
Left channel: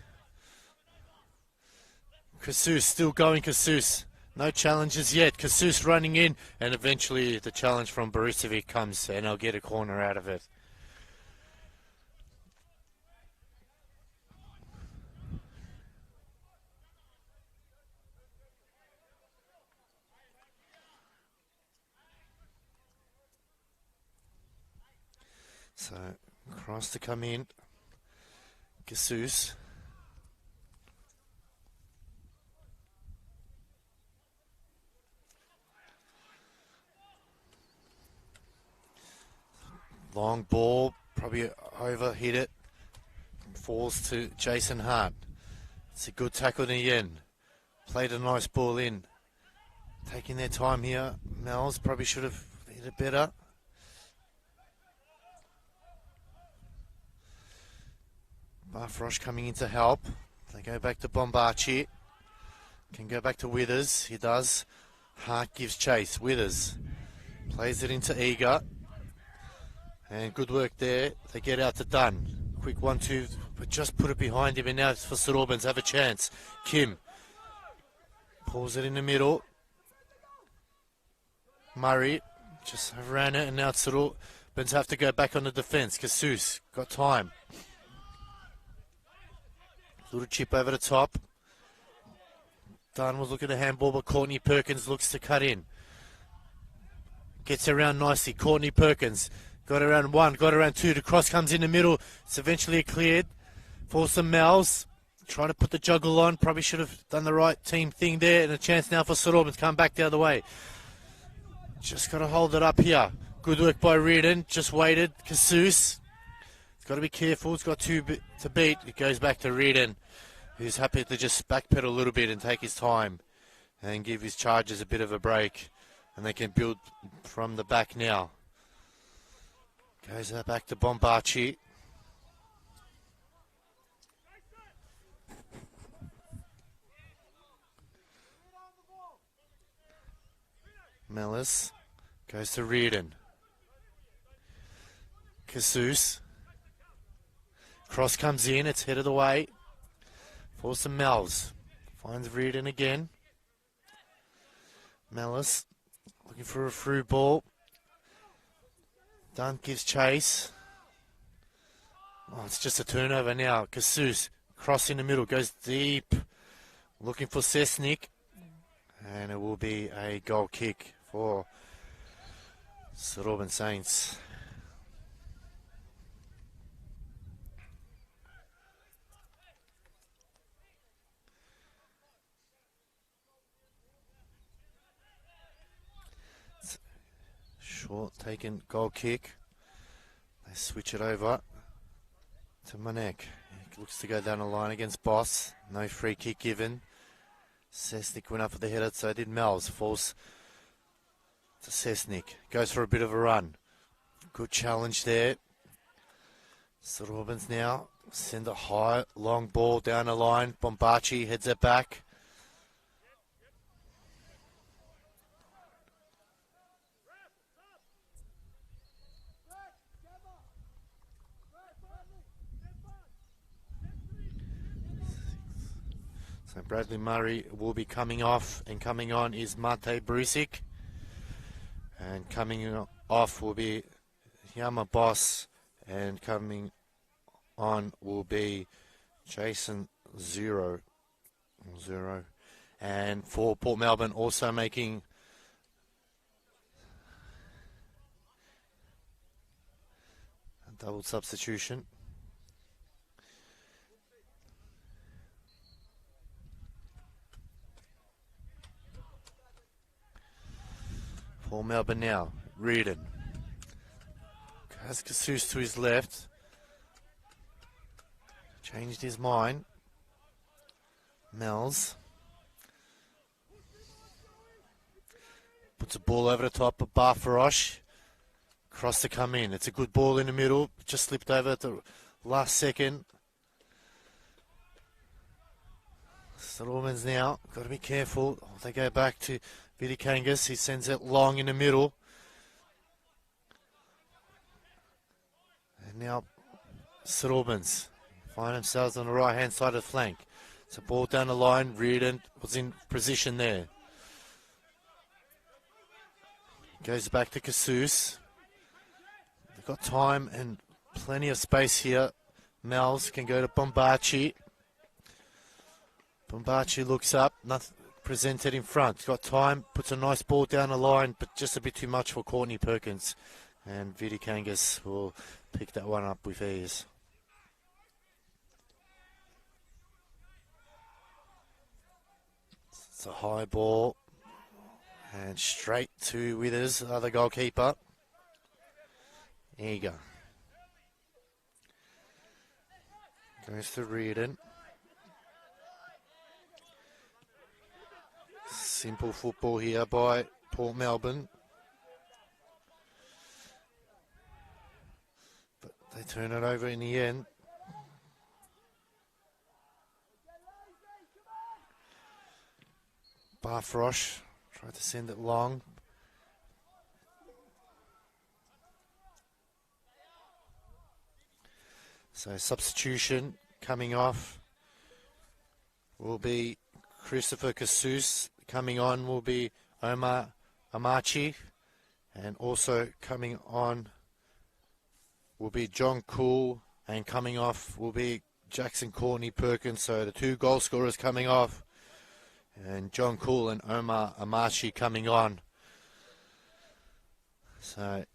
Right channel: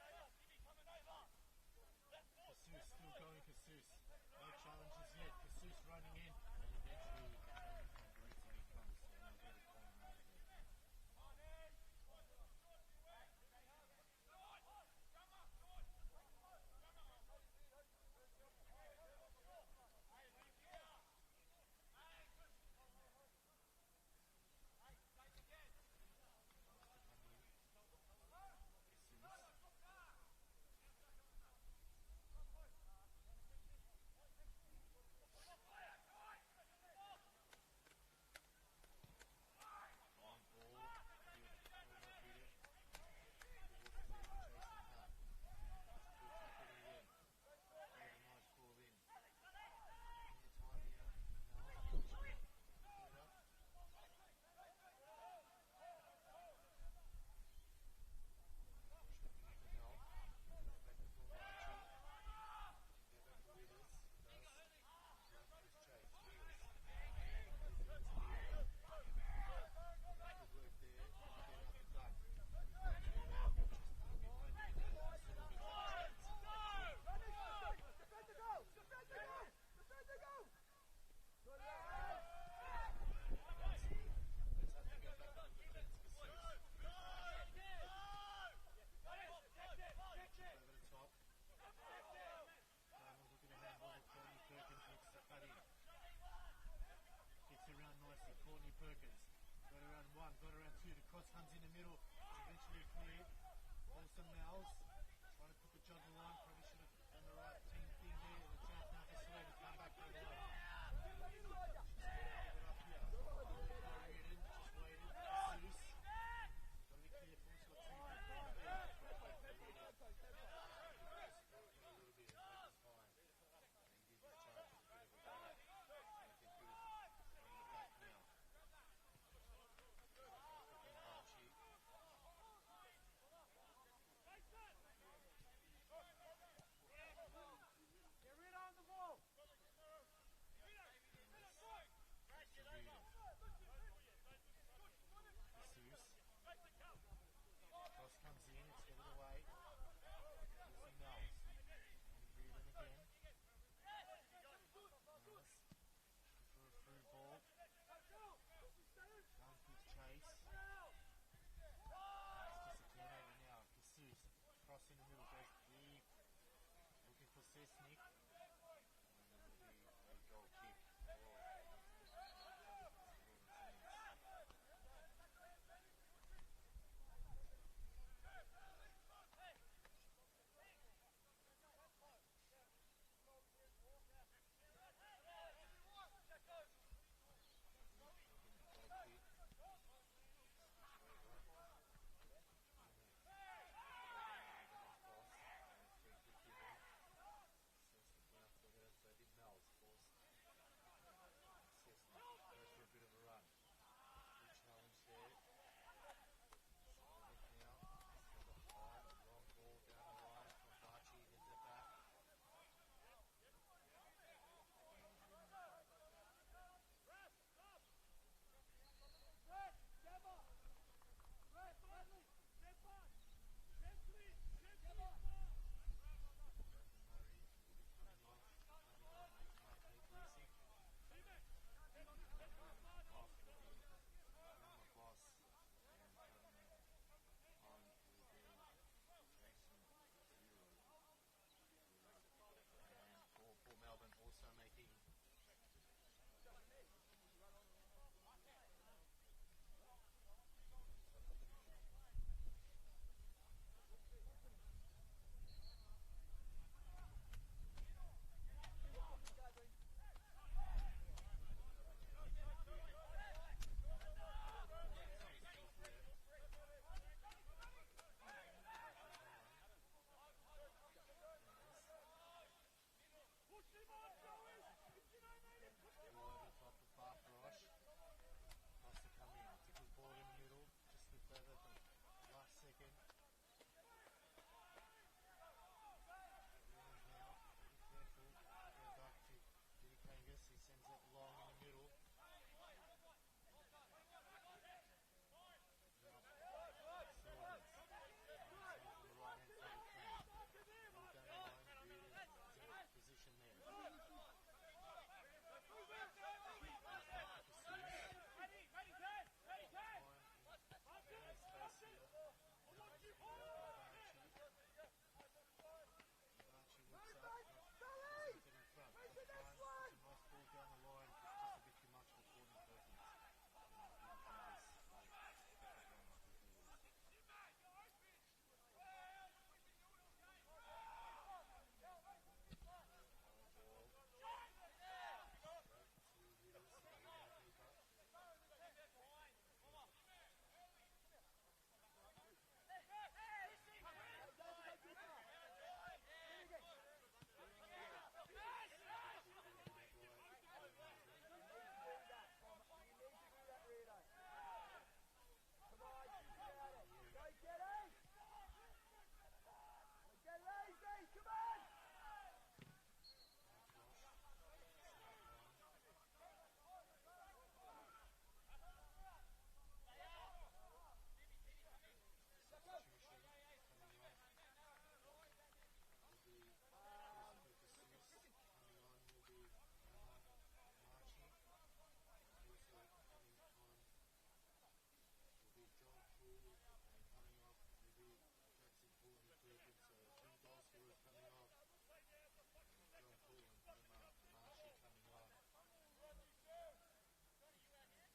Casus still going. Casus. No challenges yet. Casus running in. And eventually the challenge from Borisevic comes and I'll get a corner out of it. So, cross to come in. Casus. Long ball, probably overhit it. Falls to Jason Hart. It's a good tackle in the end. Played a nice ball in. Taking their time here. Mel's probably should have hit it better. Barfrosh coming in to help. They go back to Bombachi. Can go back to Withers. He does. Hart gives chase. Withers plays it into Eager. And good work there. They get out to Dunn. Quick 1-2, but just put it behind him. And now it's for St Albans. Have a chance. Kim pulls it in the middle. Murray just ran it, and now it's St Albans have to go back on the defence. Casus got time. Little chip over the top. Dunn was looking to handball, but Courtney Perkins looks to cut in. Gets around nicely. Courtney Perkins got around one, got around two. The cross comes in the middle. It's eventually cleared for some Mals. Trying to put the juggle on. Probably should have done the right team thing there. And a chance now for St Albans to come back the other way. Just got to hold it up here. Good work by Reardon. Just waited. Casus. He's got to be careful. He's got two to beat. It goes back to Reardon, who's happy to just backpedal a little bit and take his time and give his charges a bit of a break. And they can build from the back now. Goes back to Bombachi. Mellis goes to Reardon. Casus. Cross comes in. It's headed away for some Mels. Finds Reardon again. Mellis looking for a through ball. Dunn gives chase. Oh, it's just a turnover now. Casus, cross in the middle, goes deep. Looking for Sesnik. And it will be a goal kick for St Albans Saints. Short taken goal kick. They switch it over to Monek. He looks to go down the line against Boss. No free kick given. Sesnik went up for the header, so did Mels. Falls to Sesnik. Goes for a bit of a run. Good challenge there. St Albans now send a high, long ball down the line. Bombachi heads it back. So Bradley Murray will be coming off, and coming on is Mate Brusik. And coming off will be Yama Boss, and coming on will be Jason Zero. And for Port Melbourne, also making a double substitution. For Melbourne now, Reardon. Has Casus to his left. Changed his mind. Mels. Puts a ball over the top of Barfarosh. Cross to come in. It's a good ball in the middle. Just slipped over at the last second. St Albans now, got to be careful. They go back to VIC Kangas. He sends it long in the middle. And now St Albans find themselves on the right hand side of the flank. It's a ball down the line. Reardon was in position there. Goes back to Casus. They've got time and plenty of space here. Mel's can go to Bombachi. Bombachi looks up, nothing presented in front. Got time, puts a nice ball down the line, but just a bit too much for Courtney Perkins. And VIC Kangas will pick that one up with ease. It's a high ball. And straight to Withers, the other goalkeeper. There you go. Goes to Reardon. Simple football here by Port Melbourne. But they turn it over in the end. Barfrosh tried to send it long. So substitution coming off will be Christopher Casus. Coming on will be Omar Amachi. And also coming on will be John Cool. And coming off will be Jackson Courtney Perkins. So the two goal scorers coming off. And John Cool and Omar Amachi coming on. So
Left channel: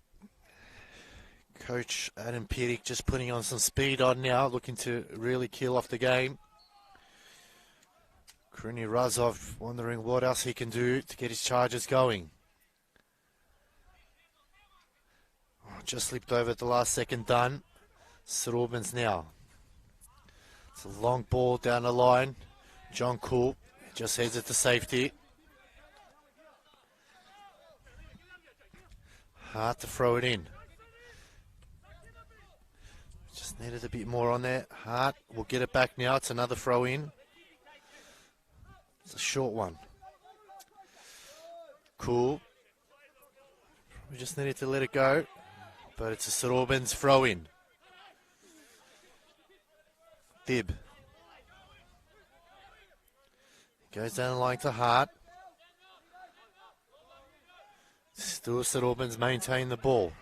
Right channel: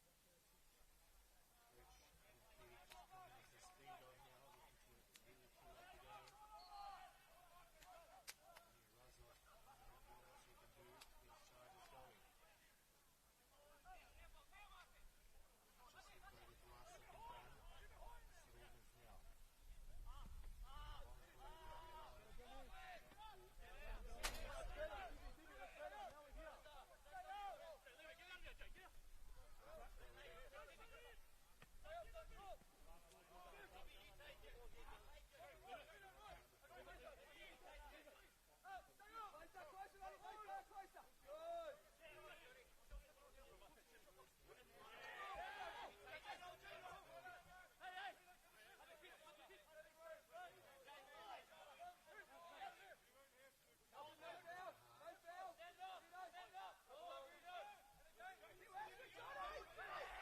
Coach Adam Pierik just putting on some speed on now, looking to really kill off the game. Kruni Razov wondering what else he can do to get his charges going. Oh, just slipped over at the last second, done. St Albans now. It's a long ball down the line. John Cool just heads it to safety. Hard to throw it in. Just needed a bit more on there. Hart will get it back now. It's another throw in. It's a short one. Cool. We just needed to let it go. But it's a St Albans throw in. Dib. Goes down the line to Hart. Still St Albans maintain the ball.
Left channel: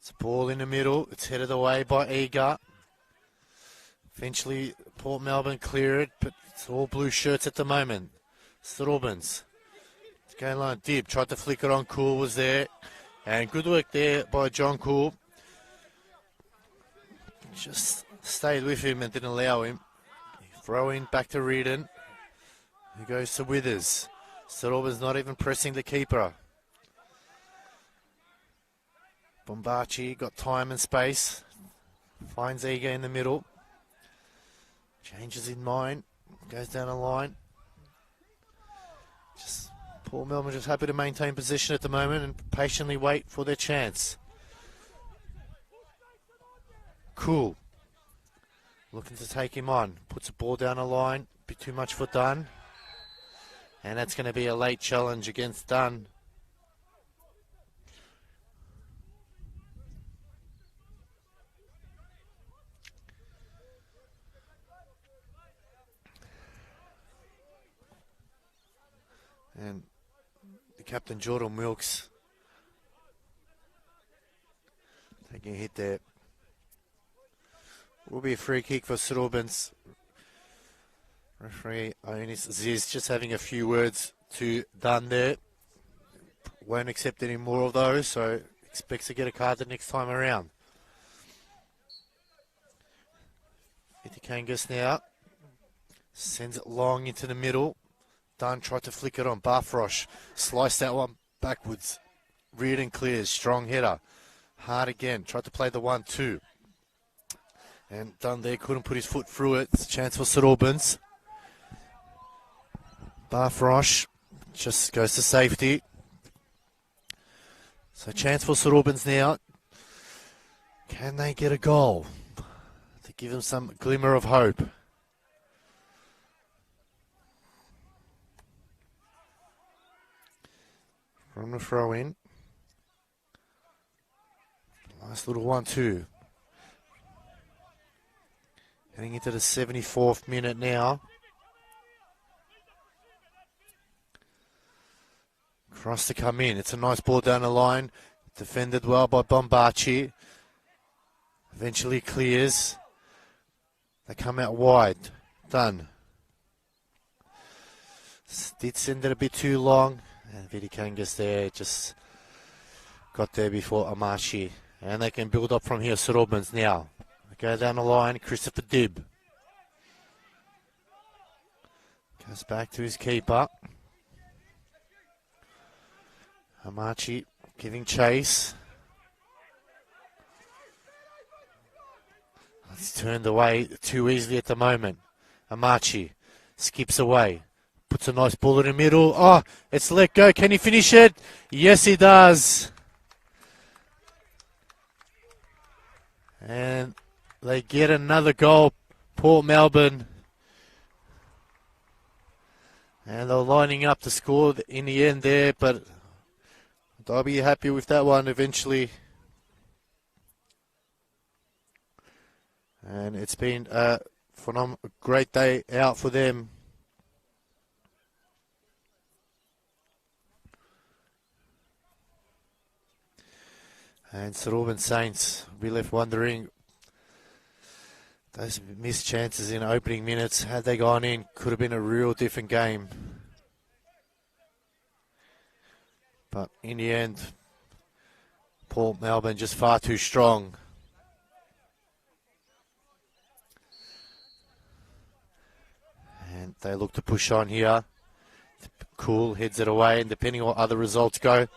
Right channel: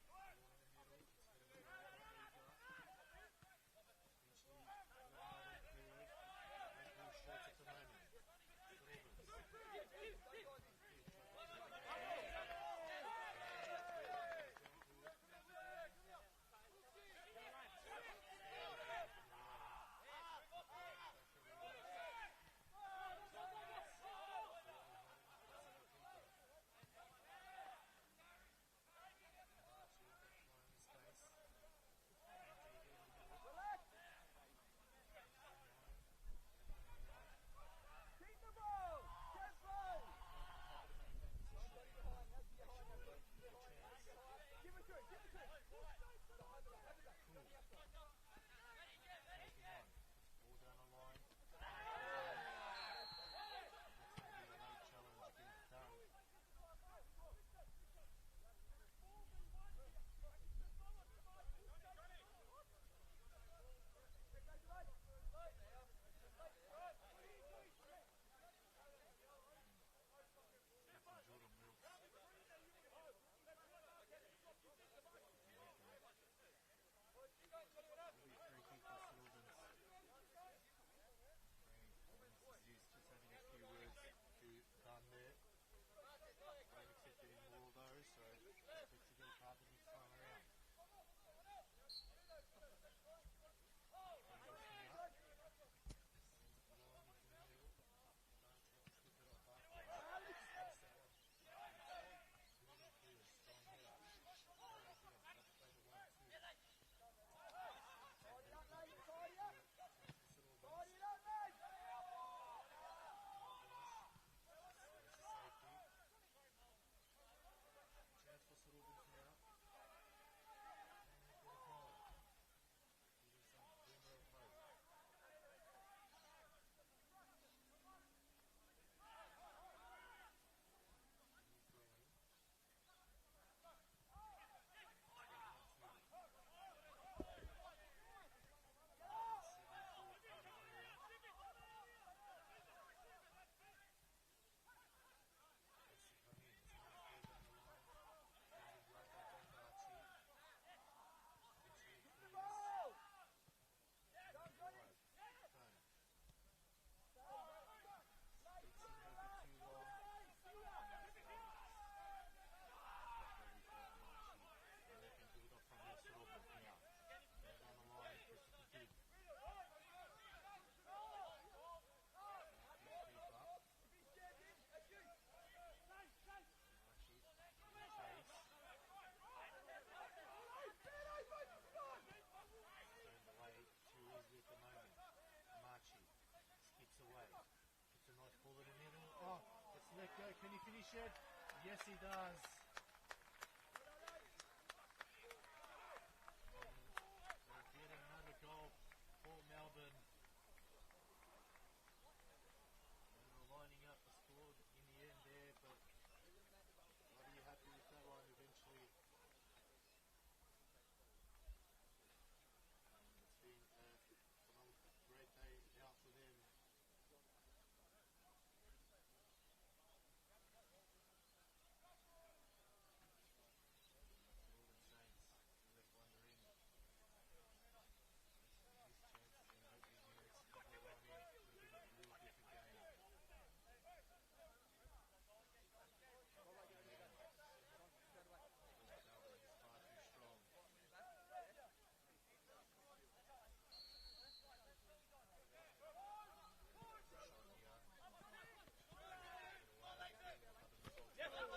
It's a ball in the middle. It's headed away by Eager. Eventually, Port Melbourne clear it, but it's all blue shirts at the moment. St Albans. It's going line. Dib tried to flick it on. Cool was there. And good work there by John Cool. Just stayed with him and didn't allow him. Throw in back to Reardon. He goes to Withers. St Albans not even pressing the keeper. Bombachi got time and space. Finds Eager in the middle. Changes in mind. Goes down the line. Just Port Melbourne just happy to maintain position at the moment and patiently wait for their chance. Cool. Looking to take him on. Puts a ball down the line. Bit too much for Dunn. And that's going to be a late challenge against Dunn. And the captain, Jordan Wilkes, taking a hit there. Will be a free kick for St Albans. Referee Ionis Ziz just having a few words to Dunn there. Won't accept any more of those, so expects to get a card the next time around. Itikangas now. Sends it long into the middle. Dunn tried to flick it on. Barfrosh sliced that one backwards. Reardon clears. Strong header. Hard again. Tried to play the 1-2. And Dunn there couldn't put his foot through it. It's a chance for St Albans. Barfrosh just goes to safety. So chance for St Albans now. Can they get a goal to give them some glimmer of hope? from the throw in. Nice little 1-2. Heading into the 74th minute now. Cross to come in. It's a nice ball down the line. Defended well by Bombachi. Eventually clears. They come out wide. Done. Did send it a bit too long. And Vidikangas there just got there before Amashi. And they can build up from here. St Albans now. They go down the line. Christopher Dibb. Goes back to his keeper. Amachi giving chase. It's turned away too easily at the moment. Amachi skips away. Puts a nice ball in the middle. Oh, it's let go. Can he finish it? Yes, he does. And they get another goal. Port Melbourne. And they're lining up to score in the end there, but they'll be happy with that one eventually. And it's been a great day out for them. And St Albans Saints will be left wondering, those missed chances in opening minutes, had they gone in, could have been a real different game. But in the end, Port Melbourne just far too strong. And they look to push on here. Cool, heads it away, and depending on what other results go,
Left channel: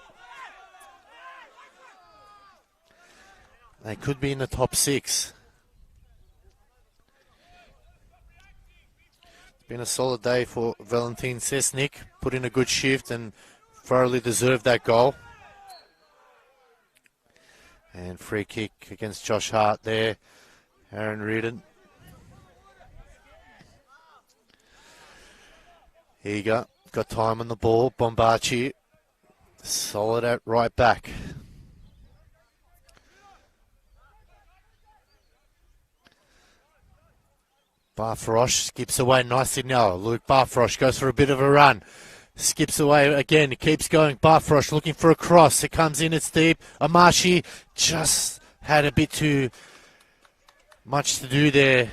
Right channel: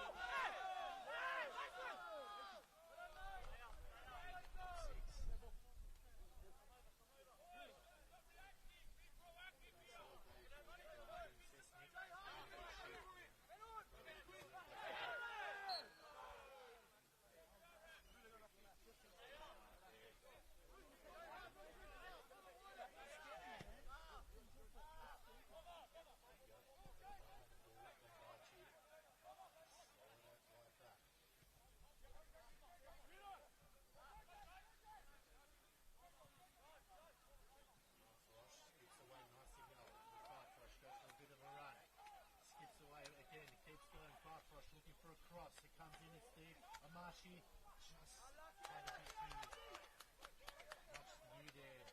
they could be in the top 6. It's been a solid day for Valentin Sesnik. Put in a good shift and thoroughly deserved that goal. And free kick against Josh Hart there. Aaron Reardon. Here you go. Got time on the ball. Bombachi. Solid at right back. Barfrosh skips away nicely now. Luke Barfrosh goes for a bit of a run. Skips away again. He keeps going. Barfrosh looking for a cross. It comes in. It's deep. Amashi just had a bit too much to do there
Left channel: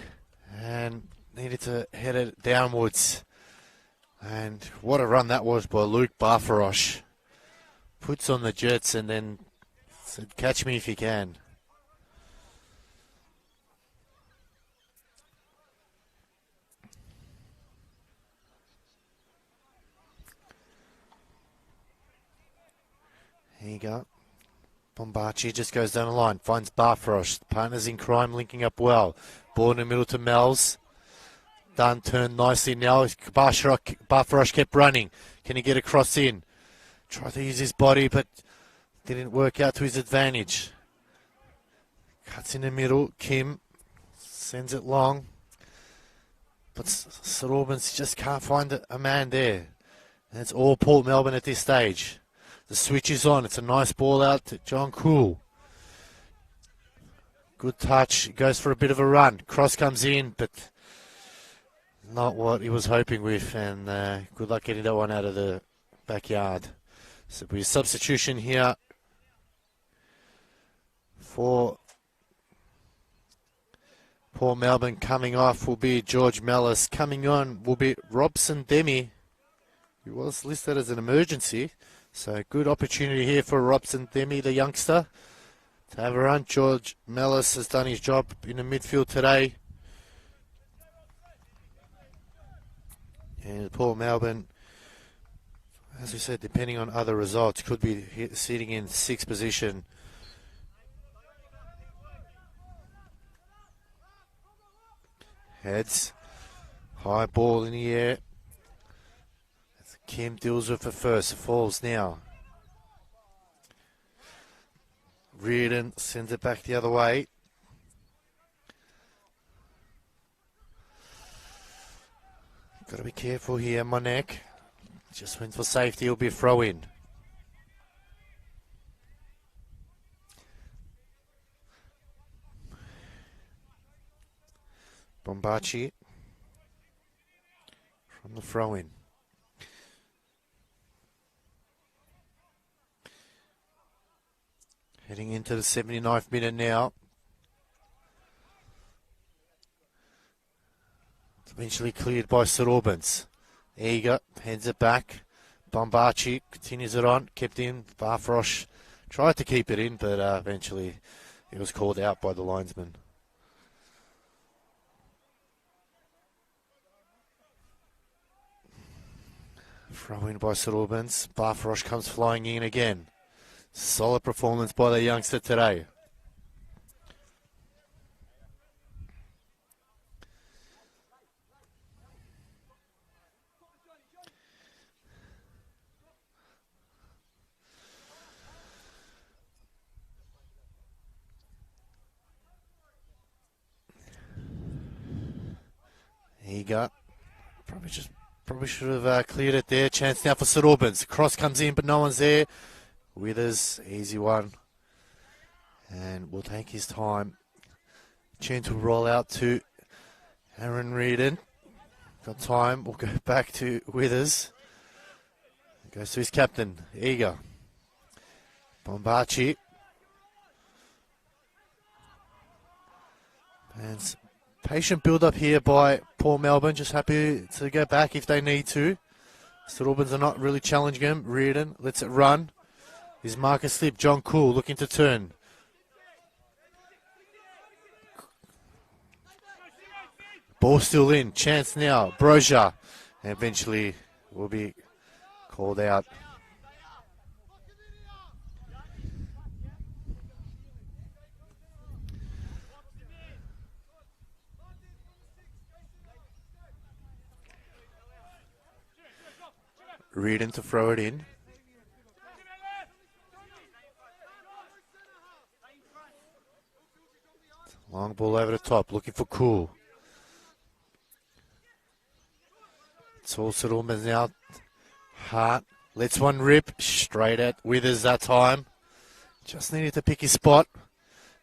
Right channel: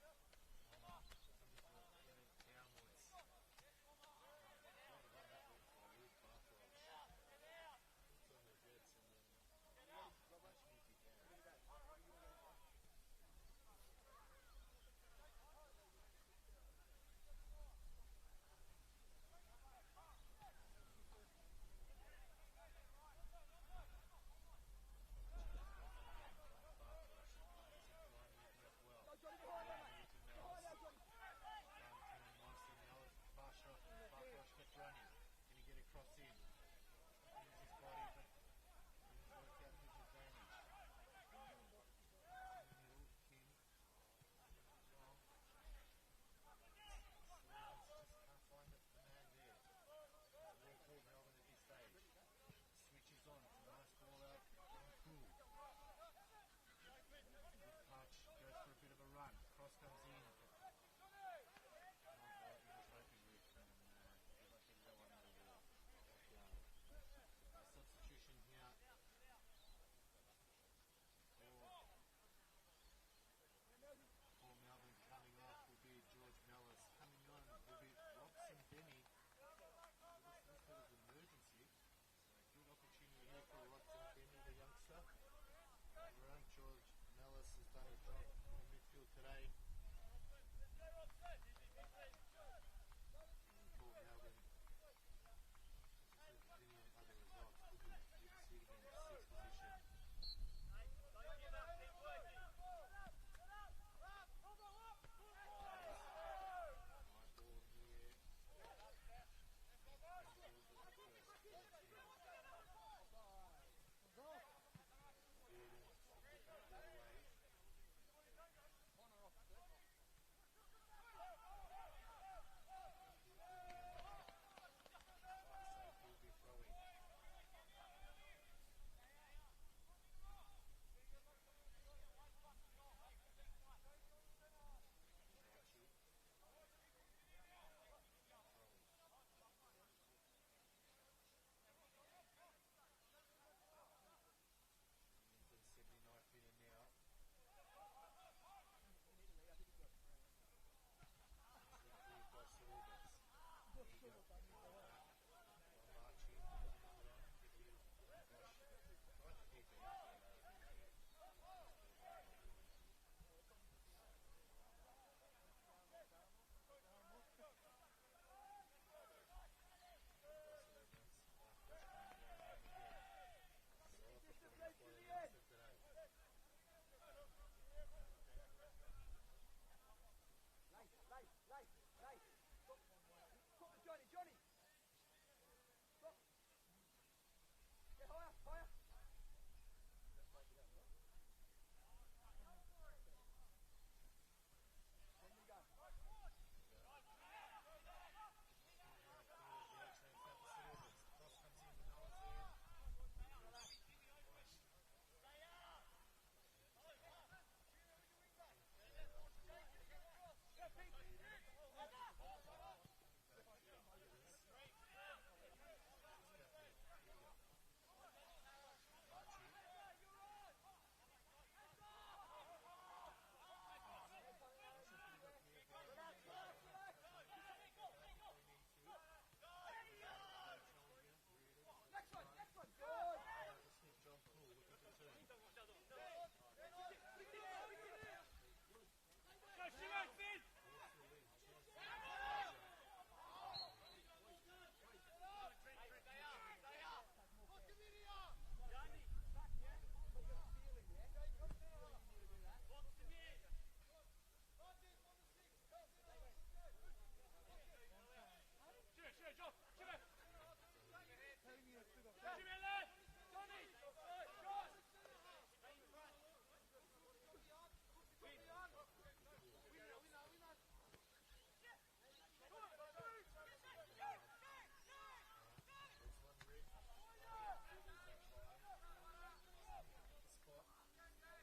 and needed to head it downwards. And what a run that was by Luke Barfrosh. Puts on the Jets and then said, catch me if you can. Here you go. Bombachi just goes down the line, finds Barfrosh. Partners in crime linking up well. Ball in the middle to Mel's. Done, turned nicely now. Barfrosh kept running. Can he get across in? Tried to use his body, but didn't work out to his advantage. Cuts in the middle. Kim sends it long. But St Albans just can't find a man there. And it's all Port Melbourne at this stage. The switch is on. It's a nice ball out to John Cool. Good touch. Goes for a bit of a run. Cross comes in, but not what he was hoping with. And good luck getting that one out of the backyard. So it'll be a substitution here for Port Melbourne. Coming off will be George Mellis. Coming on will be Robson Demi, who was listed as an emergency. So good opportunity here for Robson Demi, the youngster, to have a run. George Mellis has done his job in the midfield today. And Port Melbourne, as we said, depending on other results, could be sitting in 6th position. Heads. High ball in the air. Kim deals with it first. Falls now. Reardon sends it back the other way. Got to be careful here, Monek. Just went for safety. It'll be a throw in. Bombachi from the throw-in. Heading into the 79th minute now. It's eventually cleared by St Albans. Eager, heads it back. Bombachi continues it on, kept in. Barfrosh tried to keep it in, but eventually it was called out by the linesman. Throw in by St Albans. Barfrosh comes flying in again. Solid performance by the youngster today. Eager. Probably should have cleared it there. Chance now for St Albans. Cross comes in, but no one's there. Withers, easy one. And will take his time. Gentle roll out to Aaron Reardon. Got time. We'll go back to Withers. Goes to his captain, Eager. Bombachi. And patient build-up here by Port Melbourne. Just happy to go back if they need to. St Albans are not really challenging him. Reardon lets it run. His marker slip. John Cool looking to turn. Ball still in. Chance now. Brozier. And eventually will be called out. Reardon to throw it in. Long ball over the top, looking for Cool. It's all St Albans now. Hart lets one rip, straight at Withers that time. Just needed to pick his spot.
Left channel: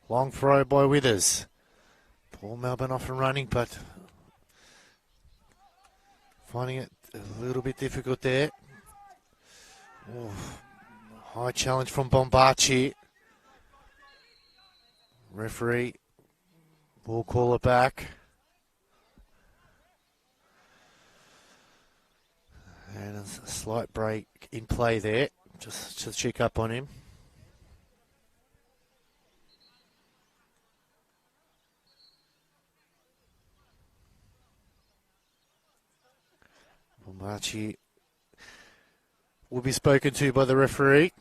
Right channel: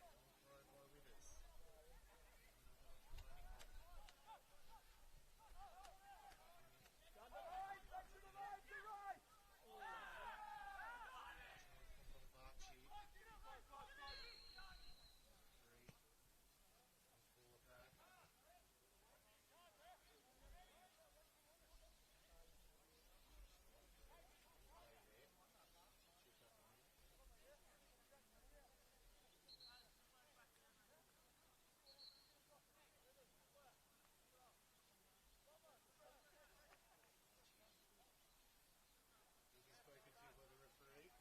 Long throw by Withers. Paul Melbourne off and running, but finding it a little bit difficult there. Oh, high challenge from Bombachi. Referee will call it back. And a slight break in play there, just to check up on him. Bombachi will be spoken to by the referee.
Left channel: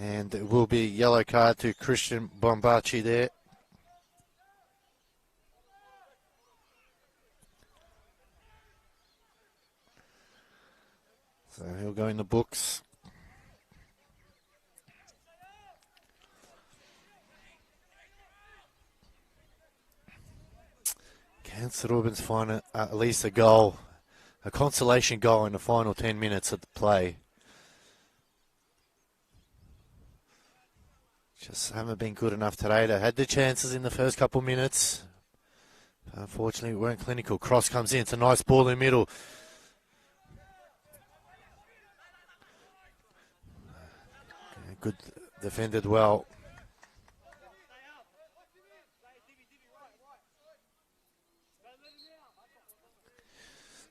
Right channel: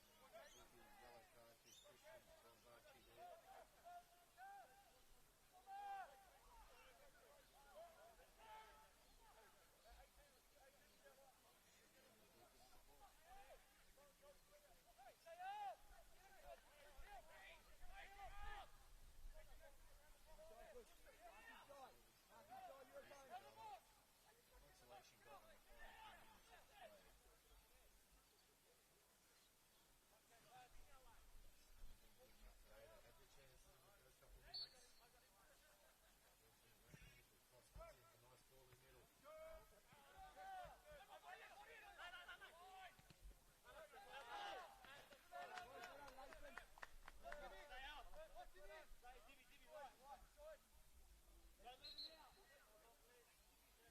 And it will be yellow card to Christian Bombachi there. So he'll go in the books. Can St Albans find at least a goal, a consolation goal in the final 10 minutes of the play? Just haven't been good enough today. They had the chances in the first couple minutes. Unfortunately, we weren't clinical. Cross comes in. It's a nice ball in the middle. Good defended well.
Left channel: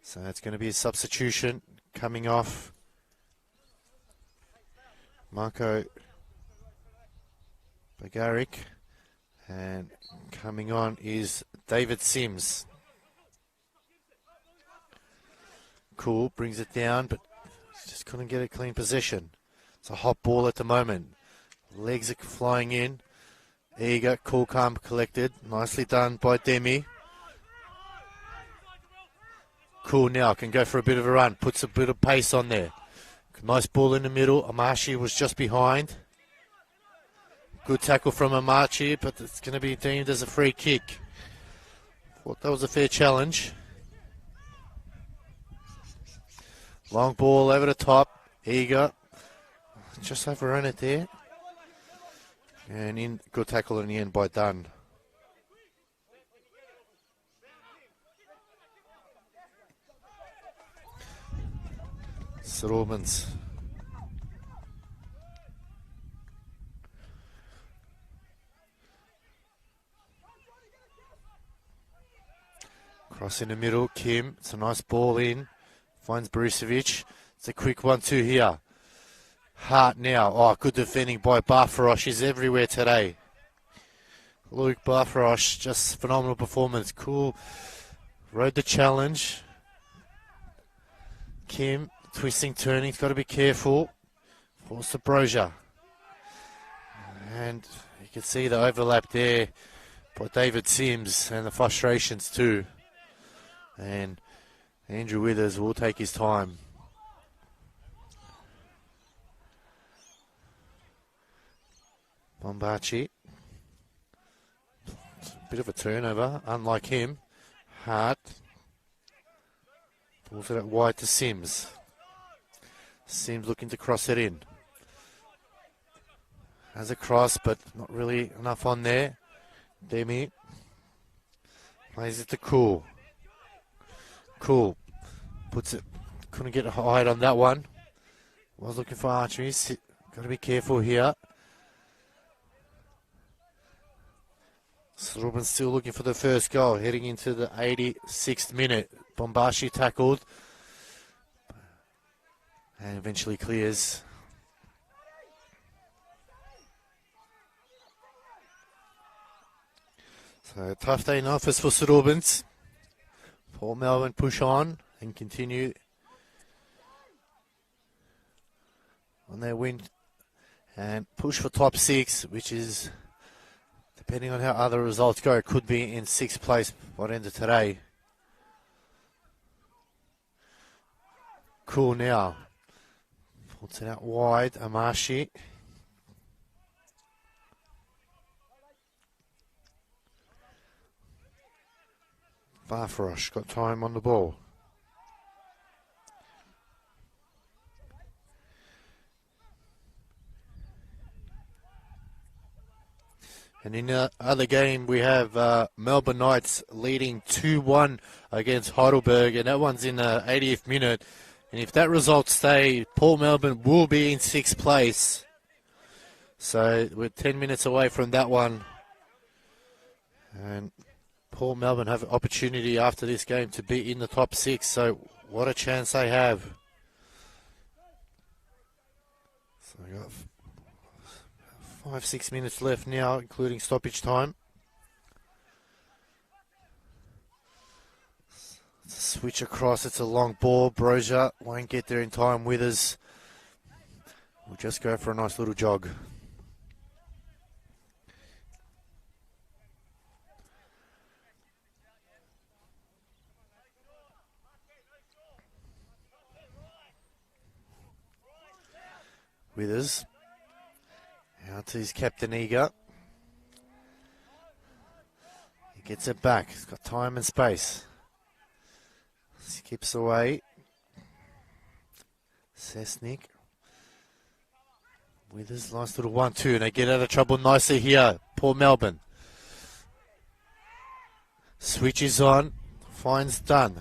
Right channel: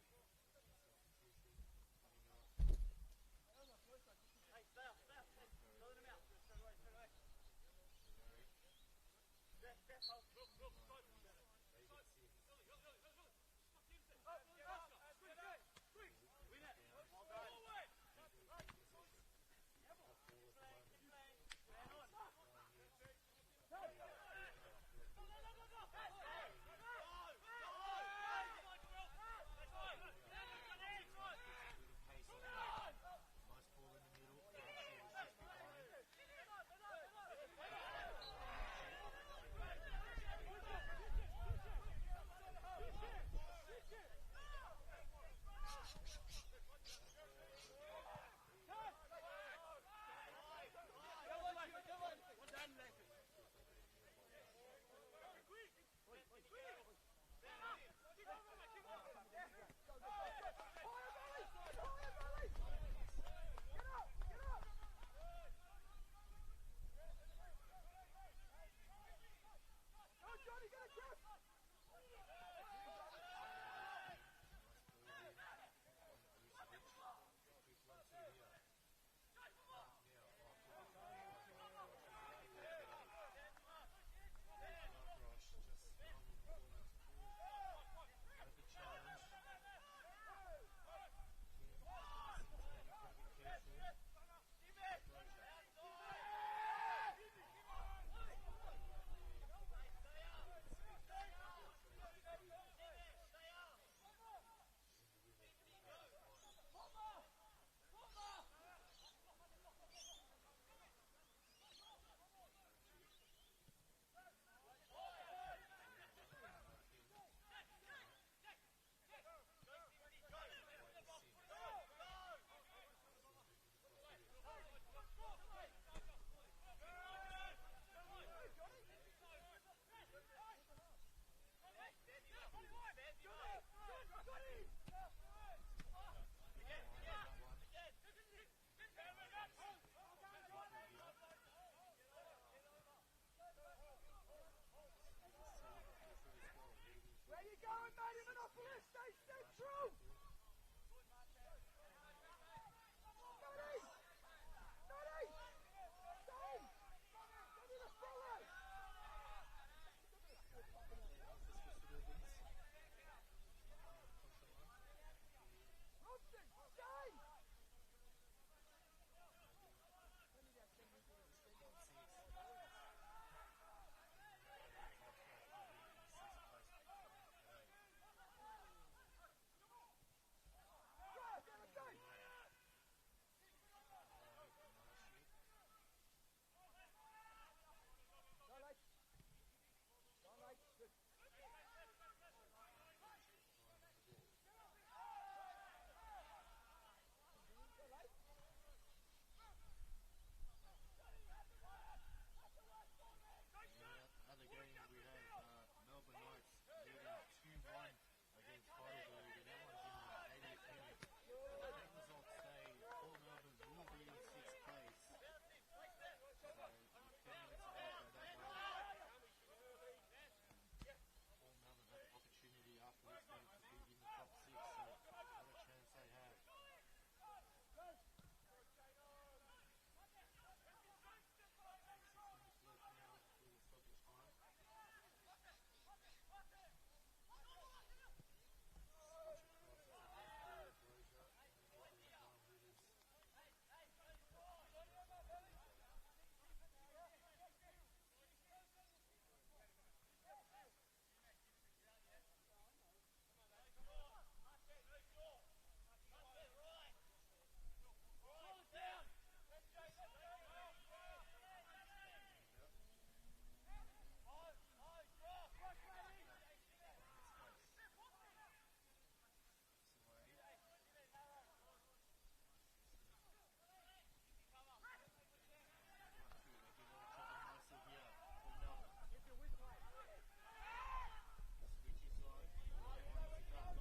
So it's going to be a substitution coming off. Marco Bagaric. And coming on is David Sims. Cool, brings it down, but just couldn't get a clean possession. It's a hot ball at the moment. Legs are flying in. Eager, cool, calm, collected. Nicely done by Demi. Cool now, can go for a bit of a run. Puts a bit of pace on there. Nice ball in the middle. Amashi was just behind. Good tackle from Amashi, but it's going to be deemed as a free kick. Thought that was a fair challenge. Long ball over the top. Eager. Just overrun it there. And good tackle in the end by Dunn. St Albans. Cross in the middle, Kim. It's a nice ball in. Finds Brucevic. It's a quick 1-2 here. Hart now. Oh, good defending by Barfarosh. He's everywhere today. Luke Barfarosh, just phenomenal performance. Cool. Rode the challenge. Kim, twisting, turning. He's got to be careful. Force the Brozier. And you can see the overlap there by David Sims and the frustrations too. And Andrew Withers will take his time. Bombachi. Bit of a turnover, unlike him. Hart. Pulls it out wide to Sims. Sims looking to cross it in. Has a cross, but not really enough on there. Demi. Plays it to Cool. Cool. Puts it. Couldn't get a height on that one. Was looking for archery. Got to be careful here. Robin still looking for the first goal. Heading into the 86th minute. Bombashi tackled. And eventually clears. So tough day in office for St Albans. Port Melbourne push on and continue on their win and push for top 6, which is, depending on how other results go, could be in 6th place by the end of today. Cool now. Puts it out wide. Amashi. Barfarosh got time on the ball. And in the other game, we have Melbourne Knights leading 2-1 against Heidelberg, and that one's in the 80th minute. And if that result stays, Port Melbourne will be in 6th place. So we're 10 minutes away from that one. And Port Melbourne have an opportunity after this game to be in the top 6. So what a chance they have. So we got 5-6 minutes left now, including stoppage time. Switch across, it's a long ball. Brozier won't get there in time. Withers will just go for a nice little jog. Withers out to his captain Eager. He gets it back. He's got time and space. Skips away. Sesnik. Withers, nice little 1-2, and they get out of trouble nicely here. Port Melbourne. Switches on. Finds Dunn.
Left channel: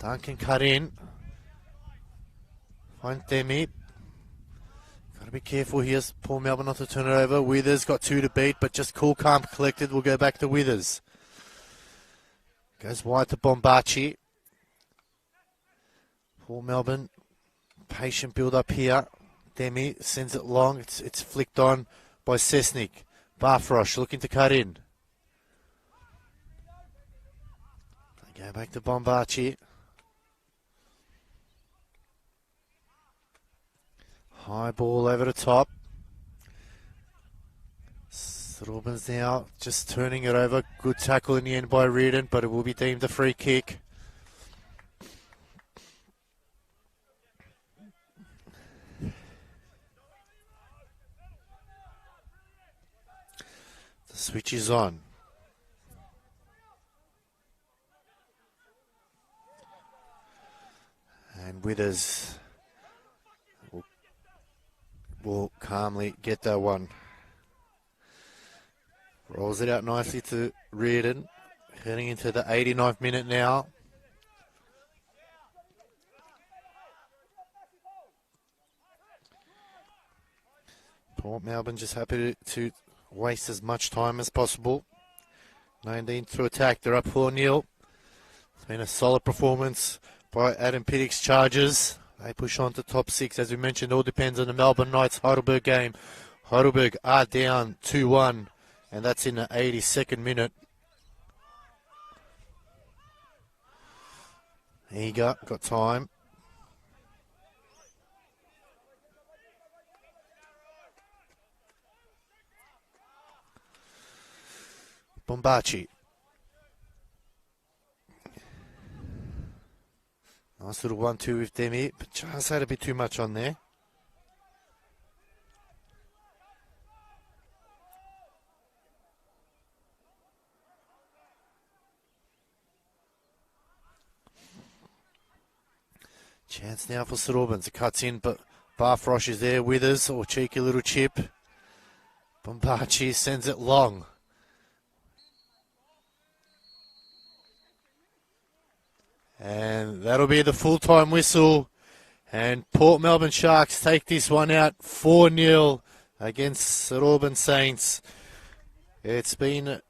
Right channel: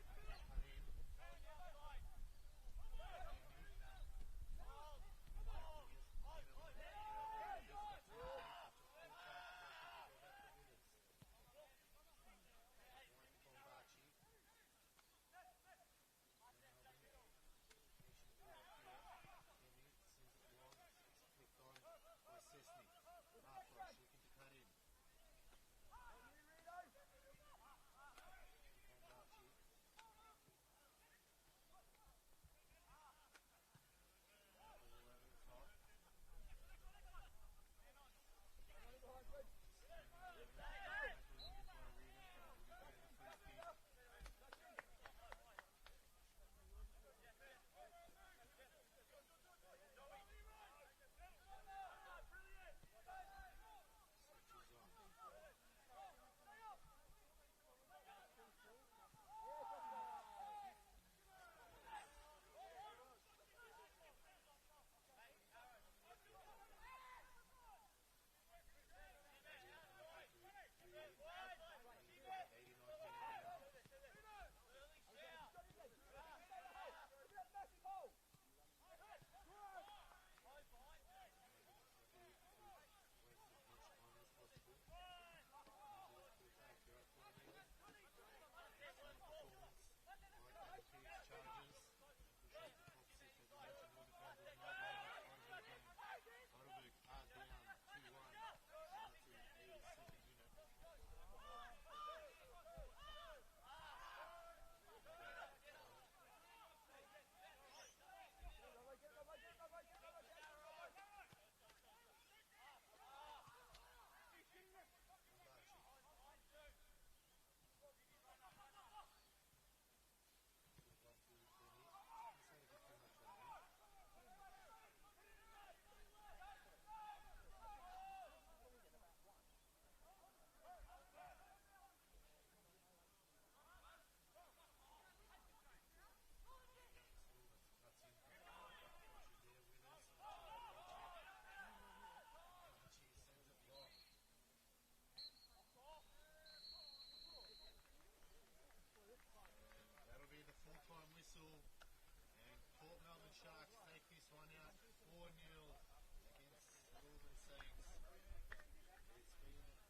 Dunn can cut in. Finds Demi. Got to be careful here. Port Melbourne not to turn it over. Withers got 2 to beat, but just cool, calm, collected. We'll go back to Withers. Goes wide to Bombachi. Port Melbourne, patient build up here. Demi sends it long. It's flicked on by Sesnik. Barfarosh looking to cut in. Go back to Bombachi. High ball over the top. Albans now just turning it over. Good tackle in the end by Reardon, but it will be deemed a free kick. The switch is on. And Withers will calmly get that one. Rolls it out nicely to Reardon. Heading into the 89th minute now. Port Melbourne just happy to waste as much time as possible. 19 to attack. They're up 4-0. It's been a solid performance by Adam Piddick's Chargers. They push on to top 6. As we mentioned, all depends on the Melbourne Knights Heidelberg game. Heidelberg are down 2-1, and that's in the 82nd minute. Eager, got time. Bombachi. Nice little 1-2 with Demi, but just had a bit too much on there. Chance now for St Albans. It cuts in, but Barfrosh is there with us, or cheeky little chip. Bombachi sends it long. And that'll be the full-time whistle. And Port Melbourne Sharks take this one out 4-0 against St Albans Saints. It's been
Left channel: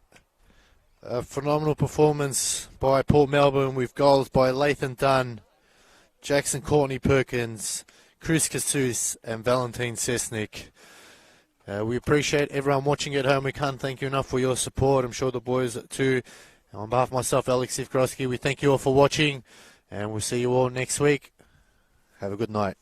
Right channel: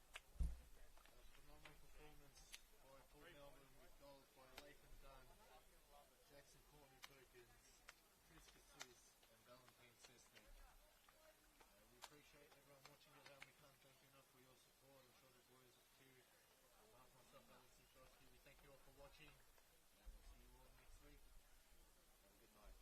a phenomenal performance by Port Melbourne with goals by Lathan Dunn, Jackson Courtney Perkins, Chris Casus and Valentine Sesnick. We appreciate everyone watching at home. We can't thank you enough for your support. I'm sure the boys too. On behalf of myself, Alex Sivkowski, we thank you all for watching, and we'll see you all next week. Have a good night.